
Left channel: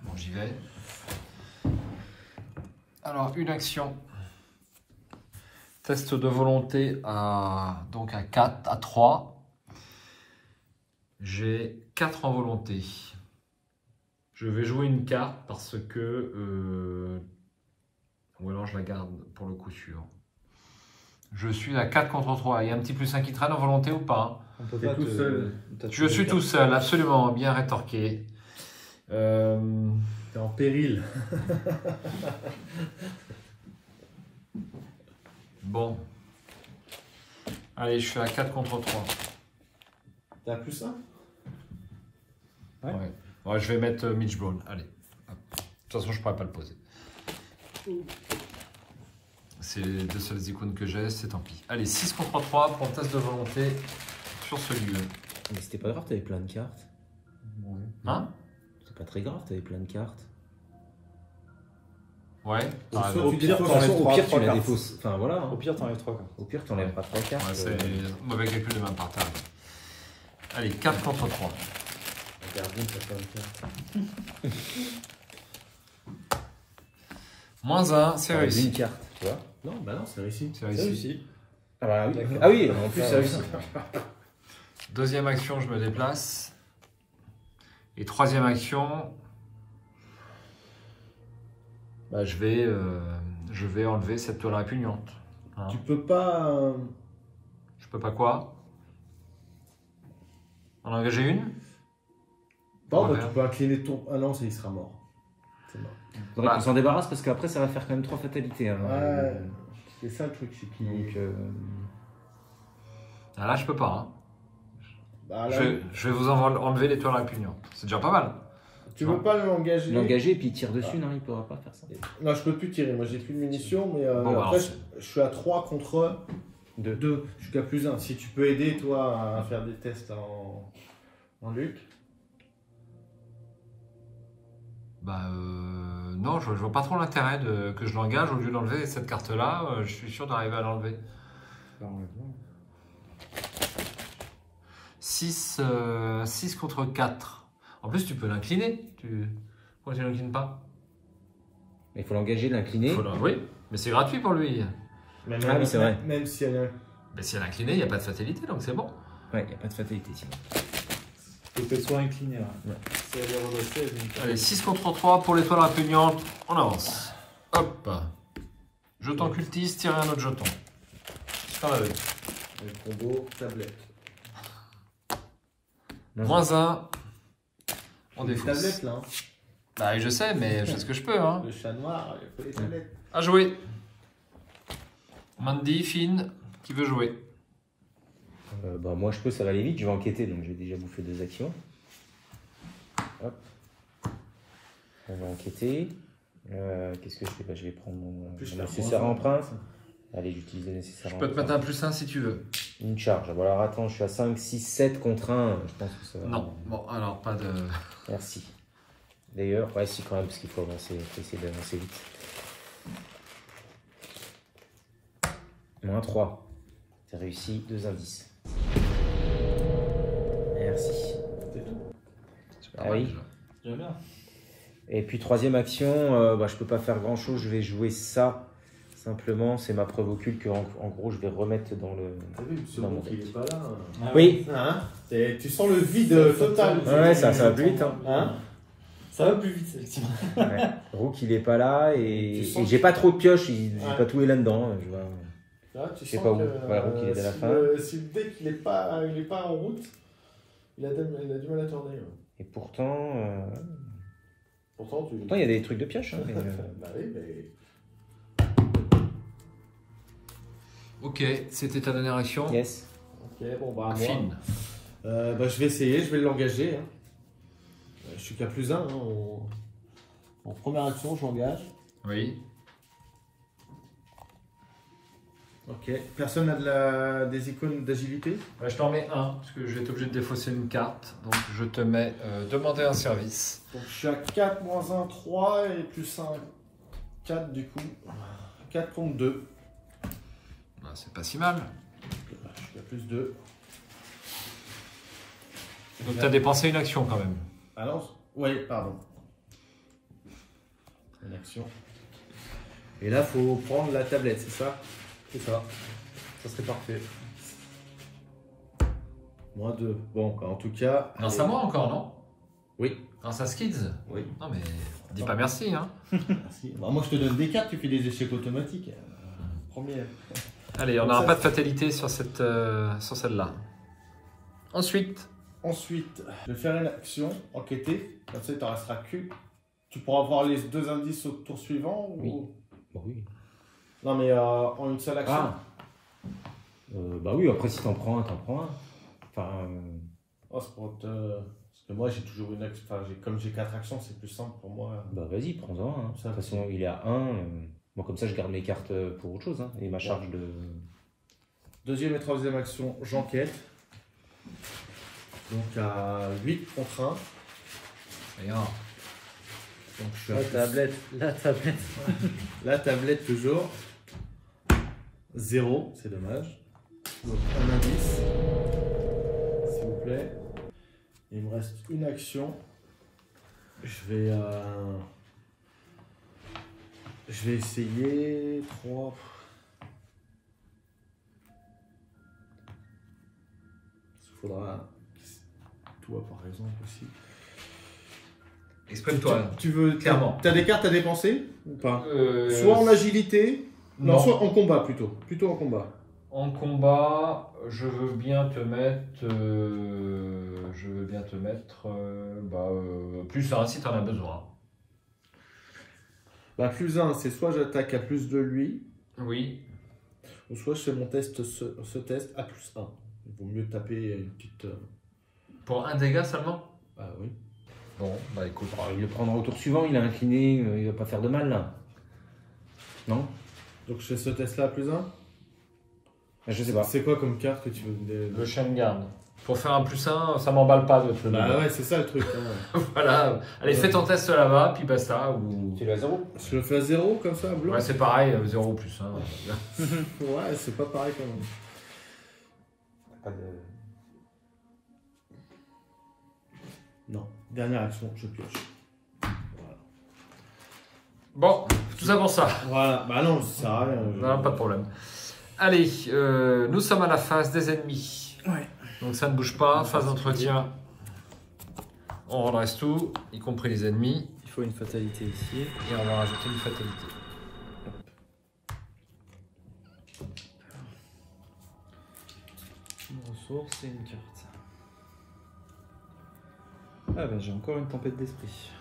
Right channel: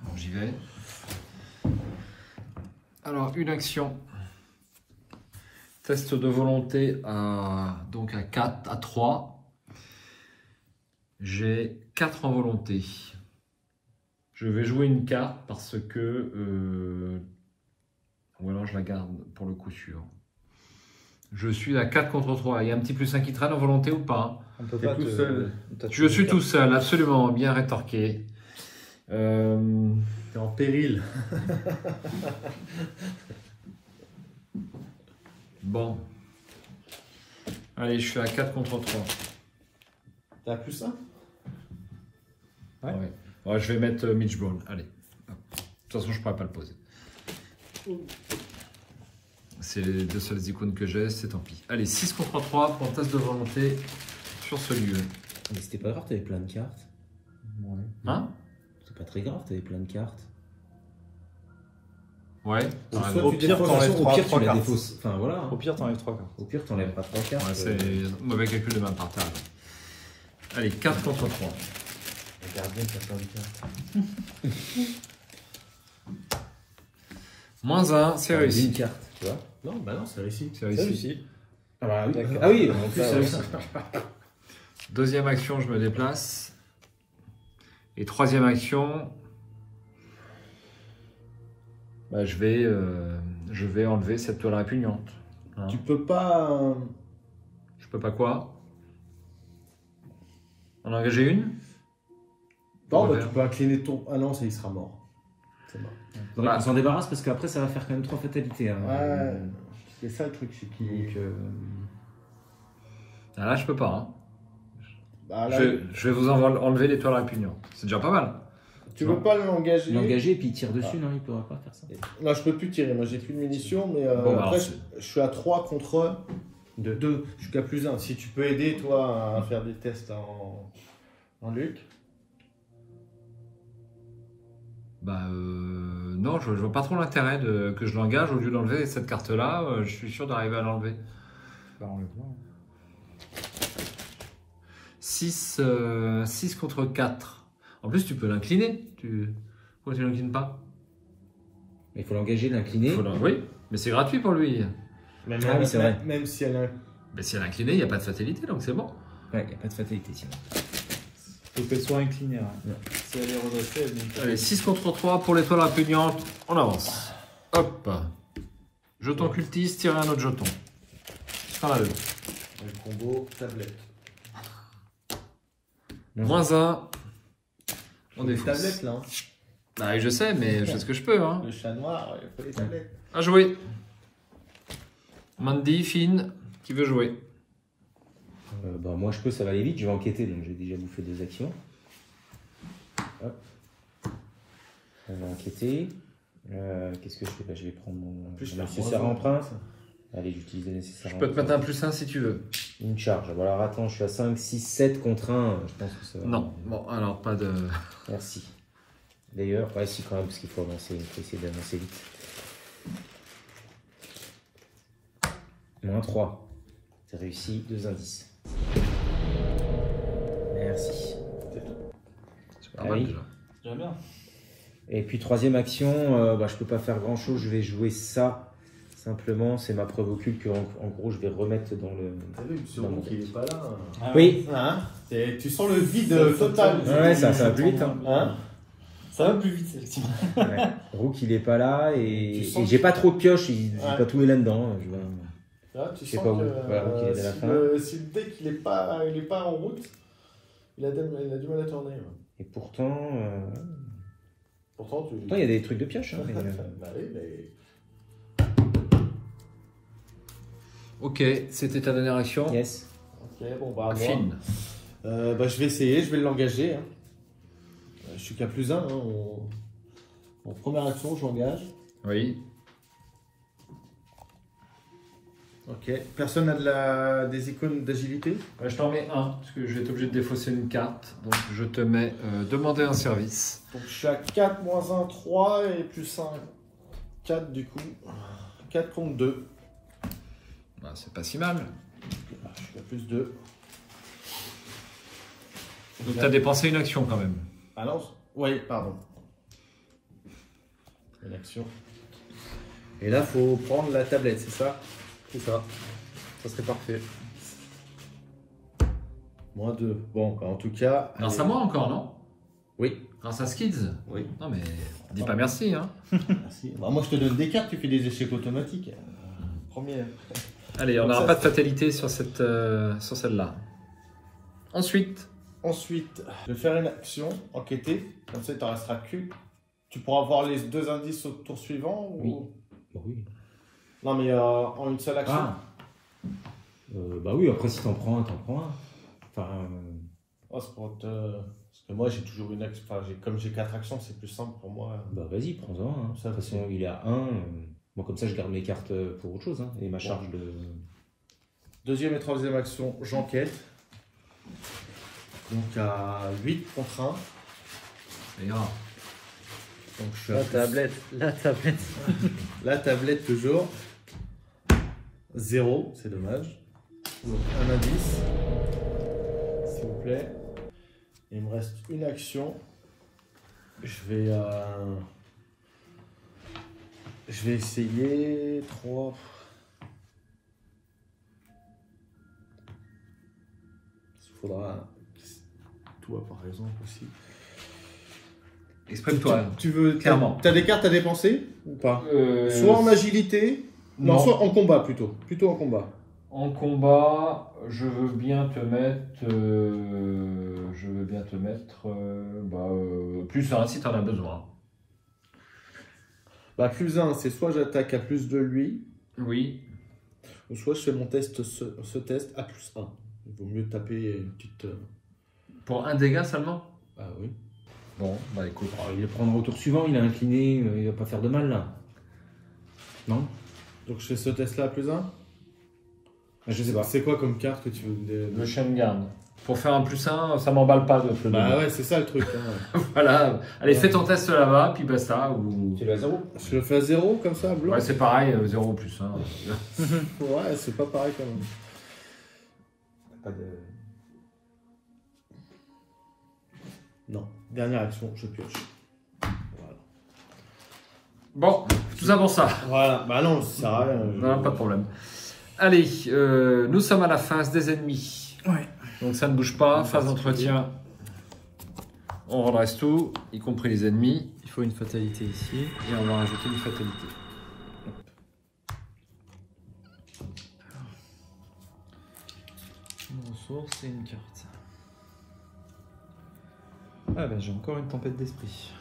Bon, j'y vais. Alors, une action. Test de volonté donc à 4, à 3. J'ai 4 en volonté. Je vais jouer une carte parce que... ou alors je la garde pour le coup sûr. Je suis à 4 contre 3. Il y a un petit plus 1 qui traîne en volonté ou pas? T'es tout seul. Je suis tout seul, absolument, bien rétorqué. T'es en péril. Bon. Allez, je suis à 4 contre 3. T'as plus 1? Ouais. Ouais, je vais mettre Mitch Brown. Allez. Hop. De toute façon, je ne pourrais pas le poser. C'est les 2 seules icônes que j'ai, c'est tant pis. Allez, 6 contre 3 pour un test de volonté sur ce lieu. Mais c'était pas grave, t'avais plein de cartes. Hein? C'est pas très grave, t'avais plein de cartes. Ouais. Soit t'as raison. tu Au pire, défausses, t'enlèves Au pire, tu trois la cartes. défausses. Enfin voilà. Au Hein. pire, t'enlèves 3. Au pire, t'enlèves pas 3 cartes. Ouais, c'est mauvais calcul de ma part, t'as raison. Allez, 4 contre 3. Regarde bien, t'as plein de cartes. Moins 1, c'est Une réussi. carte, tu vois. Non, bah non, c'est réussi. C'est réussi. Ah bah oui, ah oui, en plus c'est réussi. Deuxième action, je me déplace. Et troisième action, bah, je vais enlever cette toile répugnante. Hein. Tu peux pas. Je peux pas quoi? En engager une? Bon, Ouais. bah, tu peux incliner ton. Ah non, ça il sera mort. C'est mort. Faudrait Bah. qu'on s'en débarrasse parce qu'après ça va faire quand même 3 fatalités. Hein. Ouais. C'est ça le truc, c'est qu'il. Donc, Ah, là, je peux pas. Hein. Bah, là, Je vais vous enlever les toiles répugnantes. C'est déjà pas mal. tu veux pas l'engager. l'engager et puis il tire dessus, non, il pourra pas faire ça. Non, je peux plus tirer. Moi, j'ai plus de munitions, mais Bon, bah, après, alors, je suis à 3 contre 2. 2. Je suis qu'à plus 1. Si tu peux aider, toi, à faire des tests en Luc. Bah, non, je vois pas trop l'intérêt que je l'engage. Au lieu d'enlever cette carte-là, je suis sûr d'arriver à l'enlever. 6 contre 4. En plus, tu peux l'incliner. Pourquoi tu l'inclines pas? Il faut l'engager, l'incliner. Oui, mais c'est gratuit pour lui. Même, Ah oui, c'est vrai. Même si elle a. Mais si elle est inclinée, il n'y a pas de fatalité, donc c'est bon. Ouais, il n'y a pas de fatalité sinon. Faut qu'elle soit inclinée. Ouais. Si elle est redressée, elle est- Allez, 6 contre 3 pour l'étoile répugnante. On avance. Hop. Jeton cultiste, tirer un autre jeton. T'en as 2. Le combo tablette. Moins 1. On Des défausse. tablettes là. Hein. Bah, je sais, mais je fais ce que je peux. Hein. Le chat noir, il faut des tablettes. À jouer. Mandy, Finn, tu veux jouer? Bah, moi je peux, ça va aller vite, je vais enquêter, donc j'ai déjà bouffé 2 actions. Hop. On va enquêter. Qu'est-ce que je fais? Bah, je vais prendre mon Plus mon la nécessaire en prince. Allez, j'utilise nécessairement. Je peux te mettre un +1 si tu veux. Une charge. Bon, alors attends, je suis à 5, 6, 7 contre 1. Je pense que ça va. Non, bon, alors pas de... Merci. D'ailleurs, ouais, si quand même, parce qu'il faut avancer, il faut essayer d'avancer vite. -3. C'est réussi, 2 indices. Merci. C'est pas Ah mal oui. déjà. J'aime bien. Et puis troisième action, je peux pas faire grand chose, je vais jouer ça. Simplement, c'est ma preuve occulte que en gros je vais remettre dans le. T'as vu, ce Dans mon qui deck. est pas là. Oui. Hein tu sens le vide total. Ouais, ça va plus vite. Hein. Hein Ça va plus vite, effectivement. Ouais. Rook il est pas là Tu et sens j'ai pas trop de pioches, j'ai Ouais. pas tout est là-dedans. Je vais- Là, tu Je sais sens pas où. que, Ouais, Rook, il est à la si fin. si le deck il est pas en route, il a du mal à tourner. Ouais. Et pourtant, Pourtant, il y a des trucs de pioche. Hein, mais, Bah oui, mais... Ok, c'était ta dernière action. Yes. Ok, bon bah à moi. Fine. Je vais essayer, je vais l'engager. Hein. Je suis qu'à +1. Hein, en première action, j'engage. Oui. Ok. Personne n'a des icônes d'agilité? Je t'en mets un, parce que je vais être obligé de défausser une carte. Donc je te mets demander un service. Donc je suis à 4, -1, 3 et +1, 4 du coup. 4 contre 2. Bah, c'est pas si mal. Je suis à +2. Donc tu as dépensé une action quand même. Alors, oui, pardon. Une action. Et là, faut prendre la tablette, c'est ça? C'est ça. Ça serait parfait. -2. Bon, bah, en tout cas. Grâce allez. à moi encore, non? Oui. Grâce à Skids? Oui. Non mais dis pas merci, hein. Merci. Bah, moi, je te donne des cartes, tu fais des échecs automatiques. Premier. Allez, on Donc n'aura ça, pas de fatalité sur cette, sur celle-là. Ensuite, Ensuite, je vais faire une action, enquêter. Comme ça, il t'en restera que. Tu pourras avoir les 2 indices au tour suivant ou... Oui. Bon, oui. Non, mais en une seule action. Ah. Bah oui, après si t'en prends un, t'en prends un. Enfin, Oh, c'est pour te... Parce que moi, j'ai toujours une action. Enfin, comme j'ai 4 actions, c'est plus simple pour moi. bah vas-y, prends-en un. Hein. De Ça, toute façon, il est à 1. Moi, comme ça, je garde mes cartes pour autre chose. Hein, et ma charge de. Deuxième et troisième action, j'enquête. Donc à 8 contre 1. rien. Donc je suis à La plus. tablette. La tablette. La tablette toujours. 0, c'est dommage. Donc un indice. S'il vous plaît. Il me reste une action. Je vais essayer 3. Il faudra. Toi par exemple aussi. Exprime-toi. Tu veux. Clairement. T'as des cartes à dépenser ou pas? Soit en agilité. Non, non. soit en combat plutôt. Plutôt en combat. En combat, je veux bien te mettre, +1 si tu en as besoin. Bah, +1, c'est soit j'attaque à +2 lui, Oui. ou soit je fais mon test, ce test à +1. Il vaut mieux taper une petite. Pour un dégât seulement? Ah oui. Bon, bah écoute. Alors, il le prendra au tour suivant, il a incliné, il va pas faire de mal là. Non? Donc je fais ce test là à +1. Ah, je sais pas. C'est quoi comme carte que tu veux Le chien de garde. Pour faire un +1, ça m'emballe pas de te le Bah donner. ouais, c'est ça le truc. Hein. Voilà. Allez, Ouais. fais ton test là-bas, puis basta. Ou... Tu l'as 0. Je le fais à 0 comme ça, blanc. Ouais, c'est pareil, 0 +1. Ouais, c'est pas pareil quand même. Pas de... Non. Dernière action, je pioche. Voilà. Bon, tout ça pour ça. Voilà. Bah non, ça sert à rien. Non, pas de problème. Allez, nous sommes à la phase des ennemis. Ouais. Donc ça ne bouge pas, phase d'entretien. On redresse tout, y compris les ennemis. Il faut une fatalité ici. Et on va rajouter une fatalité. Une ressource et une carte. Ah bah j'ai encore une tempête d'esprit.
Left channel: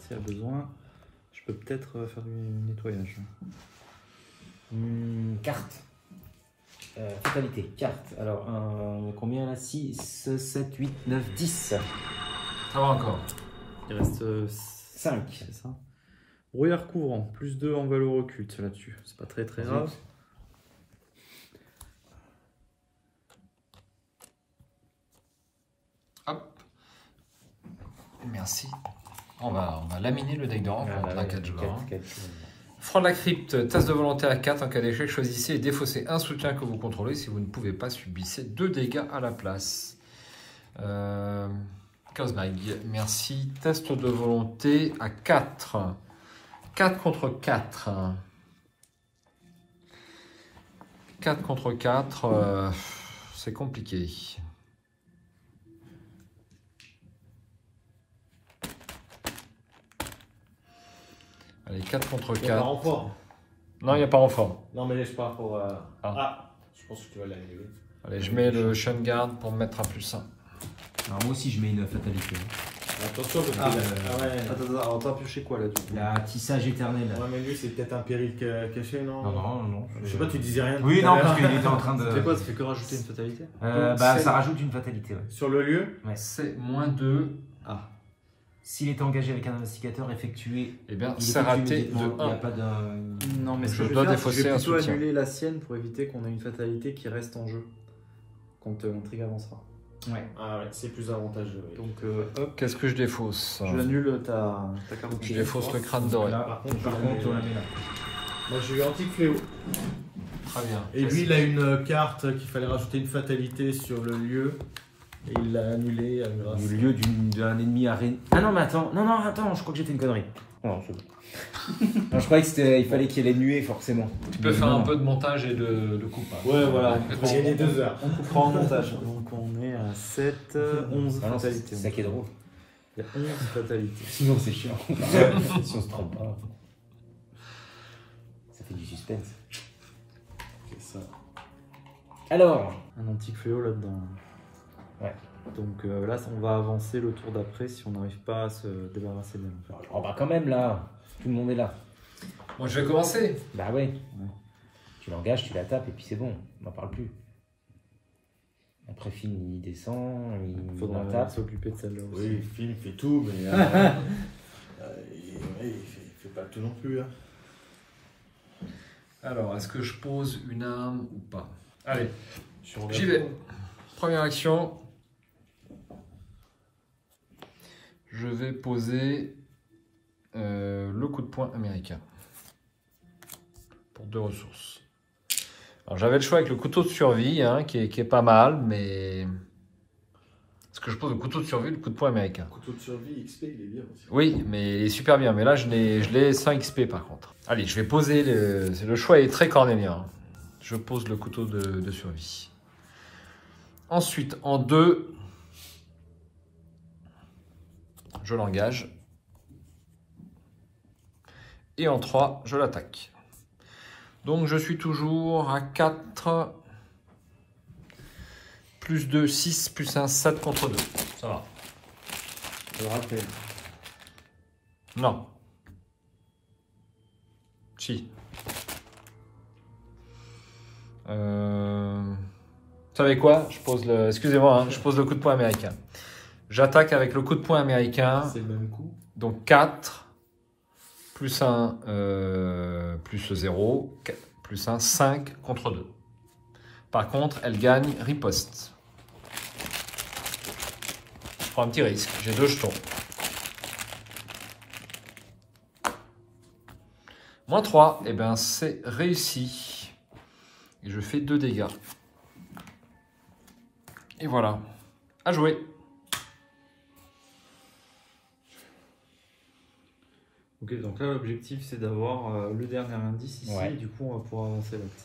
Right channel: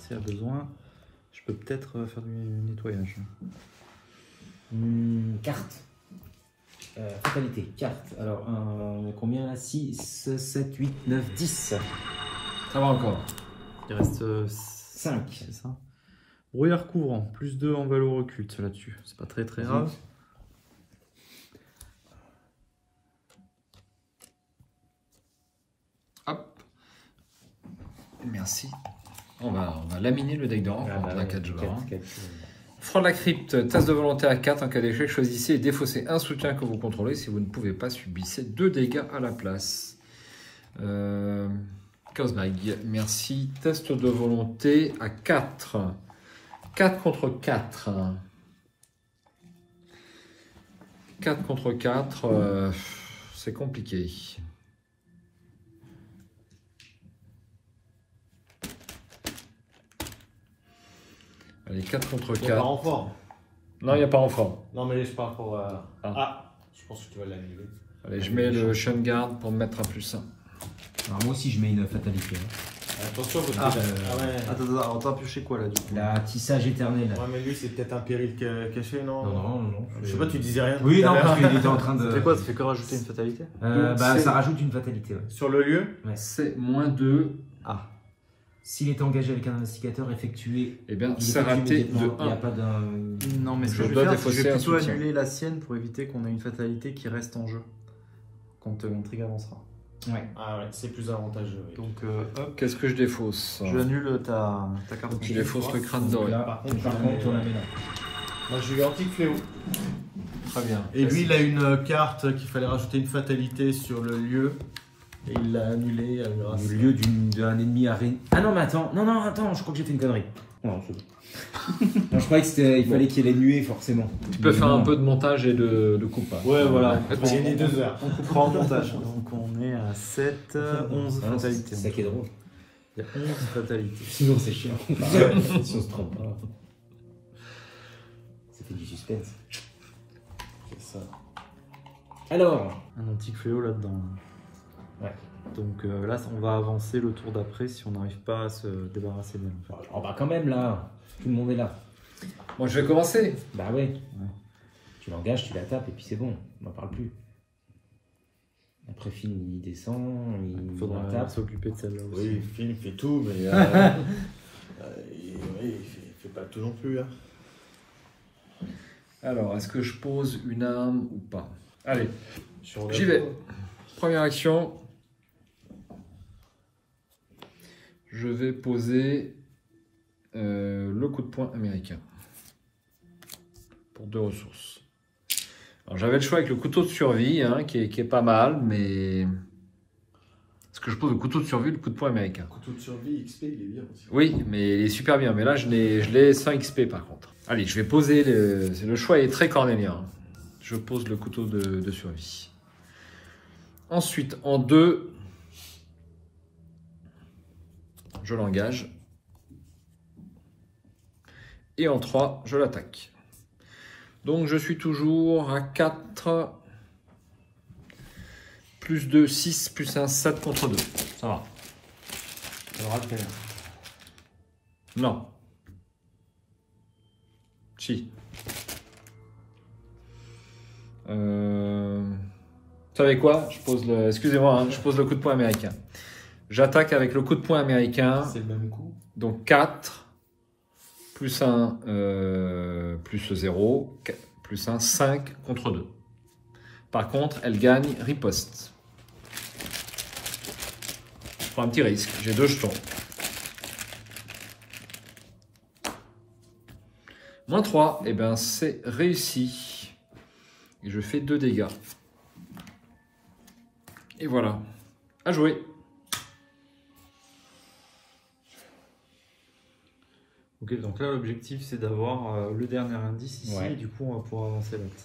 S'il y a besoin, je peux peut-être faire du nettoyage. Carte. Fatalité, carte. Alors, on a combien là? 6, 7, 8, 9, 10. Ça va encore. Il reste 5. c'est ça. Brouillard couvrant, +2 en valeur occulte là-dessus. C'est pas très grave. merci. On va laminer le deck de rencontre à 4 joueurs. Hein. Front de la crypte, tasse de volonté à 4. En cas d'échec, choisissez et défaussez un soutien que vous contrôlez. Si vous ne pouvez pas, subissez 2 dégâts à la place. Closebag, merci. Test de volonté à 4. 4 contre 4. 4 contre 4, c'est compliqué. Allez, 4 contre 4. Il n'y a pas renfort. Non, il n'y a pas renfort. Non, mais là, je pars pour... je pense que tu vas l'annuler. Allez, je mets le Shun Guard pour me mettre à +1. Alors moi aussi je mets une fatalité. Attention, parce que... Attends, t'as pioché quoi là du coup? La tissage éternel. Ouais, mais lui, c'est peut-être un péril caché, non? Non. Je sais pas, tu disais rien. Oui, tout à non, l'heure. parce qu'il était en train de... Ça fait quoi? Ça fait que rajouter une fatalité? ça rajoute une fatalité. Ouais. Sur le lieu? C'est -2. Ah. S'il est engagé avec un investigateur effectué, Eh bien, il c'est raté de il n'y a 1. pas d'un... Non, mais ce Je que je dois veux faire, c'est que je défausser vais un plutôt soutien. annuler la sienne pour éviter qu'on ait une fatalité qui reste en jeu quand mon trigger avancera. Ouais. Ah ouais, c'est plus avantageux. Oui. Donc, hop, Qu'est-ce que je défausse? je annule ta carte. Ok. Je défausse le crâne doré. Là, par contre, on la met là. Moi, j'ai eu Antique Fléau. Très bien. Et lui, il a une carte qu'il fallait rajouter une fatalité sur le lieu. Et il l'a annulé grâce Au lieu d'un ennemi araignée. Ah non, mais attends, attends, je crois que j'ai fait une connerie. Non, c'est bon. Non, je croyais qu'il fallait qu'il y ait les nuées, forcément. Tu peux faire un peu de montage et de coupe. Hein. Ouais, voilà. Il va gagner 2 heures. On coupera en montage. Donc on est à 7, 11 Ah non, c'est fatalités. ça qui est drôle. Il y a 11 fatalités. Sinon, c'est chiant. Si on se trompe pas. Ça fait du suspense. C'est ça. Alors, Un petit fléau là-dedans. Ouais. Donc là, on va avancer le tour d'après si on n'arrive pas à se débarrasser de l'homme. oh, bah quand même là, tout le monde est là. Moi, je vais commencer. Bah ouais. Tu l'engages, tu la tapes et puis c'est bon, on n'en parle plus. Après Finn, il descend, il Faudra la tape. s'occuper de celle-là aussi. Oui, Phil fait tout, mais il fait pas tout non plus. Hein. Alors, est-ce que je pose une arme ou pas? Allez, Sur j'y vais. Première action. Je vais poser le coup de poing américain. Pour 2 ressources. Alors, j'avais le choix avec le couteau de survie, hein, qui est pas mal, mais... Est-ce que je pose le couteau de survie ou le coup de poing américain? Couteau de survie, XP, il est bien aussi. Oui, mais il est super bien. Mais là, je l'ai sans XP par contre. Allez, je vais poser... Le choix est très cornélien. Je pose le couteau de survie. Ensuite, en 2, je l'engage. Et en 3, je l'attaque. Donc, je suis toujours à 4, plus 2, 6, plus 1, 7 contre 2. Ça va. Ça devra le faire. Non. Si. Vous savez quoi? Je pose le... Excusez-moi, hein, je pose le coup de poing américain. J'attaque avec le coup de poing américain. C'est le même coup. Donc 4, plus 1, plus 0, plus 1, 5 contre 2. Par contre, elle gagne riposte. Je prends un petit risque. J'ai 2 jetons. Moins 3, et bien c'est réussi. Et je fais 2 dégâts. Et voilà. À jouer. Ok, donc là l'objectif c'est d'avoir le dernier indice ici, Ouais. et du coup on va pouvoir avancer l'autre.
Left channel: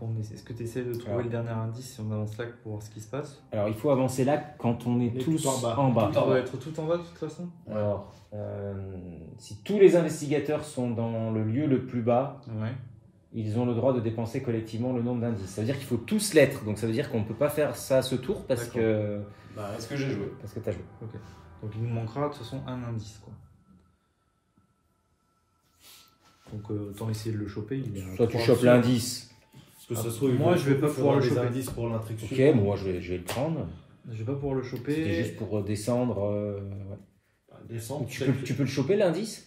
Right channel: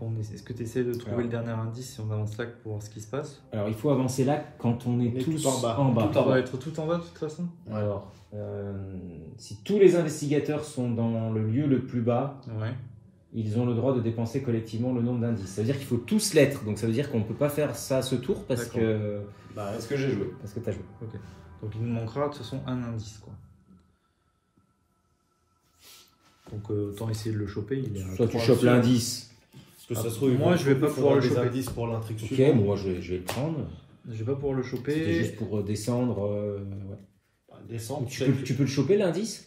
Donc est-ce que tu essaies de trouver le dernier indice si on avance là pour voir ce qui se passe? Alors il faut avancer là quand on est On est tous tout en bas. en bas. On va être tout en bas de toute façon? Alors, si tous les investigateurs sont dans le lieu le plus bas, Ouais. ils ont le droit de dépenser collectivement le nombre d'indices. Ça veut dire qu'il faut tous l'être. Donc ça veut dire qu'on ne peut pas faire ça à ce tour parce que Est-ce que j'ai joué? tu as joué. Ok. Donc il nous manquera de toute façon un indice, quoi. Donc autant essayer de le choper. Soit tu chopes l'indice. Parce que ça se trouve, Moi, je vais pas pouvoir le des choper. indices pour l'intrigue Ok, suivante. moi je vais le prendre. Je vais pas pouvoir le choper. C'était juste pour descendre. Ouais. Descendre, Tu peux le choper l'indice?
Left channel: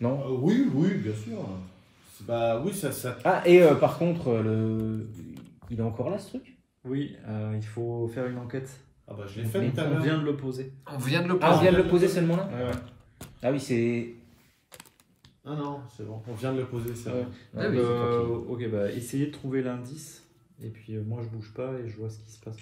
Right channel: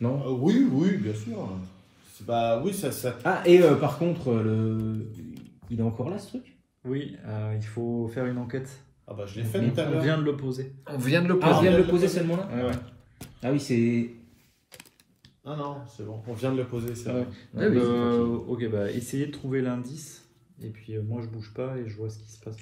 Non. Oui, oui, bien sûr. Bah oui, ça. Ah, et par contre, il est encore là ce truc? Oui, il faut faire une enquête. Ah bah je l'ai fait Mais tout à On l'heure. vient de le poser. On vient de le Ah, on prendre. vient de le poser seulement là Ouais. Ah oui, c'est... Ah non, c'est bon. On vient de le poser, ça. Ouais. Oui, oui, Ok, bah essayez de trouver l'indice. Et puis moi je bouge pas et je vois ce qui se passe.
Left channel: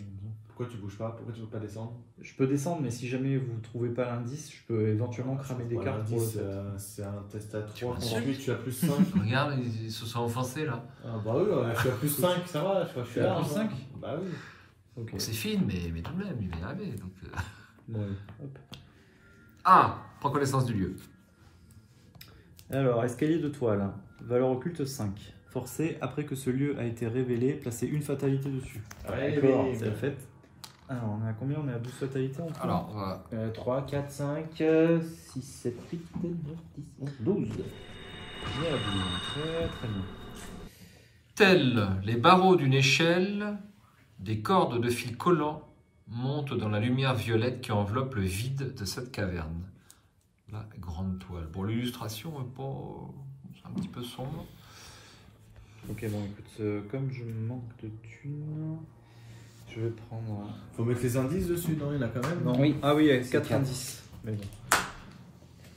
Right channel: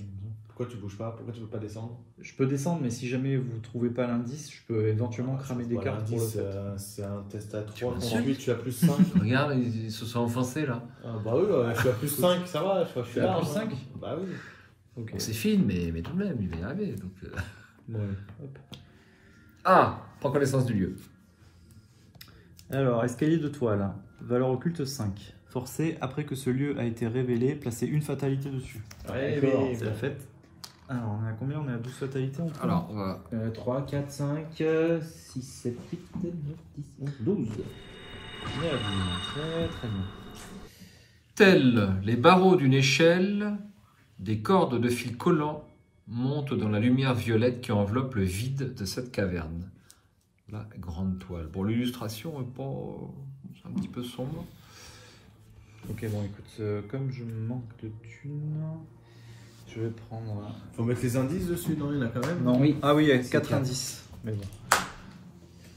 Pourquoi tu bouges pas? Pourquoi tu veux pas descendre? Je peux descendre, mais si jamais vous trouvez pas l'indice, je peux éventuellement cramer des Voilà, cartes. pour- l'indice, c'est un test à 3. m'insultes? Ensuite, tu as plus 5. Regarde, ils se sont enfoncés là. Ah bah oui, je suis à plus 5, ça va, je suis Tu as là. plus 5 Bah oui. Ok. Bon, c'est fine, mais tout de même, il va y arriver. Donc, Ouais. Hop. Ah, prends connaissance du lieu. Alors, escalier de toile. Valeur occulte 5. Forcé, après que ce lieu a été révélé, placez une fatalité dessus. D'accord. C'est la fête. Alors, on est à combien? On est à 12 fatalités maintenant. Alors, on va. 3, 4, 5, 6, 7, 8, 9, 10, 11, 12. On est à 12. Très bien. Tels les barreaux d'une échelle, des cordes de fil collant montent dans la lumière violette qui enveloppe le vide de cette caverne. La grande toile. Bon, l'illustration est pas... c'est un petit peu sombre. Ok, bon, écoute, comme je manque de thunes, je vais prendre. Faut mettre les indices dessus, non? Il y en a quand même. Non. Oui. Ah oui, avec C'est 4 indices. Mais bon.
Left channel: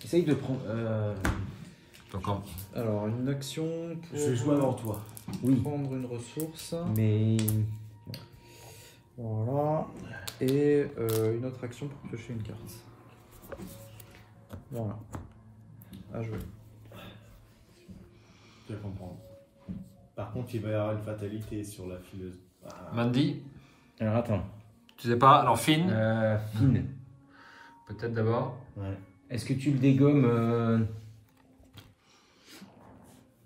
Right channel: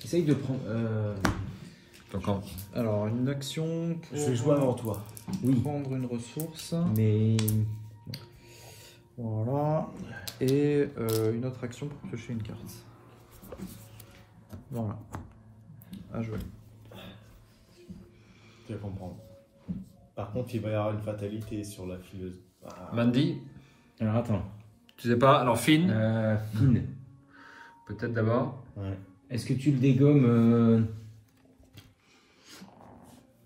Essaye de prendre... Donc, Alors, une action pour Je vais jouer avant toi. Oui, prendre une ressource. mais... Voilà. Et une autre action pour piocher une carte. Voilà. À jouer. Tu vas comprendre. Par contre, il va y avoir une fatalité sur la fileuse. Ah. Mandy, Alors attends. tu sais pas. Alors, Finn, Finn, peut-être d'abord. Ouais. est-ce que tu le dégommes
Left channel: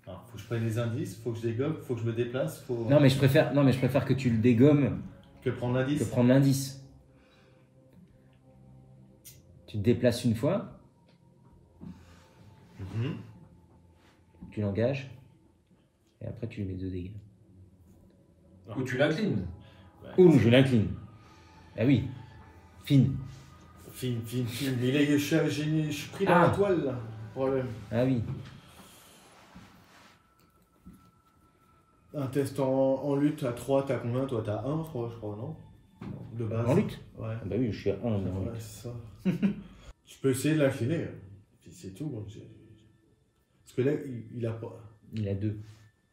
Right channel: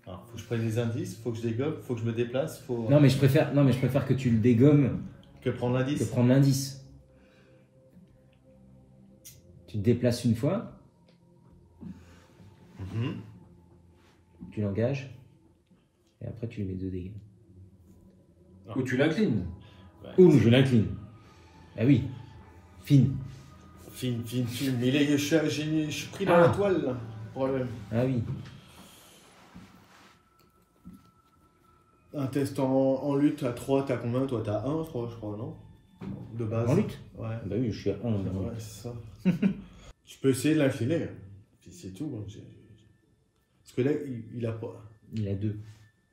Alors, faut que je prenne les indices, faut que je dégomme, faut que je me déplace, faut. Non mais je préfère que tu le dégommes Que prendre que l'indice. prendre l'indice. Tu te déplaces une fois, Mhm. tu l'engages, et après tu lui mets 2 dégâts. Ou tu l'inclines. Ouh, je l'incline. Ah oui, Finn. Fine. Mais je suis pris dans la toile, là. Problème. Ah oui. Un test en lutte à 3, t'as combien? Toi, t'as 1, je crois, non? De base. En lutte? Ouais. Bah oui, je suis à 1. Ouais, c'est ça. Je peux essayer de l'incliner. Puis c'est tout. Hein. Parce que là, il a pas. Il a 2.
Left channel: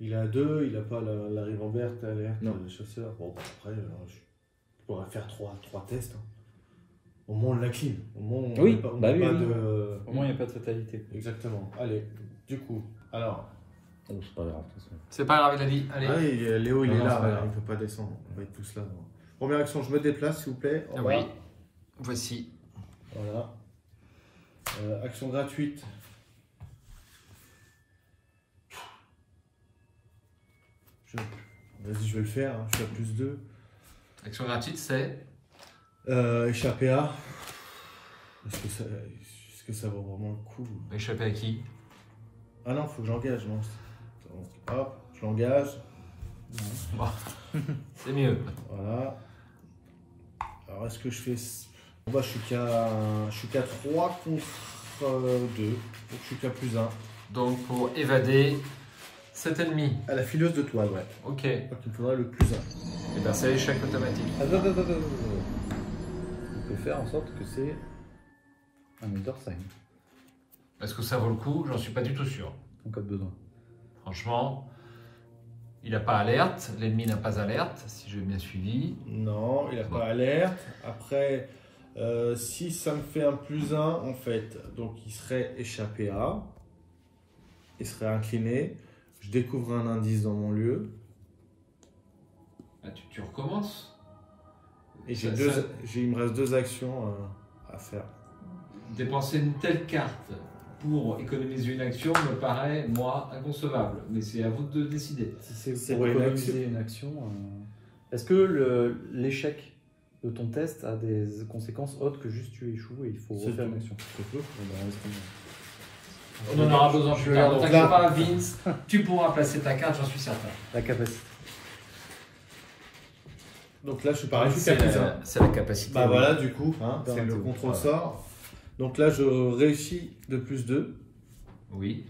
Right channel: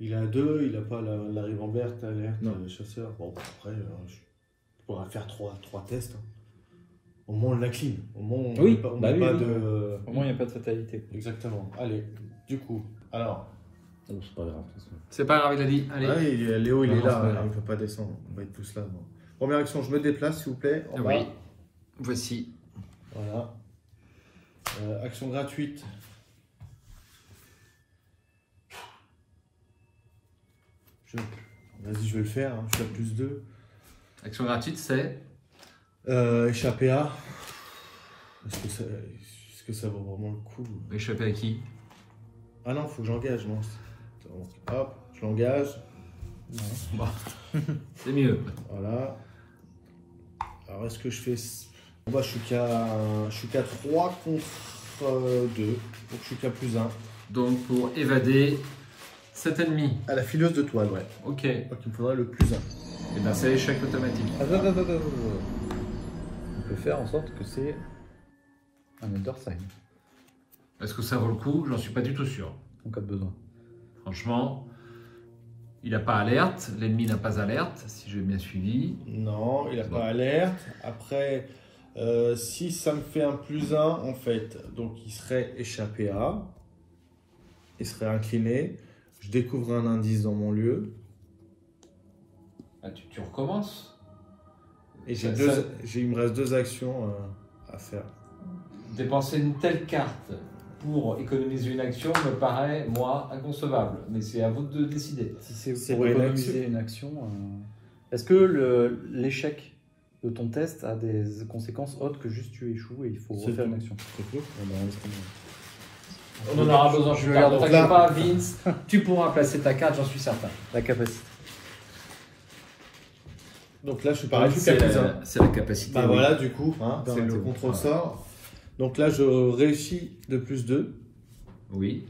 Il a 2, il a pas la Rivambert, Non. le chasseur. Bon, après, je pourrais faire 3 tests. Hein. Au moins, on l'incline. Au moins, on Oui, met pas, on bah met oui, pas oui. de. Au moins, il n'y a pas de fatalité. Exactement. Allez, du coup. Alors. Oh, c'est pas grave, de toute façon. C'est pas grave, il a dit. Allez. Ah oui, Léo, il Non, est non, là. c'est pas grave. Il ne peut pas descendre. On va être tous là. Bon. Première action, je me déplace, s'il vous plaît. En Oui. bas. Voici. Voilà. Action gratuite. Vas-y, je vais le faire. Hein. Je suis à plus 2. Action gratuite, c'est. Échapper à. Est-ce que ça vaut vraiment le coup? Échapper à qui? Ah non, faut que j'engage. Non. Hop, je l'engage. Bon. C'est mieux. Voilà. Alors, est-ce que je fais. Bah, je suis qu'à 3 contre 2. Donc, je suis qu'à plus 1. Donc, pour évader cet ennemi. À la fileuse de toile, ouais. Ok. Donc, il me faudrait le plus 1. Et bien, c'est échec automatique. On peut faire en sorte que c'est un underside Est-ce que ça vaut le coup? J'en suis pas du tout sûr. en cas de besoin. Franchement, il n'a pas alerte. L'ennemi n'a pas alerte, si j'ai bien suivi. Non, il n'a Bon. pas alerte. Après, si ça me fait un plus 1, en fait, donc il serait échappé à. Il serait incliné. Je découvre un indice dans mon lieu. Ah, tu recommences. Et Ça- il me reste 2 actions à faire. Dépenser une telle carte pour économiser une action me paraît, moi, inconcevable. Mais c'est à vous de décider. Si c'est C'est pour pour une économiser une action, est-ce que l'échec de ton test a des conséquences autres que juste tu échoues et il faut C'est refaire tout. une action? On en aura besoin plus tard. Ne Donc t'inquiète là- pas, Vince. Tu pourras placer ta carte, j'en suis certain. La capacité. Donc là, je suis pareil, je suis C'est qu'à plus 1. c'est la capacité. Bah oui. voilà, du coup, hein, Bon, c'est le bon, contre-sort. Donc là, je réussis de plus 2. Oui.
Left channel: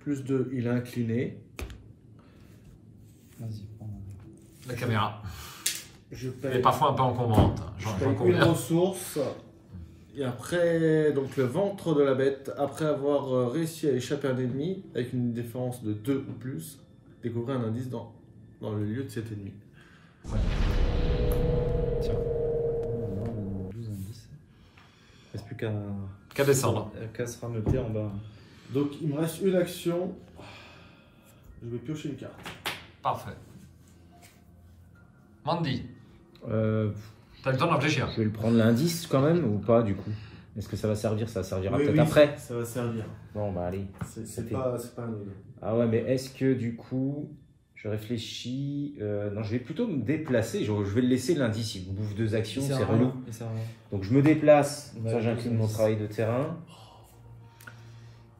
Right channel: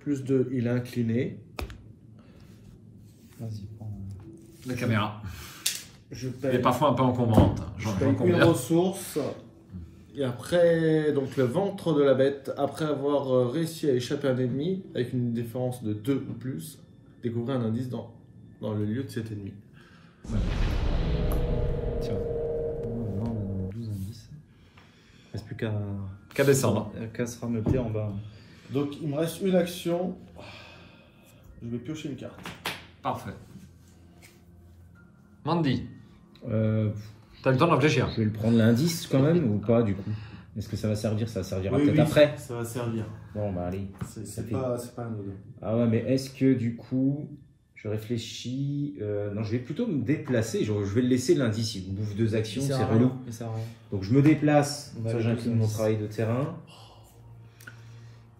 Plus 2, il est incliné. Vas-y, prends. La caméra. Je Elle paye, est parfois un peu encombrante. hein. je J'en paye une conviens. ressource. Et après, donc le ventre de la bête, après avoir réussi à échapper à un ennemi, avec une différence de 2 ou plus, découvrir un indice dans le lieu de cet ennemi. Tiens. On a 12 indices. Il ne reste plus Qu'à descendre. qu'à se rameuter en bas. Donc il me reste une action. Je vais piocher une carte. Parfait. Mandy, Euh, t'as le temps de réfléchir. je vais le prendre l'indice quand même ou pas du coup? Est-ce que ça va servir? Ça servira peut-être après. Ça va servir. Bon bah allez. C'est Ok. pas un. Ah ouais, mais est-ce que du coup, je réfléchis. Non, je vais plutôt me déplacer. Je vais le laisser l'indice. Il vous bouffe 2 actions, c'est relou. Donc je me déplace. Ça, j'incline mon travail de terrain.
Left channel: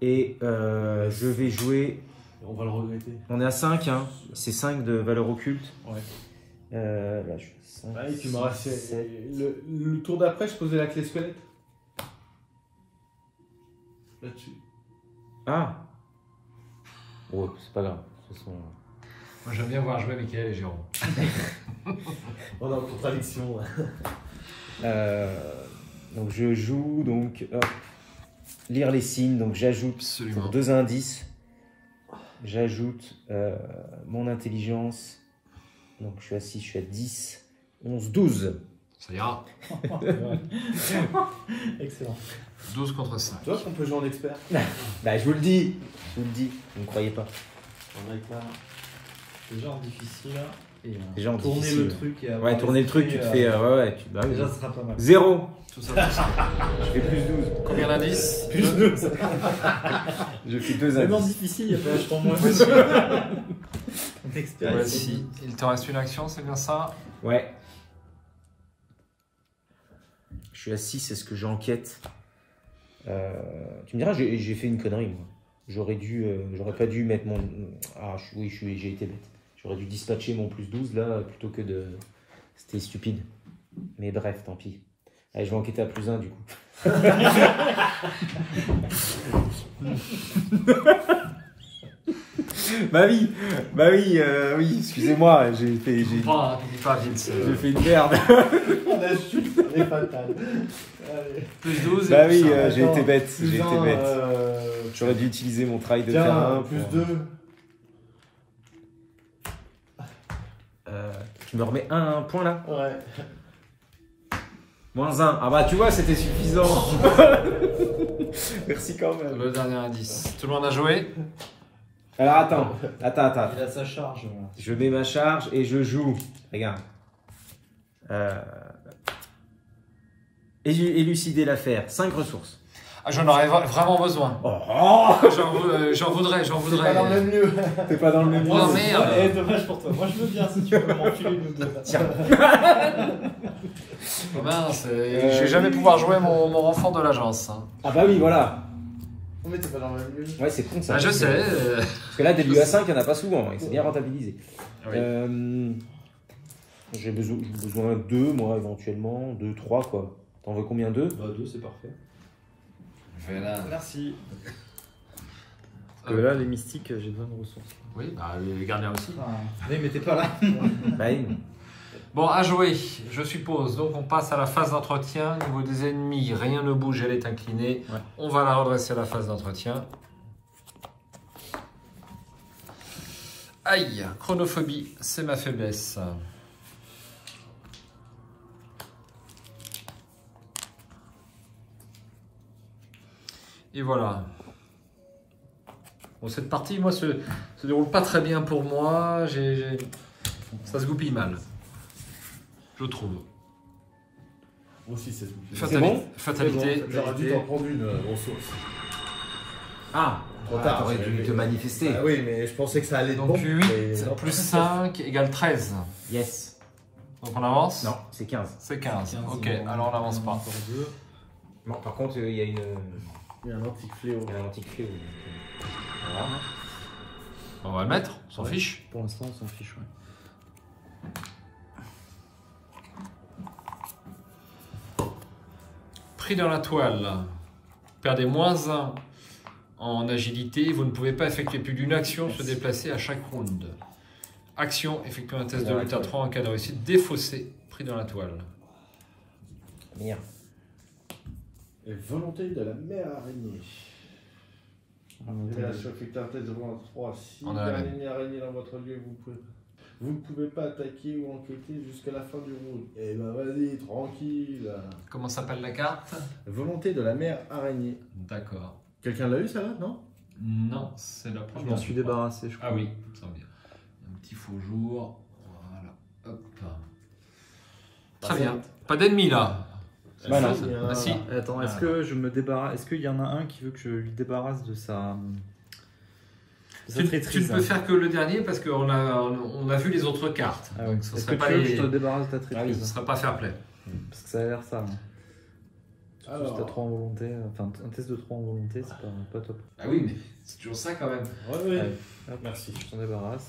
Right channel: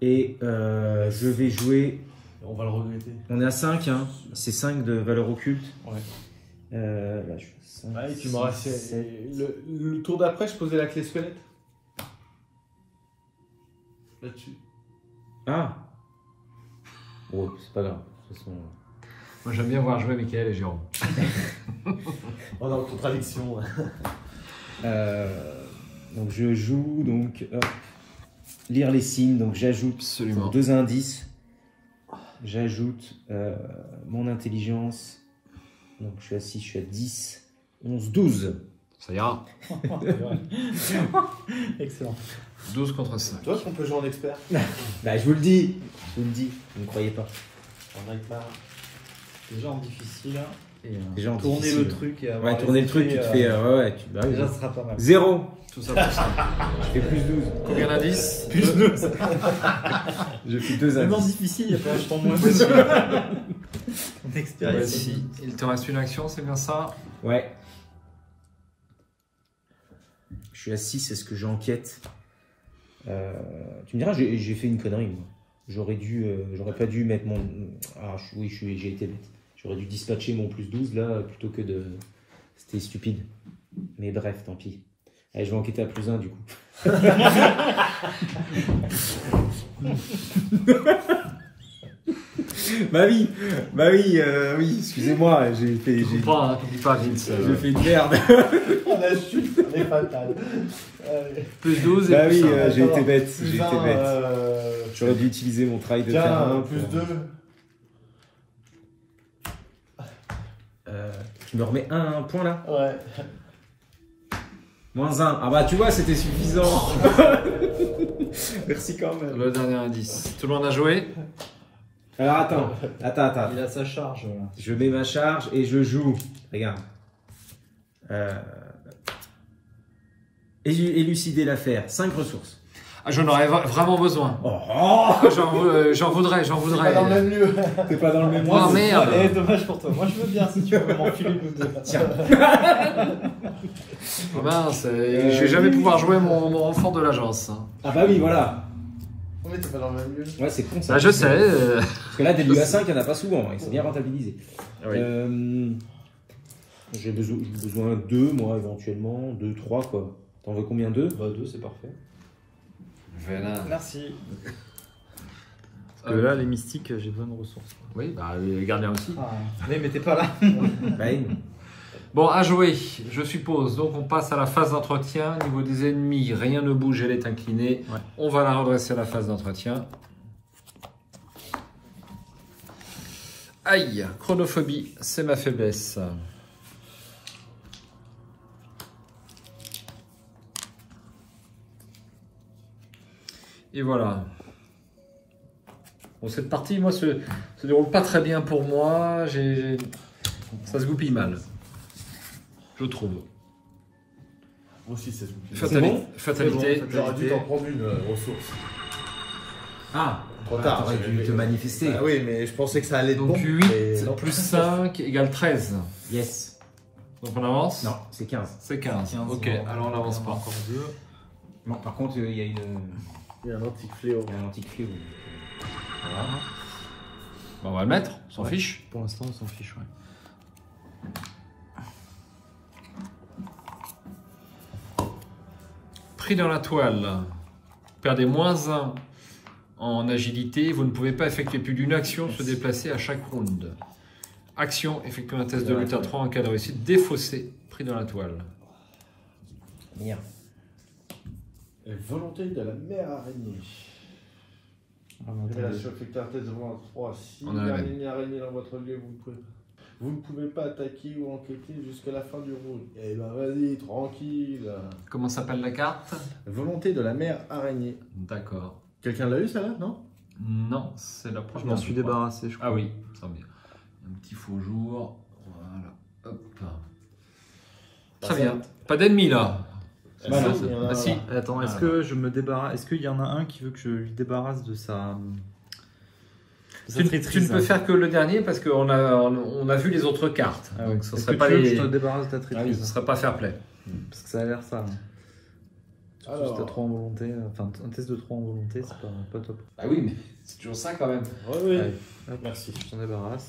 Et je vais jouer. On va le regretter. On est à 5, hein. C'est 5 de valeur occulte. Ouais. Là, je fais 5. Ah, et puis il me restait. Le tour d'après, je posais la clé squelette. Là-dessus. Ah! Ouais, c'est pas grave. De toute façon. Moi, j'aime bien voir jouer Mickaël et Jérôme. On est en contradiction. Donc je joue, donc hop, lire les signes, donc j'ajoute Absolument. pour 2 indices, j'ajoute mon intelligence, donc je suis à 6, je suis à 10, 11, 12. Ça ira. Excellent. 12 contre 5. Tu vois ce qu'on peut jouer en expert? Bah je vous le dis, vous ne me croyez pas. On va être là. Déjà en difficile. Et Déjà en tourner difficile. le truc. Et Ouais, tourner le truc, tu te fais, ouais, tu, bah oui, Déjà, ce sera pas mal. 0, Tout ça pour ça. je fais plus 12. Combien d'indices? Plus 2. Je fais 2 C'est indices. difficile, il y a vachement moins. Voici. Il te reste une action, c'est bien ça? Ouais. Je suis à 6, est-ce que j'enquête? Tu me diras, j'ai fait une connerie, moi. J'aurais pas dû mettre mon... Ah, oui, j'ai été bête. J'aurais dû dispatcher mon plus 12, là, plutôt que de... C'était stupide. Mais bref, tant pis. Allez, je vais enquêter à plus 1, du coup. oui, oui, excusez-moi, j'ai fait... T'oublies pas, Vince. J'ai fait une merde. On a chute, elle est fatale. Plus 12 et Bah plus oui, 1. j'ai été bête, Plus j'ai été un, bête. J'aurais dû utiliser mon travail de terrain. plus pour- 2. Tu me remets un point là? Ouais. Moins 1. Ah bah tu vois, c'était suffisant. Merci quand même. Le dernier indice. Tout le monde a joué? Alors attends. Il a sa charge. Là. Je mets ma charge et je joue. Regarde. Élucider l'affaire. 5 ressources. Ah, j'en aurais vraiment besoin. Oh, J'en voudrais. Pas dans le même lieu. t'es pas dans le même Oh lieu. merde! Eh, dommage pour toi. Moi je veux bien si tu peux m'enfiler nous deux. Tiens. Oh mince, je vais jamais pouvoir jouer mon enfant de l'agence. hein. Ah bah oui, voilà. Mais t'es pas dans le même lieu. Ouais, c'est con ça. Ah, je sais. Parce que là, des lieux à 5, il n'y en a pas souvent. Hein. C'est bien rentabilisé. Oui. J'ai besoin de 2, moi, éventuellement. 2, 3, quoi. T'en veux combien? 2? Bah 2 c'est parfait. Voilà. Merci. Euh, Là les mystiques j'ai besoin de ressources. Oui, bah, les gardiens aussi. Ah, mais t'es pas là. Bah oui. Bon, à jouer, je suppose. Donc, on passe à la phase d'entretien. Au niveau des ennemis, rien ne bouge, elle est inclinée. On va la redresser à la phase d'entretien. Aïe, chronophobie, c'est ma faiblesse. Et voilà. Bon, cette partie, moi, se déroule pas très bien pour moi. Ça se goupille mal. Je trouve. Moi aussi, c'est tout. Fatalité. J'aurais dû t'en prendre une ressource. Ah, Trop tard. t'aurais dû te manifester. Ah oui, mais je pensais que ça allait être Donc bon. 8 mais non. plus 5 égale 13. Yes. Donc on avance? Non, c'est 15. C'est 15. Ok, alors on n'avance pas. Non, par contre, il y a une... Il y a un antique fléau. Il y a un antique fléau. Voilà. On va le mettre, on s'en fiche. Pour l'instant on s'en fiche. Ouais. Pris dans la toile. Perdez moins 1 en agilité. Vous ne pouvez pas effectuer plus d'une action se déplacer à chaque round. Action, effectuer un test de lutte à 3 en cas de réussite. Défaussé, pris dans la toile. Merde. Et volonté de la mère araignée. Révélation, effectuer un test de roulement 3. Si On a la l'araignée araignée dans votre lieu, vous ne pouvez pas attaquer ou enquêter jusqu'à la fin du round. Eh ben vas-y, tranquille. Comment s'appelle la carte? Volonté de la mère araignée. D'accord. Quelqu'un l'a eu ça là, non? Non, c'est la Je première. m'en suis je crois. débarrassé, je crois. Ah oui, ça me semble bien. Un petit faux jour. Voilà. Hop. Très bien. Pas d'ennemis là. Voilà. Ah si. Attends, est-ce que je me débarrasse? Est-ce qu'il y en a un qui veut que je lui débarrasse de sa. Tu ne peux faire que le dernier parce qu'on a vu les autres cartes. Ah, donc ce est-ce serait que pas tu veux que les. je te débarrasse de ta traîtrise? Ce serait pas fair play. Parce que ça a l'air ça. Alors. Juste à 3 en volonté, enfin un test de 3 en volonté, c'est pas top. Ah oui, mais c'est toujours ça quand même. Oui. Merci. Je t'en débarrasse.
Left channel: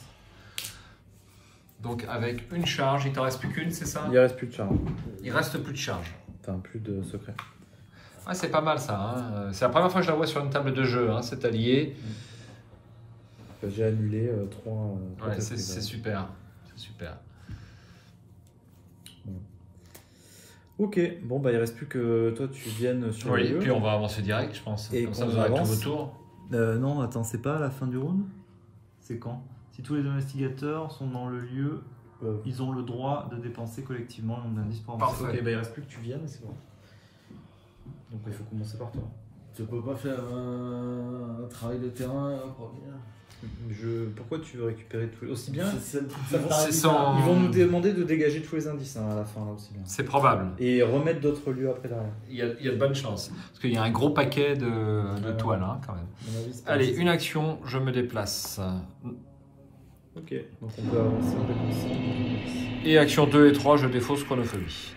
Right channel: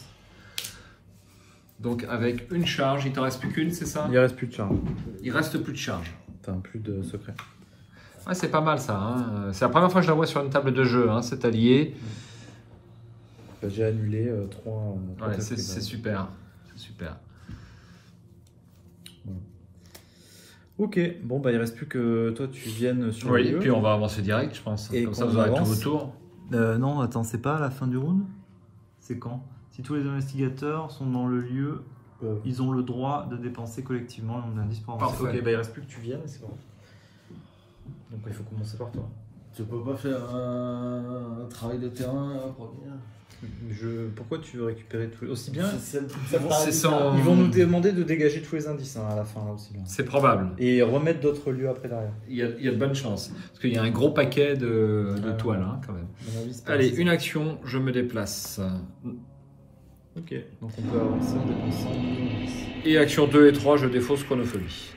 Donc avec une charge, il t'en reste plus qu'une, c'est ça? Il reste plus de charge. Il reste plus de charge. Enfin, plus de secret. Ouais, c'est pas mal ça. Hein. C'est la première fois que je la vois sur une table de jeu, hein, cet allié. J'ai annulé 3. Ouais, c'est super. C'est super. Ok, bon bah il reste plus que toi tu viennes sur Oui, le et lieu. puis on va avancer direct, je pense. Et Comme ça, qu'on vous aurez tout avance. votre tour. Non, attends, c'est pas à la fin du round? C'est quand? Si tous les investigateurs sont dans le lieu, ils ont le droit de dépenser collectivement un indice pour avancer. Parfait. Ok, bah il reste plus que tu viennes, c'est bon. Donc il faut commencer par toi. Tu peux pas faire un travail de terrain pour venir. Pourquoi tu veux récupérer tout aussi bien? C'est sans- Ils vont nous demander de dégager tous les indices hein, à la fin là, aussi bien. C'est probable. Et remettre d'autres lieux après derrière. Il y a de bonnes chances. Parce qu'il y a un gros paquet de toiles hein, quand même. À mon avis, c'est pas Allez, assez. une action, je me déplace. Ok, donc on peut avancer, on peut avancer. Et action 2 et 3, je défausse chronophobie.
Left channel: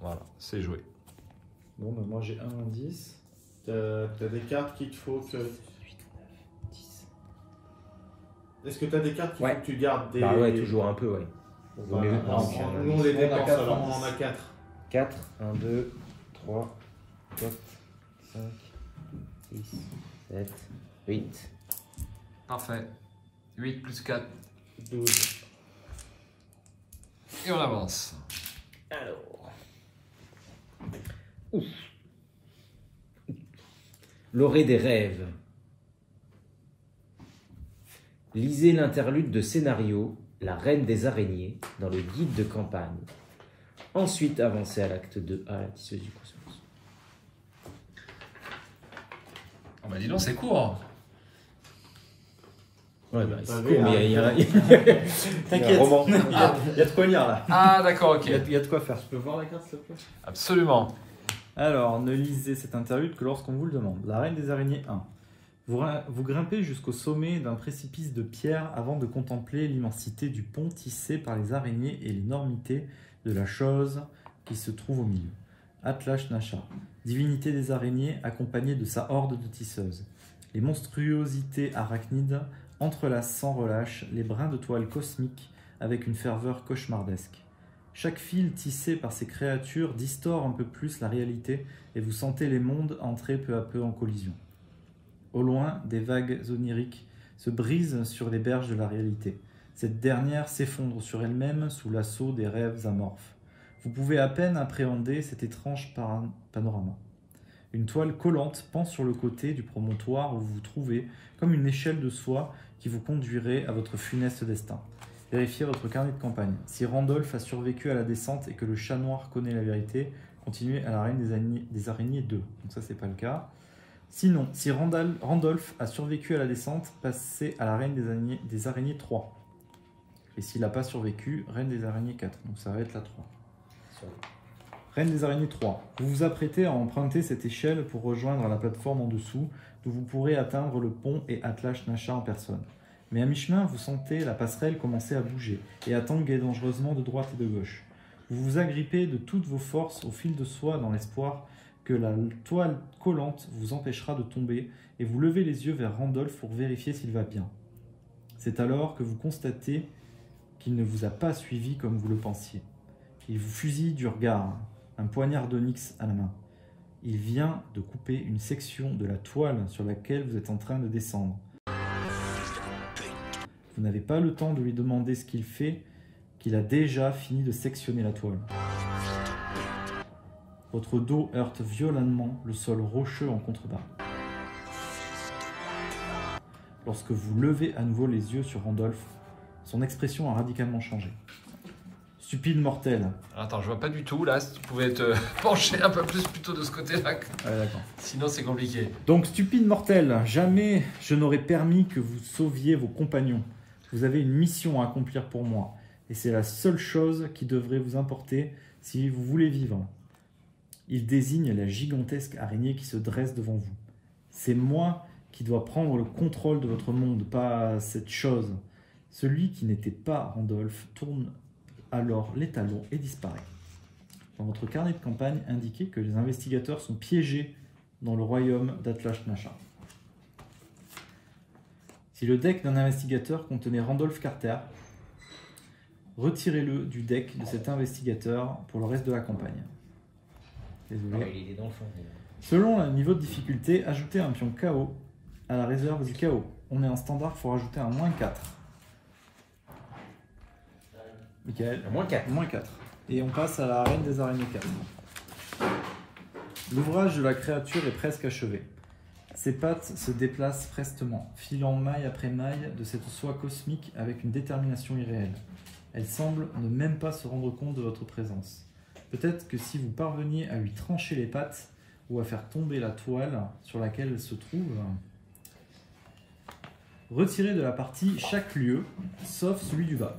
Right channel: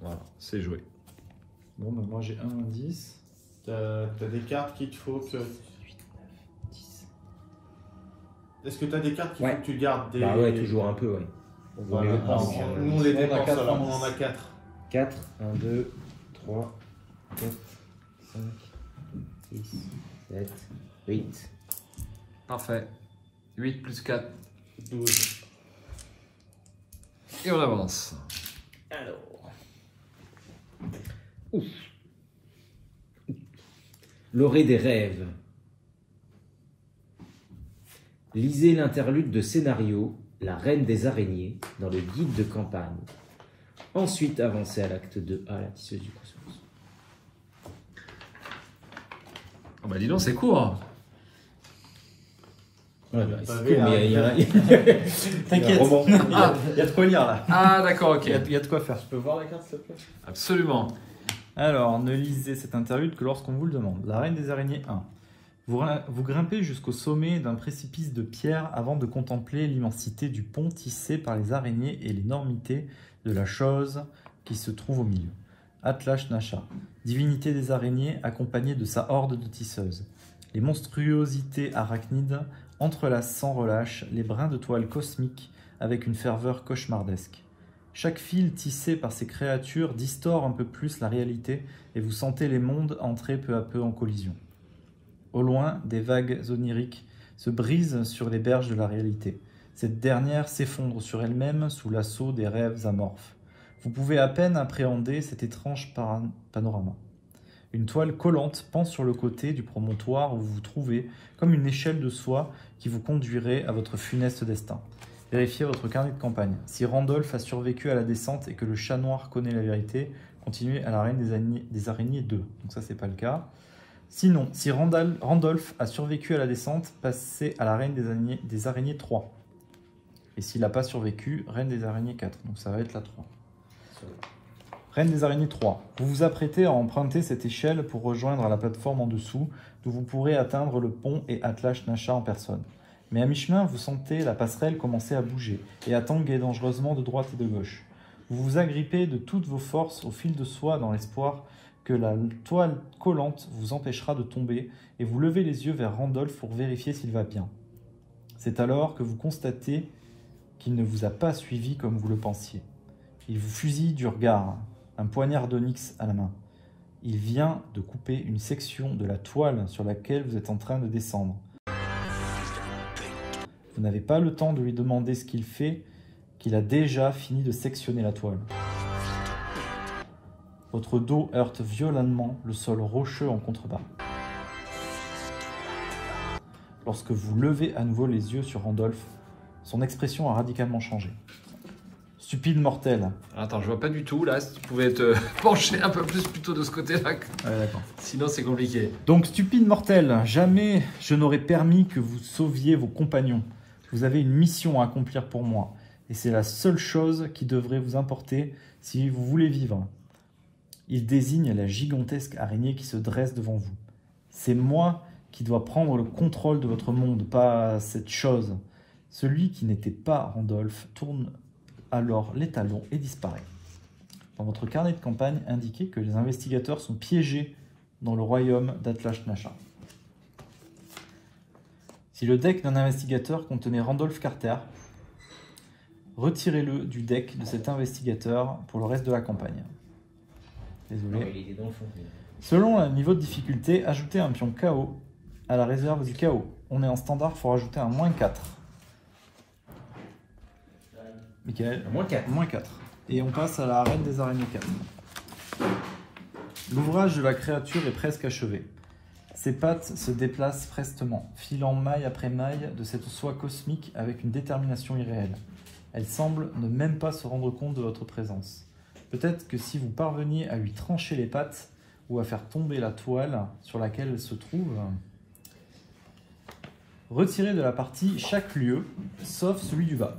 Voilà, c'est joué. Bon, maintenant j'ai un indice. T'as des cartes qu'il te faut que. Est-ce que t'as des cartes qu'il faut que tu gardes des. Bah ouais, toujours un peu, ouais. Voilà. Nous on les dépense, quatre, alors on en a 4. 4, 1, 2, 3, 4, 5, 6, 7, 8. Parfait. 8 plus 4. 12. Et on avance. Alors. Ouf. L'orée des rêves. Lisez l'interlude de scénario La Reine des Araignées dans le guide de campagne. Ensuite, avancez à l'acte 2A, la tisseuse du cosmos. Oh bah dis donc, c'est court. Ouais, bah, c'est Bah, cool, mais il y a T'inquiète, roman. il y a de quoi lire là. Ah d'accord, ok. Il y a de quoi faire. Je peux voir la carte s'il te plaît? Absolument. Alors, ne lisez cette interlude que lorsqu'on vous le demande. La Reine des Araignées 1. Vous grimpez jusqu'au sommet d'un précipice de pierre avant de contempler l'immensité du pont tissé par les araignées et l'énormité de la chose qui se trouve au milieu. Atlash Nasha, divinité des araignées accompagnée de sa horde de tisseuses. Les monstruosités arachnides entrelacent sans relâche les brins de toile cosmiques avec une ferveur cauchemardesque. Chaque fil tissé par ces créatures distord un peu plus la réalité et vous sentez les mondes entrer peu à peu en collision. Au loin, des vagues oniriques se brisent sur les berges de la réalité. Cette dernière s'effondre sur elle-même sous l'assaut des rêves amorphes. Vous pouvez à peine appréhender cet étrange panorama. Une toile collante pend sur le côté du promontoire où vous vous trouvez, comme une échelle de soie qui vous conduirait à votre funeste destin. Vérifiez votre carnet de campagne. Si Randolph a survécu à la descente et que le chat noir connaît la vérité, continuez à la reine des araignées 2. Donc ça, c'est pas le cas. Sinon, si Randolph a survécu à la descente, passez à la reine des araignées 3. Et s'il n'a pas survécu, reine des araignées 4. Donc ça va être la 3. Reine des araignées 3. Vous vous apprêtez à emprunter cette échelle pour rejoindre la plateforme en dessous, d'où vous pourrez atteindre le pont et Atlash Nasha en personne. Mais à mi-chemin, vous sentez la passerelle commencer à bouger et à tanguer dangereusement de droite et de gauche. Vous vous agrippez de toutes vos forces au fil de soie dans l'espoir que la toile collante vous empêchera de tomber et vous levez les yeux vers Randolph pour vérifier s'il va bien. C'est alors que vous constatez qu'il ne vous a pas suivi comme vous le pensiez. Il vous fusille du regard, un poignard d'onyx à la main. Il vient de couper une section de la toile sur laquelle vous êtes en train de descendre. Vous n'avez pas le temps de lui demander ce qu'il fait, qu'il a déjà fini de sectionner la toile. Votre dos heurte violemment le sol rocheux en contrebas. Lorsque vous levez à nouveau les yeux sur Randolph, son expression a radicalement changé. Stupide mortel. Attends, je vois pas du tout là, si tu pouvais te pencher un peu plus plutôt de ce côté-là. Sinon c'est compliqué. Donc, stupide mortel, jamais je n'aurais permis que vous sauviez vos compagnons. Vous avez une mission à accomplir pour moi, et c'est la seule chose qui devrait vous importer si vous voulez vivre. Il désigne la gigantesque araignée qui se dresse devant vous. C'est moi qui dois prendre le contrôle de votre monde, pas cette chose. Celui qui n'était pas Randolph tourne alors l'étalon et disparaît. Dans votre carnet de campagne, indiquez que les investigateurs sont piégés dans le royaume d'Atlas-Nasha. Si le deck d'un investigateur contenait Randolph Carter, retirez-le du deck de cet investigateur pour le reste de la campagne. Désolé. Ouais, il est dans le fond. Selon un niveau de difficulté, ajoutez un pion KO à la réserve du KO. On est en standard, il faut rajouter un -4. Michael, -4. -4. Et on passe à la reine des araignées 4. L'ouvrage de la créature est presque achevé. Ses pattes se déplacent prestement, filant maille après maille de cette soie cosmique avec une détermination irréelle. Elle semble ne même pas se rendre compte de votre présence. Peut-être que si vous parveniez à lui trancher les pattes ou à faire tomber la toile sur laquelle elle se trouve, retirez de la partie chaque lieu, sauf celui du bas.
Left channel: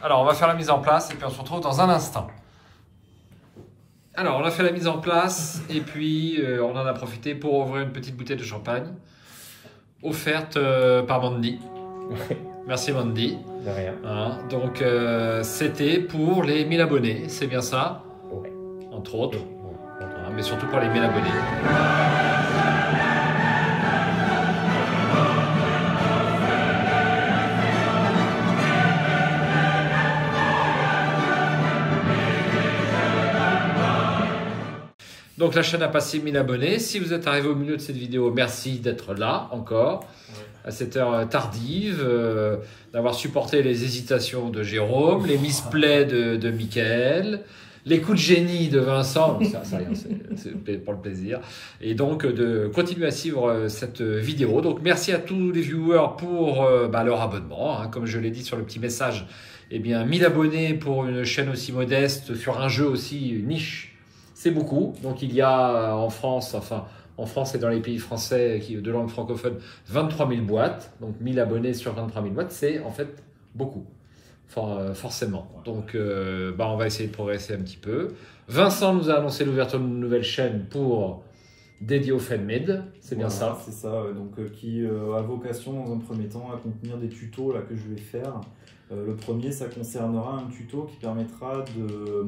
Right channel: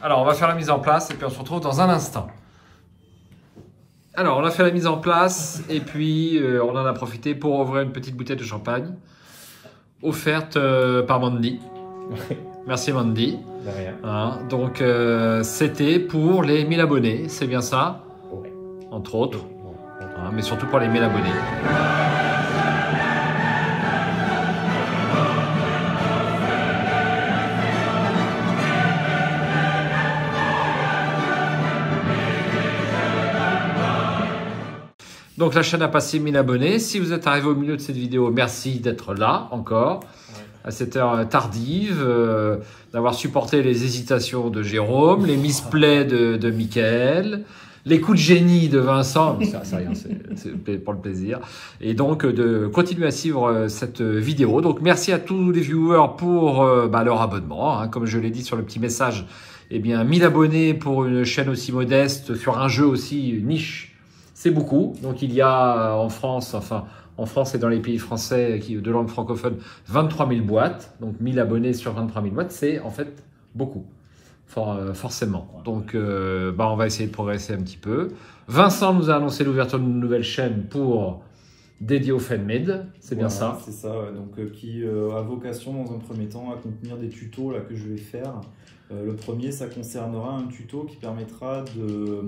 Alors, on va faire la mise en place et puis on se retrouve dans un instant. Alors, on a fait la mise en place et puis on en a profité pour ouvrir une petite bouteille de champagne offerte par Mandy. Merci Mandy. De rien. Hein, donc, c'était pour les 1000 abonnés, c'est bien ça? Ouais. Entre autres. Hein, mais surtout pour les 1000 abonnés. Donc la chaîne a passé 1000 abonnés. Si vous êtes arrivé au milieu de cette vidéo, merci d'être là encore, à cette heure tardive, d'avoir supporté les hésitations de Jérôme, les misplays de Mickaël, les coups de génie de Vincent, c'est pour le plaisir, et donc de continuer à suivre cette vidéo. Donc merci à tous les viewers pour leur abonnement, hein, comme je l'ai dit sur le petit message, eh bien 1000 abonnés pour une chaîne aussi modeste, sur un jeu aussi niche, c'est beaucoup. Donc il y a en France, enfin en France et dans les pays français de langue francophone, 23 000 boîtes. Donc 1000 abonnés sur 23 000 boîtes, c'est en fait beaucoup, forcément. Donc on va essayer de progresser un petit peu. Vincent nous a annoncé l'ouverture d'une nouvelle chaîne pour dédiée au fan-made, c'est bien ça? C'est ça, donc qui a vocation dans un premier temps à contenir des tutos là, que je vais faire. Le premier, ça concernera un tuto qui permettra de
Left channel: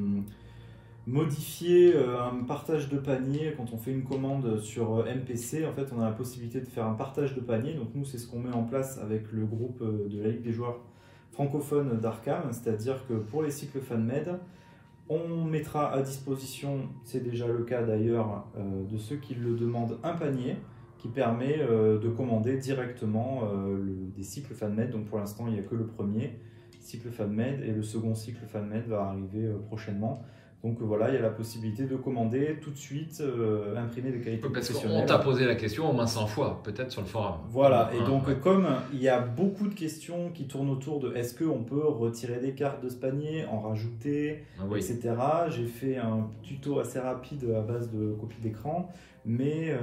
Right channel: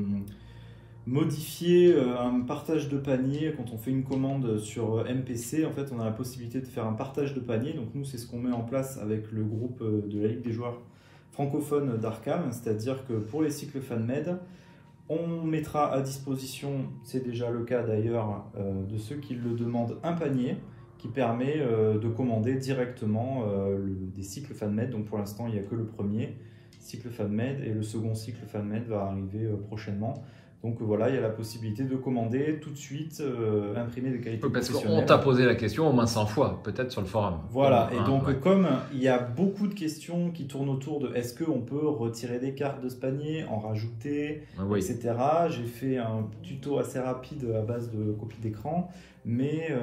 modifier un partage de panier. Quand on fait une commande sur MPC, en fait on a la possibilité de faire un partage de panier. Donc nous, c'est ce qu'on met en place avec le groupe de la Ligue des joueurs francophones d'Arkham, c'est-à-dire que pour les cycles fan-made, on mettra à disposition, c'est déjà le cas d'ailleurs, de ceux qui le demandent, un panier qui permet de commander directement des cycles fan-made. Donc pour l'instant, il n'y a que le premier cycle fan-made et le second cycle fan-made va arriver prochainement. Donc voilà, il y a la possibilité de commander tout de suite, imprimer de qualité professionnelle. On t'a posé la question au moins 100 fois, peut-être sur le forum. Voilà, et donc comme il y a beaucoup de questions qui tournent autour de est-ce qu'on peut retirer des cartes de ce panier, en rajouter, etc. J'ai fait un tuto assez rapide à base de copies d'écran, mais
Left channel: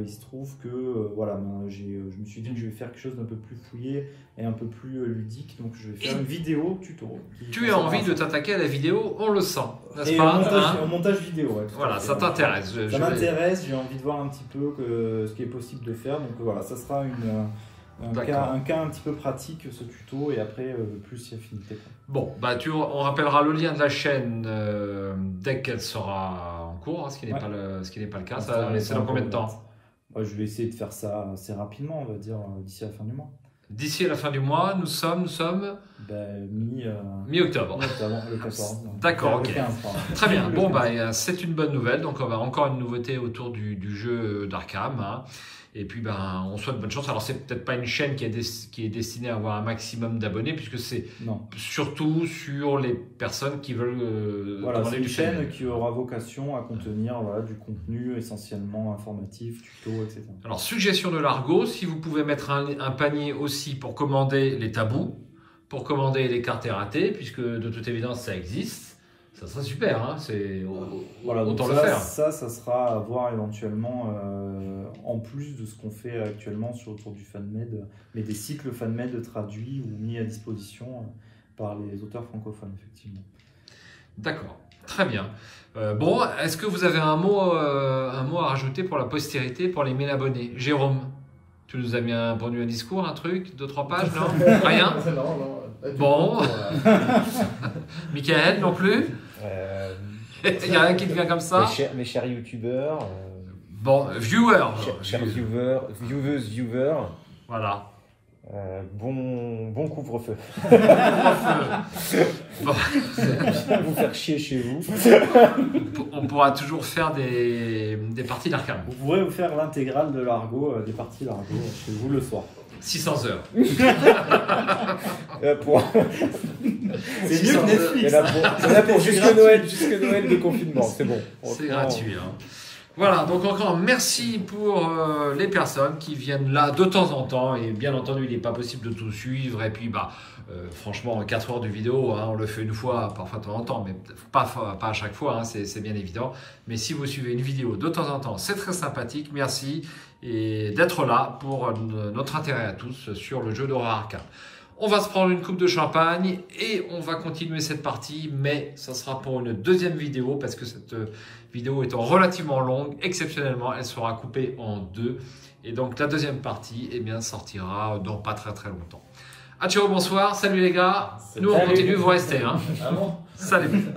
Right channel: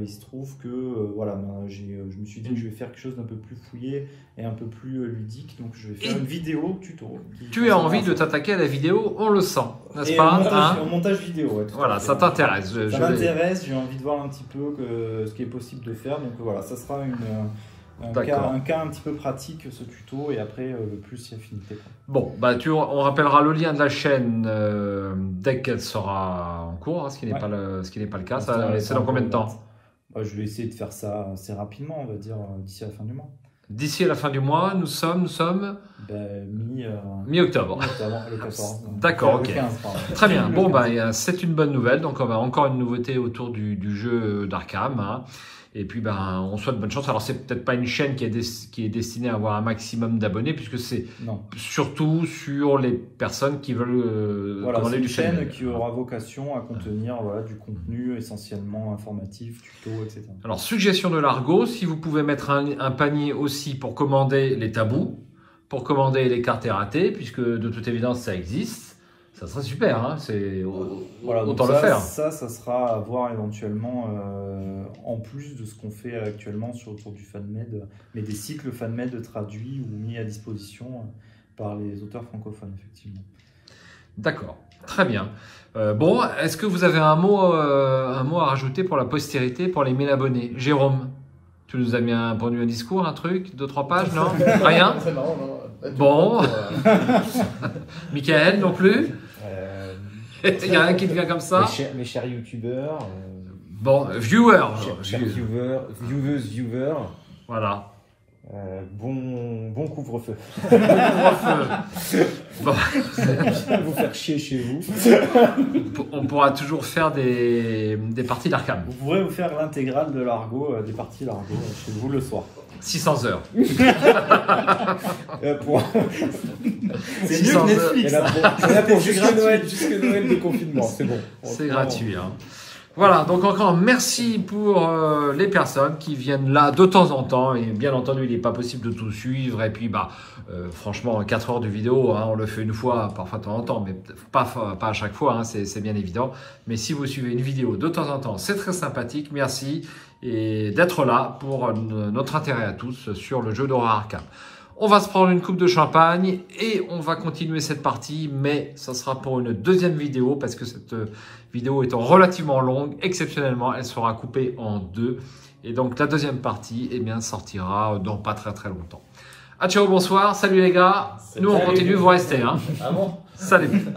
il se trouve que voilà, je me suis dit que je vais faire quelque chose d'un peu plus fouillé et un peu plus ludique, donc je vais faire une vidéo tuto. Tu as envie de t'attaquer à la vidéo, on le sent, n'est-ce pas? Au montage vidéo. Ouais, voilà, ça t'intéresse. Ça m'intéresse, j'ai envie de voir un petit peu ce qui est possible de faire, donc voilà, ça sera un cas un petit peu pratique, ce tuto, et après plus il y a affinité. Bon, on rappellera le lien de la chaîne dès qu'elle sera en cours, hein, ce qui n'est pas le cas. C'est dans combien de temps? Je vais essayer de faire ça assez rapidement, on va dire d'ici la fin du mois. D'ici la fin du mois, nous sommes mi-octobre. D'accord, ok. Très bien. Bon, bah, c'est une bonne nouvelle. Donc, on va encore une nouveauté autour du jeu d'Arkham. Hein. Et puis, ben, on souhaite bonne chance. Alors, c'est peut-être pas une chaîne qui est destinée à avoir un maximum d'abonnés, puisque c'est surtout sur les personnes qui veulent commander du chaîne. C'est une chaîne qui aura vocation à contenir du contenu essentiellement informatif, tuto, etc. Alors, suggestion de Largo, si vous pouvez mettre un panier aussi pour commander les tabous, pour commander les cartes erratées, puisque de toute évidence, ça existe. Ça serait super, hein, autant le faire. Ça sera à voir éventuellement en plus de ce qu'on fait actuellement autour du FanMed, mais des cycles FanMed traduits ou mis à disposition par les auteurs francophones, effectivement. D'accord, très bien. Bon, est-ce que vous avez un mot à rajouter pour la postérité, pour les 1000 abonnés? Jérôme, tu nous as mis pondu un discours, un truc, 2-3 pages, non? Rien? Bon. Michael, non plus? Il y a un qui vient comme ça. Mes chers youtubeurs. Bon, viewers. Viewers. Voilà. Bon couvre-feu. Bon couvre-feu. Bon. Vous faire chier chez vous. On pourra toujours faire des parties d'Arkham. Vous pourrez vous faire l'intégrale de Largo, des parties Largo chez vous le soir. 600 heures. C'est 600 heures. Et là pour jusque Noël de confinement, c'est bon. C'est gratuit. Hein. Voilà, donc encore merci pour les personnes qui viennent là de temps en temps. Et bien entendu, il n'est pas possible de tout suivre. Et puis, franchement, 4 heures de vidéo, hein, on le fait une fois, parfois de temps en temps, mais pas à chaque fois, hein, c'est bien évident. Mais si vous suivez une vidéo de temps en temps, c'est très sympathique. Merci et d'être là pour notre intérêt à tous sur le jeu d'horreur Arkham. On va se prendre une coupe de champagne et on va continuer cette partie, mais ça sera pour une deuxième vidéo parce que cette vidéo étant relativement longue, exceptionnellement, elle sera coupée en 2. Et donc la deuxième partie, sortira dans pas très longtemps. Ah ciao, bonsoir, salut les gars. Nous on continue, vous restez. Hein. Ah bon ? Salut.